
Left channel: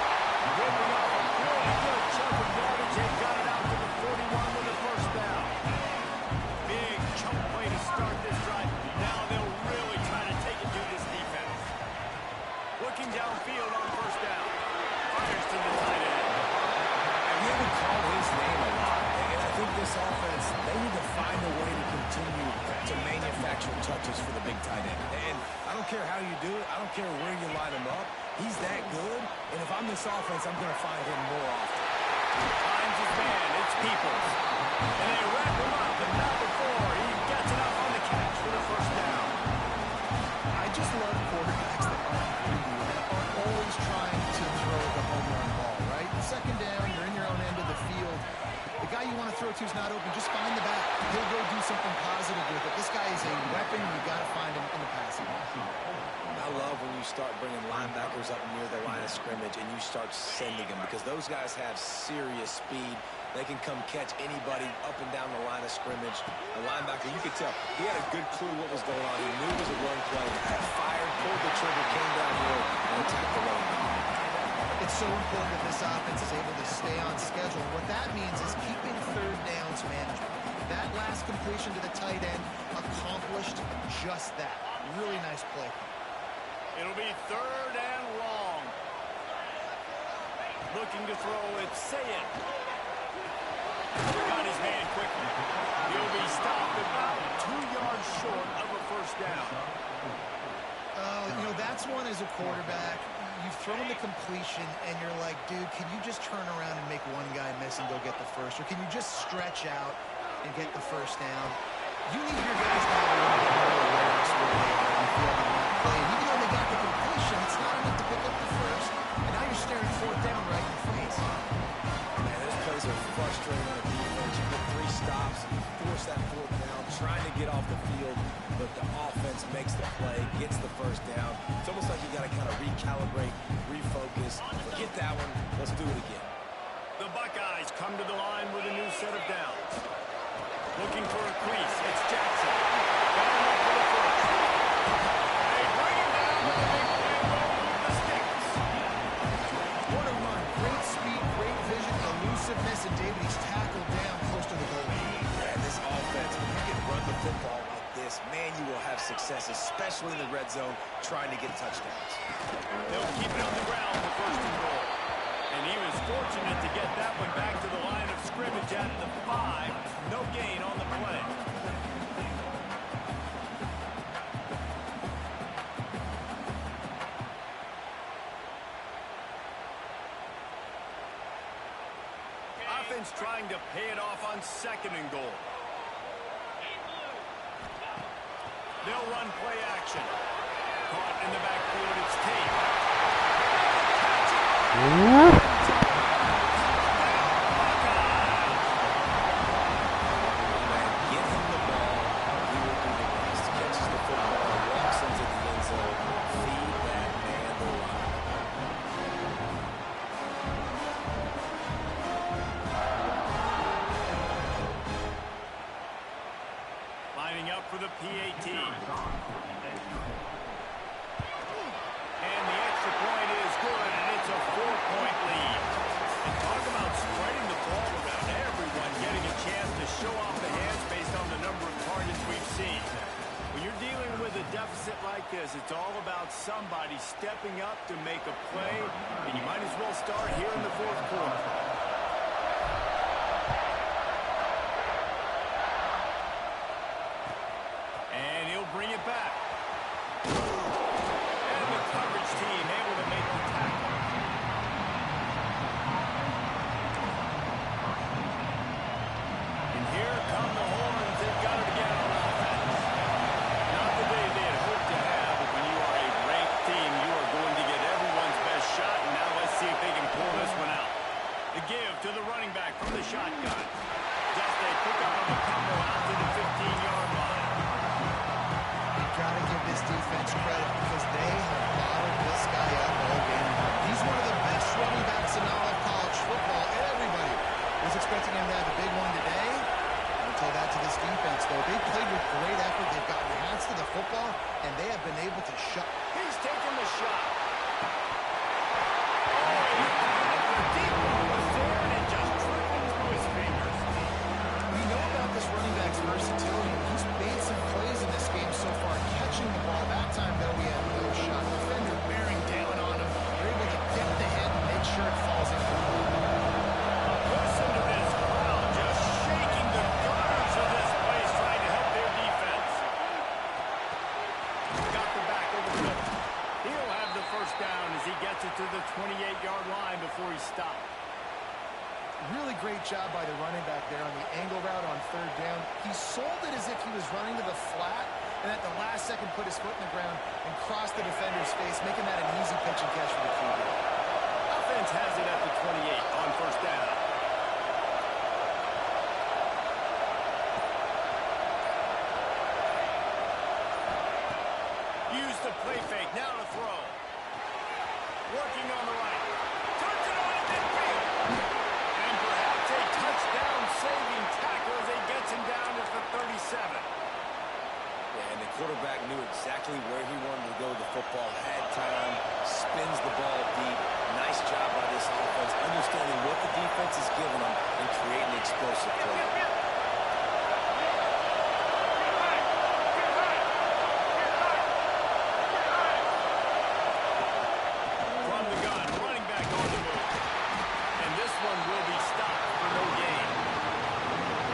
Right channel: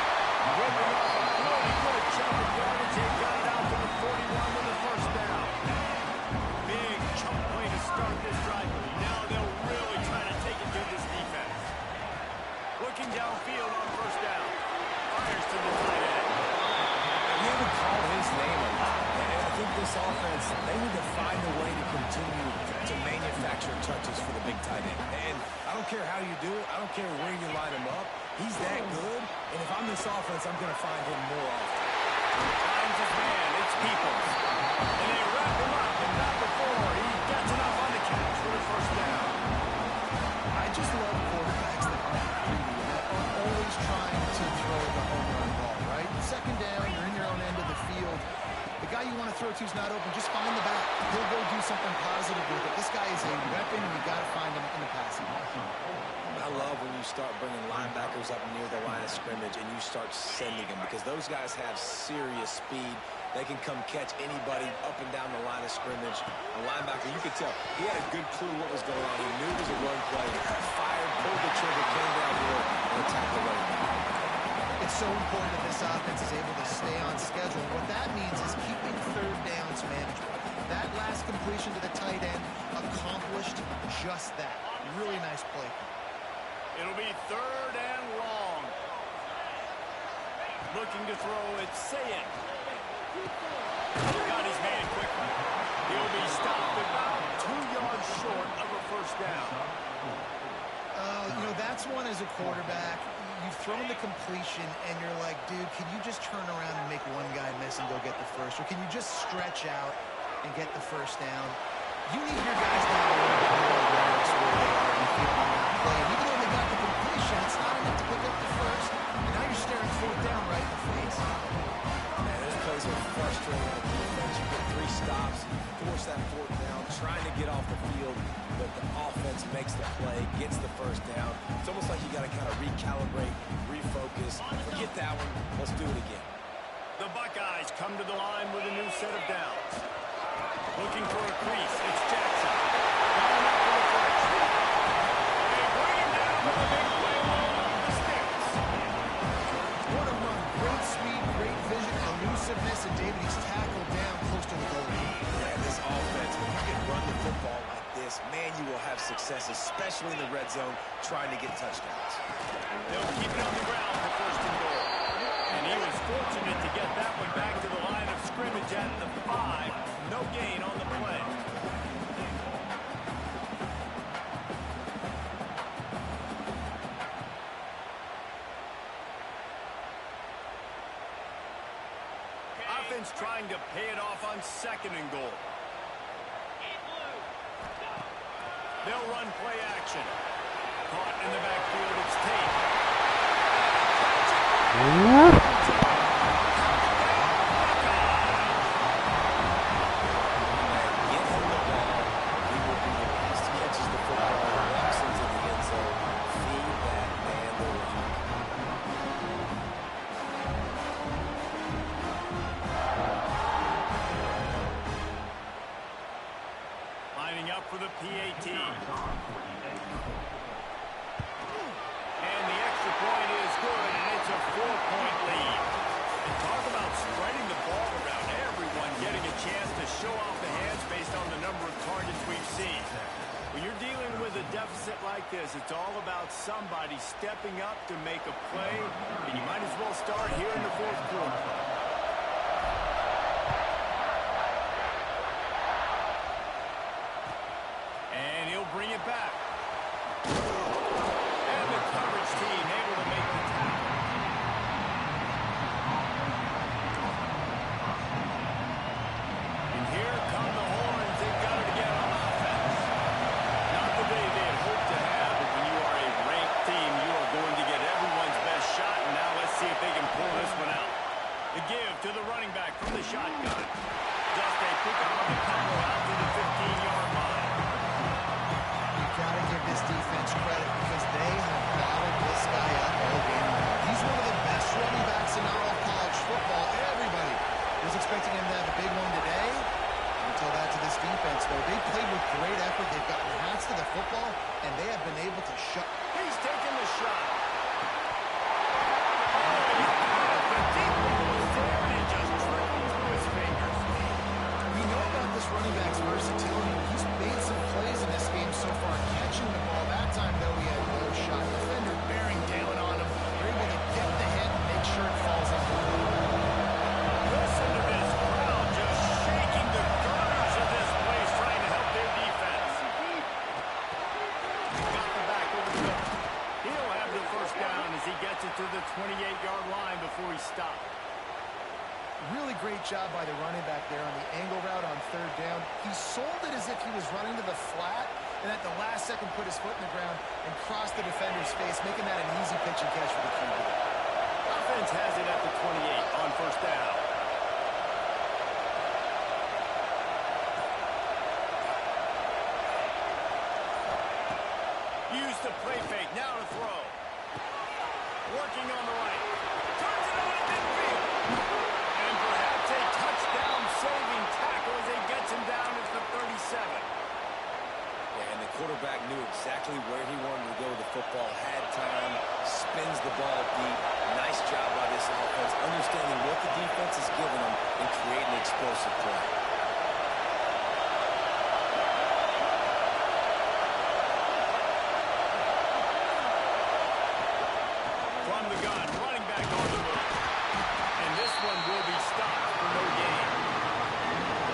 ripping off a pretty good chunk of yardage. They got it out to the 41 with a first down. Big chunk play to start this drive. Now they'll really try to take it to this defense. Looking downfield on first down. Fires to the tight end. We haven't called his name a lot, and I think this offense, they need to find a way to continue to manufacture touches for the big tight end. And I don't care how you do it. I don't care where you line him up. He's that good, and if I'm this offense, I'm going to find him more often. Finds his man. It's Peoples. And they wrap him up, but not before he gets enough on the catch for the first down. I just love quarterbacks that aren't greedy, that aren't always trying to throw the home run ball, right? Second down, you're in your own end of the field. The guy you want to throw to is not open. Just find the back. He'll go do something positive with it. This guy is a weapon, and you got to find him in the passing game. I love when you start bringing linebackers up near the line of scrimmage and you start sending them, because those guys have serious speed. They can come catch anybody up and down the line of scrimmage. A linebacker, you could tell, he had a good clue what was going on. He knew it was a run play, fired, pulled the trigger, came downhill, and attacked the running back. It's so important that this offense is able to stay on schedule. What that means is keeping third downs manageable. That last completion to the tight end accomplished just that. Really nice play. It'll be third and long. Looking to throw, it's Sayin. Got his man quickly. He'll be stopped about 2 yards short of a first down. You know, that's one as a quarterback. You've thrown the completion, and you're like, dude, can you just turn around and make one guy miss and go get the first? Or can you just stretch out and get the first down? You need your guys to have a little bit more awareness where they are in the field on that play. And even though they got the completion, it's not enough to pick up the first. And now you're staring fourth down right in the face. Man, those plays are frustrating on a defense. You get 3 stops, and you force that fourth down, trying to get off the field, but the offense makes the play, gets the first down. It's almost like you got to kind of recalibrate, refocus. Forget that one. Let's do it again. The Buckeyes come to the line with a new set of downs. Looking for a crease. It's Jackson. Got him up for the first. They bring him down with a big play. Will move the sticks. What a run. Great speed, great vision, elusiveness, and David, he's tackled down close to the goal line. Yeah, this offense, when you can run the football like this, man, you will have success, especially in the red zone, trying to get touchdowns. They'll keep it on the ground for first and goal. And he was fortunate to get that one back to the line of scrimmage at the 5. No gain on the play. Offense trying to pay it off on second and goal. They'll run play action. Caught in the backfield, it's Tate. Get him the ball, he will do the rest. Catches the football, walks into the end zone. Feed that man the rock. Lining up for the PAT. And the extra point is good, and it's a 4-point lead. And talk about spreading the ball around, everyone getting a chance to show off the hands based on the number of targets we've seen. When you're dealing with a deficit like this, it's all about somebody stepping up to make a play, and you might as well start here in the fourth quarter. And he'll bring it back. And the coverage team able to make the tackle. And here come the horns. They've got it again on offense. Not the day they had hoped to have, but when you are a this defense credit because they have bottled this guy up all game long. He's one of the best running backs in all of college football. Everybody was expecting him to have a big one today. Don't tell that to this defense, though. They played with great effort. They've gotten hats to the football, and they have been able to shut. He's taking the shot. The deep ball was there, and it just trickled through his fingers. We know about this running back's versatility. He's made some plays in this game so far, catching the ball. That time, though, he had no shot. Defender bearing down on him. They're able to get the hit and make sure it falls in. Listen to this crowd just shaking the gunners of this place, trying to help their defense. Got the back over the middle. He'll have the first down as he gets it to the 28-yard line before he stopped. Really great job by the running back there on the angle route on third down. He sold it as if he was running to the flat, and at the last second put his foot in the ground and crossed the defender's face, making that an easy pitch and catch for the QB. Offense has it at the 28 on first down. Use the play fake, now to throw. Working on the right. Turns it on at midfield. And perhaps a touchdown-saving tackle as he gets him down at the 37. Yeah, and the quarterback knew exactly where he wanted to go with the football, had time, spins the ball deep. Nice job by this offense, understanding what the defense is giving them and creating explosive play. From the gun, running back on the move. And this one will be stopped for no gain.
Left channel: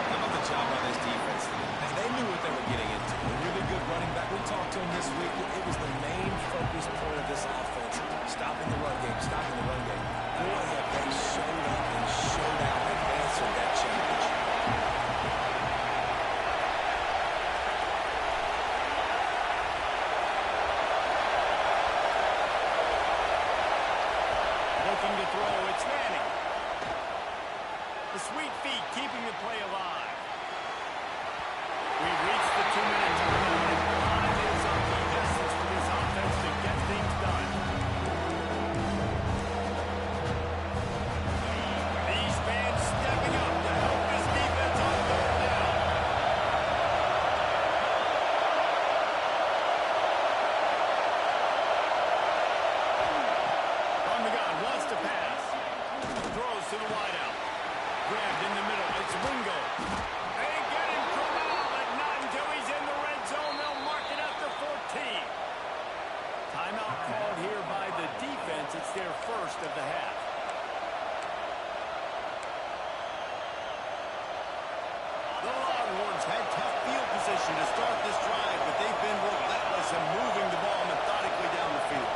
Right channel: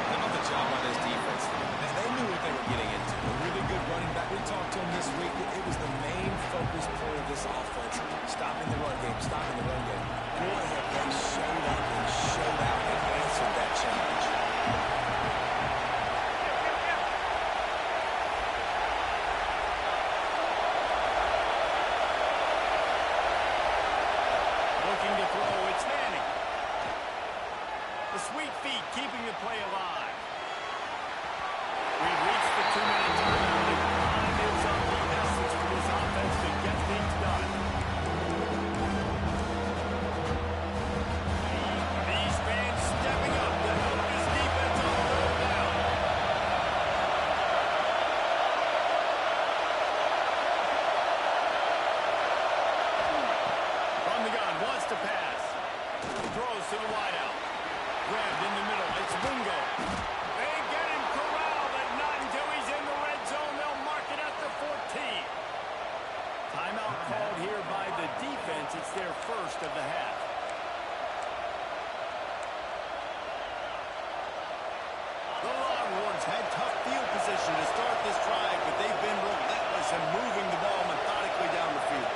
How about the job by this defense today? They knew what they were getting into. A really good running back. We talked to him this week. It was the main focus point of this offense. Stopping the run game, stopping the run game. Boy, have they showed up and showed out and answered that challenge. Looking to throw, it's Manning. The sweet feet keeping the play alive. We've reached the 2-minute timeout, and time is of the essence for this offense to get things done. These fans stepping up to help this defense on third down. From the gun, wants to pass. Throws to the wideout. Grabbed in the middle, it's Wingo. They get him corralled, but not until he's in the red zone. They'll mark it at the 14. Timeout called here by the defense. It's their first of the half. The Longhorns had tough field position to start this drive, but they've been relentless in moving the ball methodically down the field.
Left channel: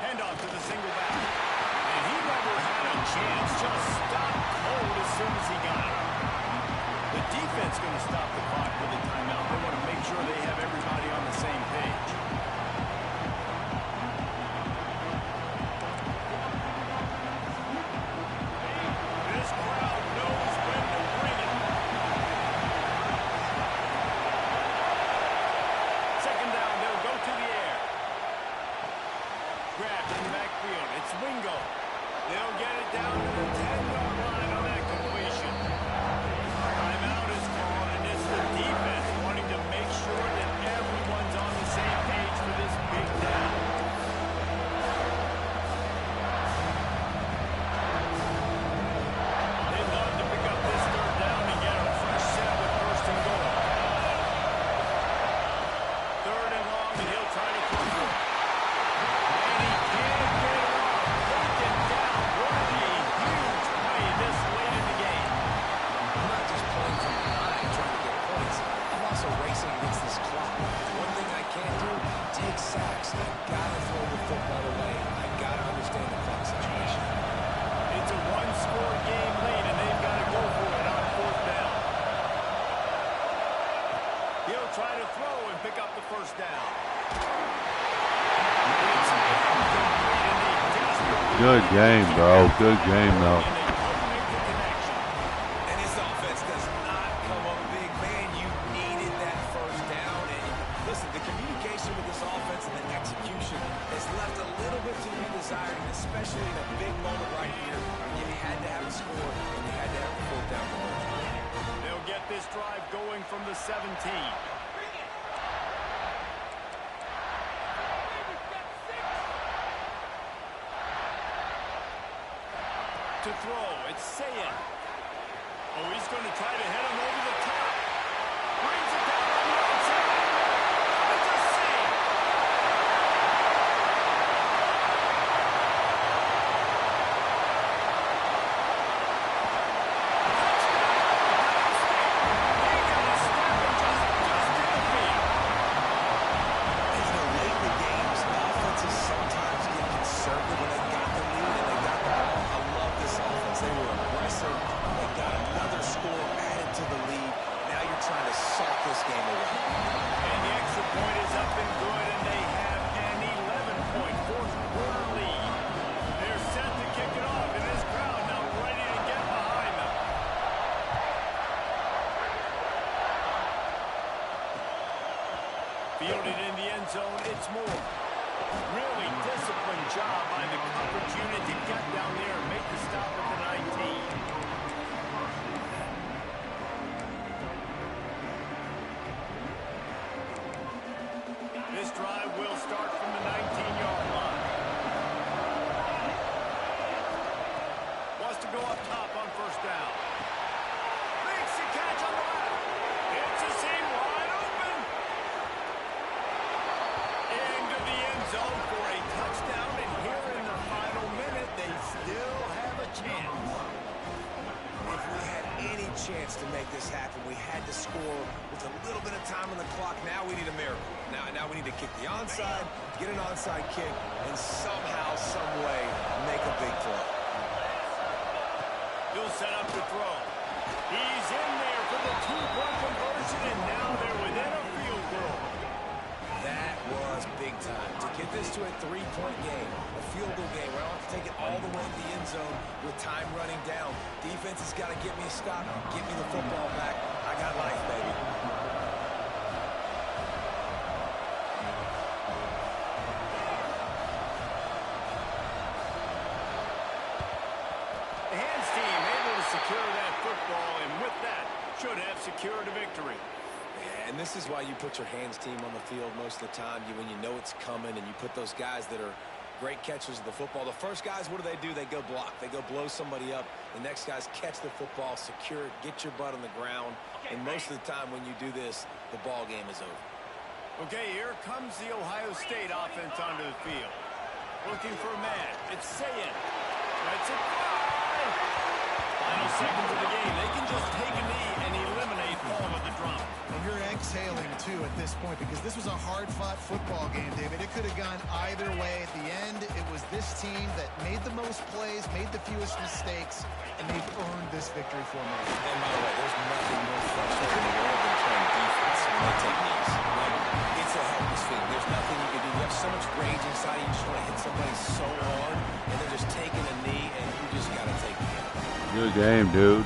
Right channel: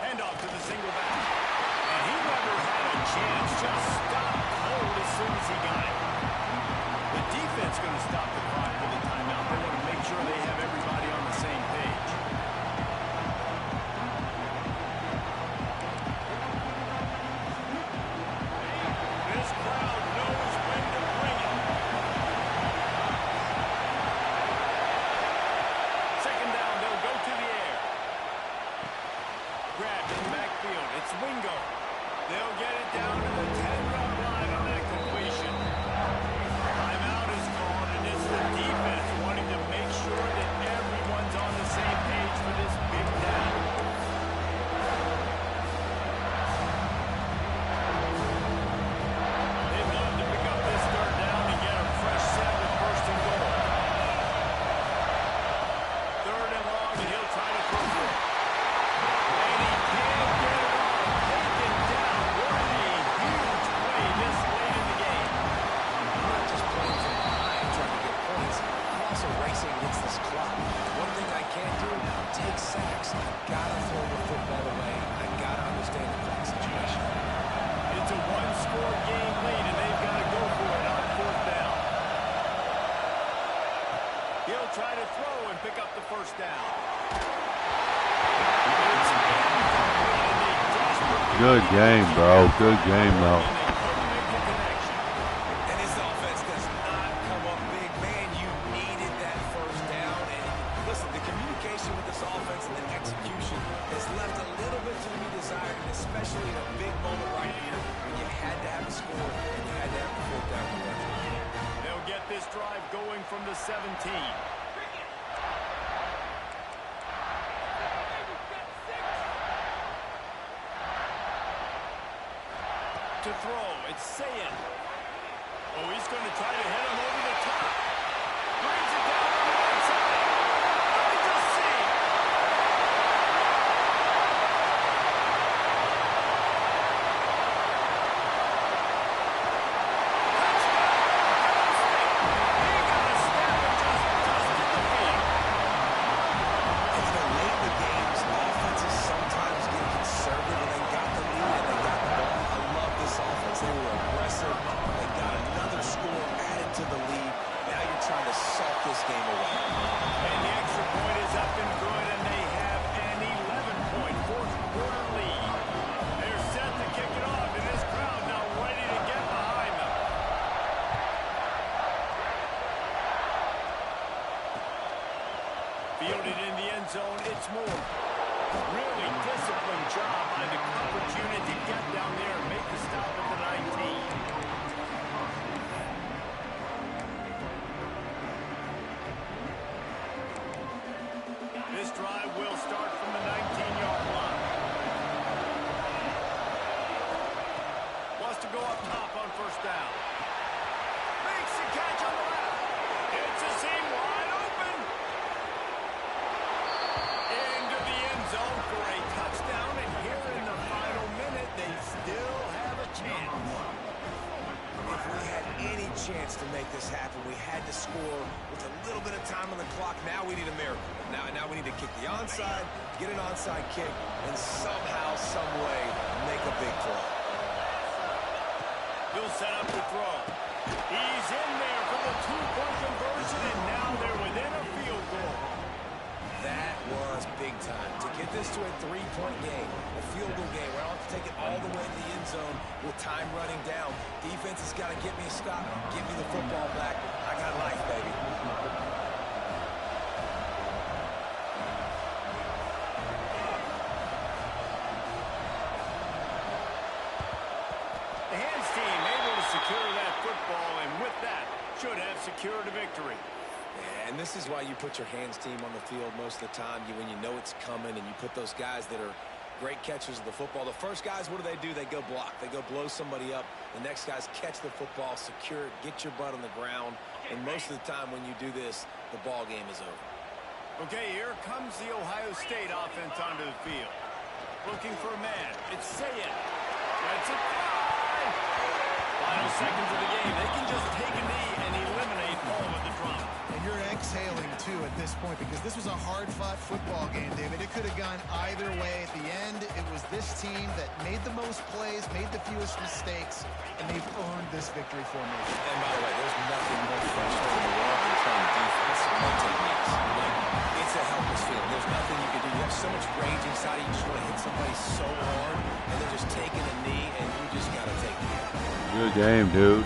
Handoff to the single back. And he never had a chance. Just stopped cold as soon as he got it. The defense going to stop the clock with a timeout. They want to make sure they have everybody on the same page. This crowd knows when to bring it. Second down, they'll go to the air. Grabbed in the backfield. It's Wingo. They'll get it down to the 10-yard line on that completion. Timeout is called, and it's the defense wanting to make sure that everyone's on the same page for this big down. They've got to pick up this third down and get a fresh set with first and goal. Third and long, and he'll try to throw for it. And he can't get it off. Taken down. What a huge play this late in the game. I'm not just playing from behind trying to get points. I'm also racing against this clock. One thing I can't do, take sacks. I've got to throw the football away. I've got to understand the clock situation. It's a one-score game lead, and they've got to go for it on fourth down. He'll try to throw and pick up the first down. It's incomplete, and they desperately Good game, bro. Good game, though. and they couldn't make the connection. And this offense does not come up big. Man, you needed that first down. And listen, the community combination with this offense and the execution has left a little bit to be desired, and especially in a big moment right here when you had to have a score and you had to have the fourth down conversion. They'll get this drive going from the 17. To throw, it's Ncaa. Oh, he's going to try to hit him over the top. Brings it down on the outside. Finds a seam. Touchdown, Ohio State. He got a step and just in the field. And you know, late in the games, offenses sometimes get conservative when they got the lead and they got the ball. I love this offense. They were aggressive. They got another score added to the lead. Now you're trying to salt this game away. And the extra point is up and good, and they have an 11-point fourth-quarter lead. They're set to kick it off, and this crowd now ready to get behind them. Fielded in the end zone, it's Moore. Really disciplined job by the coverage unit to get down there and make the stop at the 19. This drive will start from the 19-yard line. Wants to go up top on first down. Makes the catch on the left. It's a seam wide open. Into the end zone for a touchdown, and here in the final minute, they still have a chance. If we had any chance to make this happen, we had to score with a little bit of time on the clock. Now we need a miracle. Now we need to kick the onside, get an onside kick, and somehow, some way, make a big play. He'll set up to throw. He's in there for the two-point conversion, and now they're within a field goal. That was big time. To get this to a three-point game, a field goal game, where I don't have to take it all the way to the end zone with time running down. Defense has got to get me a stop, get me the football back. I got life, baby. The hands team able to secure that football, and with that, should have secured a victory. Yeah, and this is why you put your hands team on the field most of the time, when you know it's coming, and you put those guys that are great catchers of the football. The first guys, what do? They go block. They go blow somebody up. The next guys catch the football, secure it, get your butt on the ground. And most of the time when you do this, the ball game is over. Okay, here comes the Ohio State offense onto the field. Looking for a man. It's Ncaa. That's a try. Final seconds of the game. They can just take a knee and eliminate all of the drama. And you're exhaling, too, at this point, because this was a hard-fought football game, David. It could have gone either way. At the end, it was this team that made the most plays, made the fewest mistakes, and they've earned this victory formation. And by the way, there's nothing more frustrating in the world than playing defense when they take knees. Like, it's a helpless feeling. There's nothing you can do. You have so much rage inside you. You just want to hit somebody so hard, and they're just taking a knee, and you just got to take the hit. Good game, dude.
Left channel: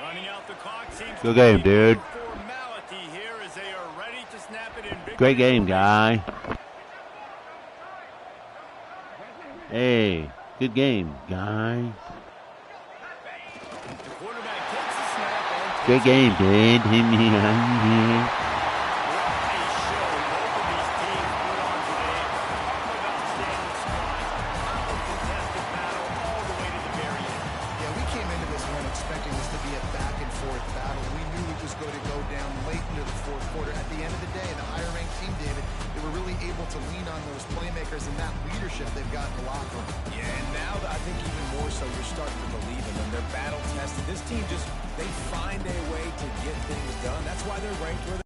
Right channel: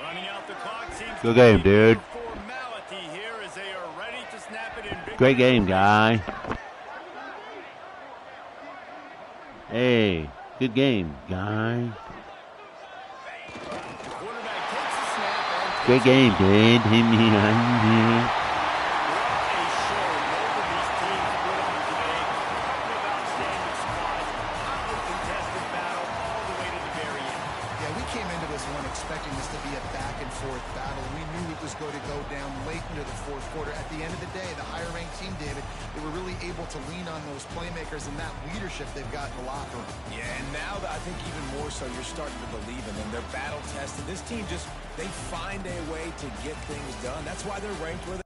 Running out the clock seems Good game, dude. Formality here as they are ready to snap it in victory. Great game, guy. Hey, good game, guy. The quarterback takes the snap and Great game, dude. what a show both of these teams put on today. A couple of outstanding squads, hotly contested battle all the way to the very end. Yeah, we came into this one expecting this to be a back-and-forth battle. We knew it was going to go down late into the fourth quarter. At the end of the day, the higher-ranked team, David, they were really able to lean on those playmakers and that leadership they've got in the locker room. Yeah, and now I think even more so, you're starting to believe in them. They're battle-tested. This team just, they find a way to get things done. That's why they're ranked where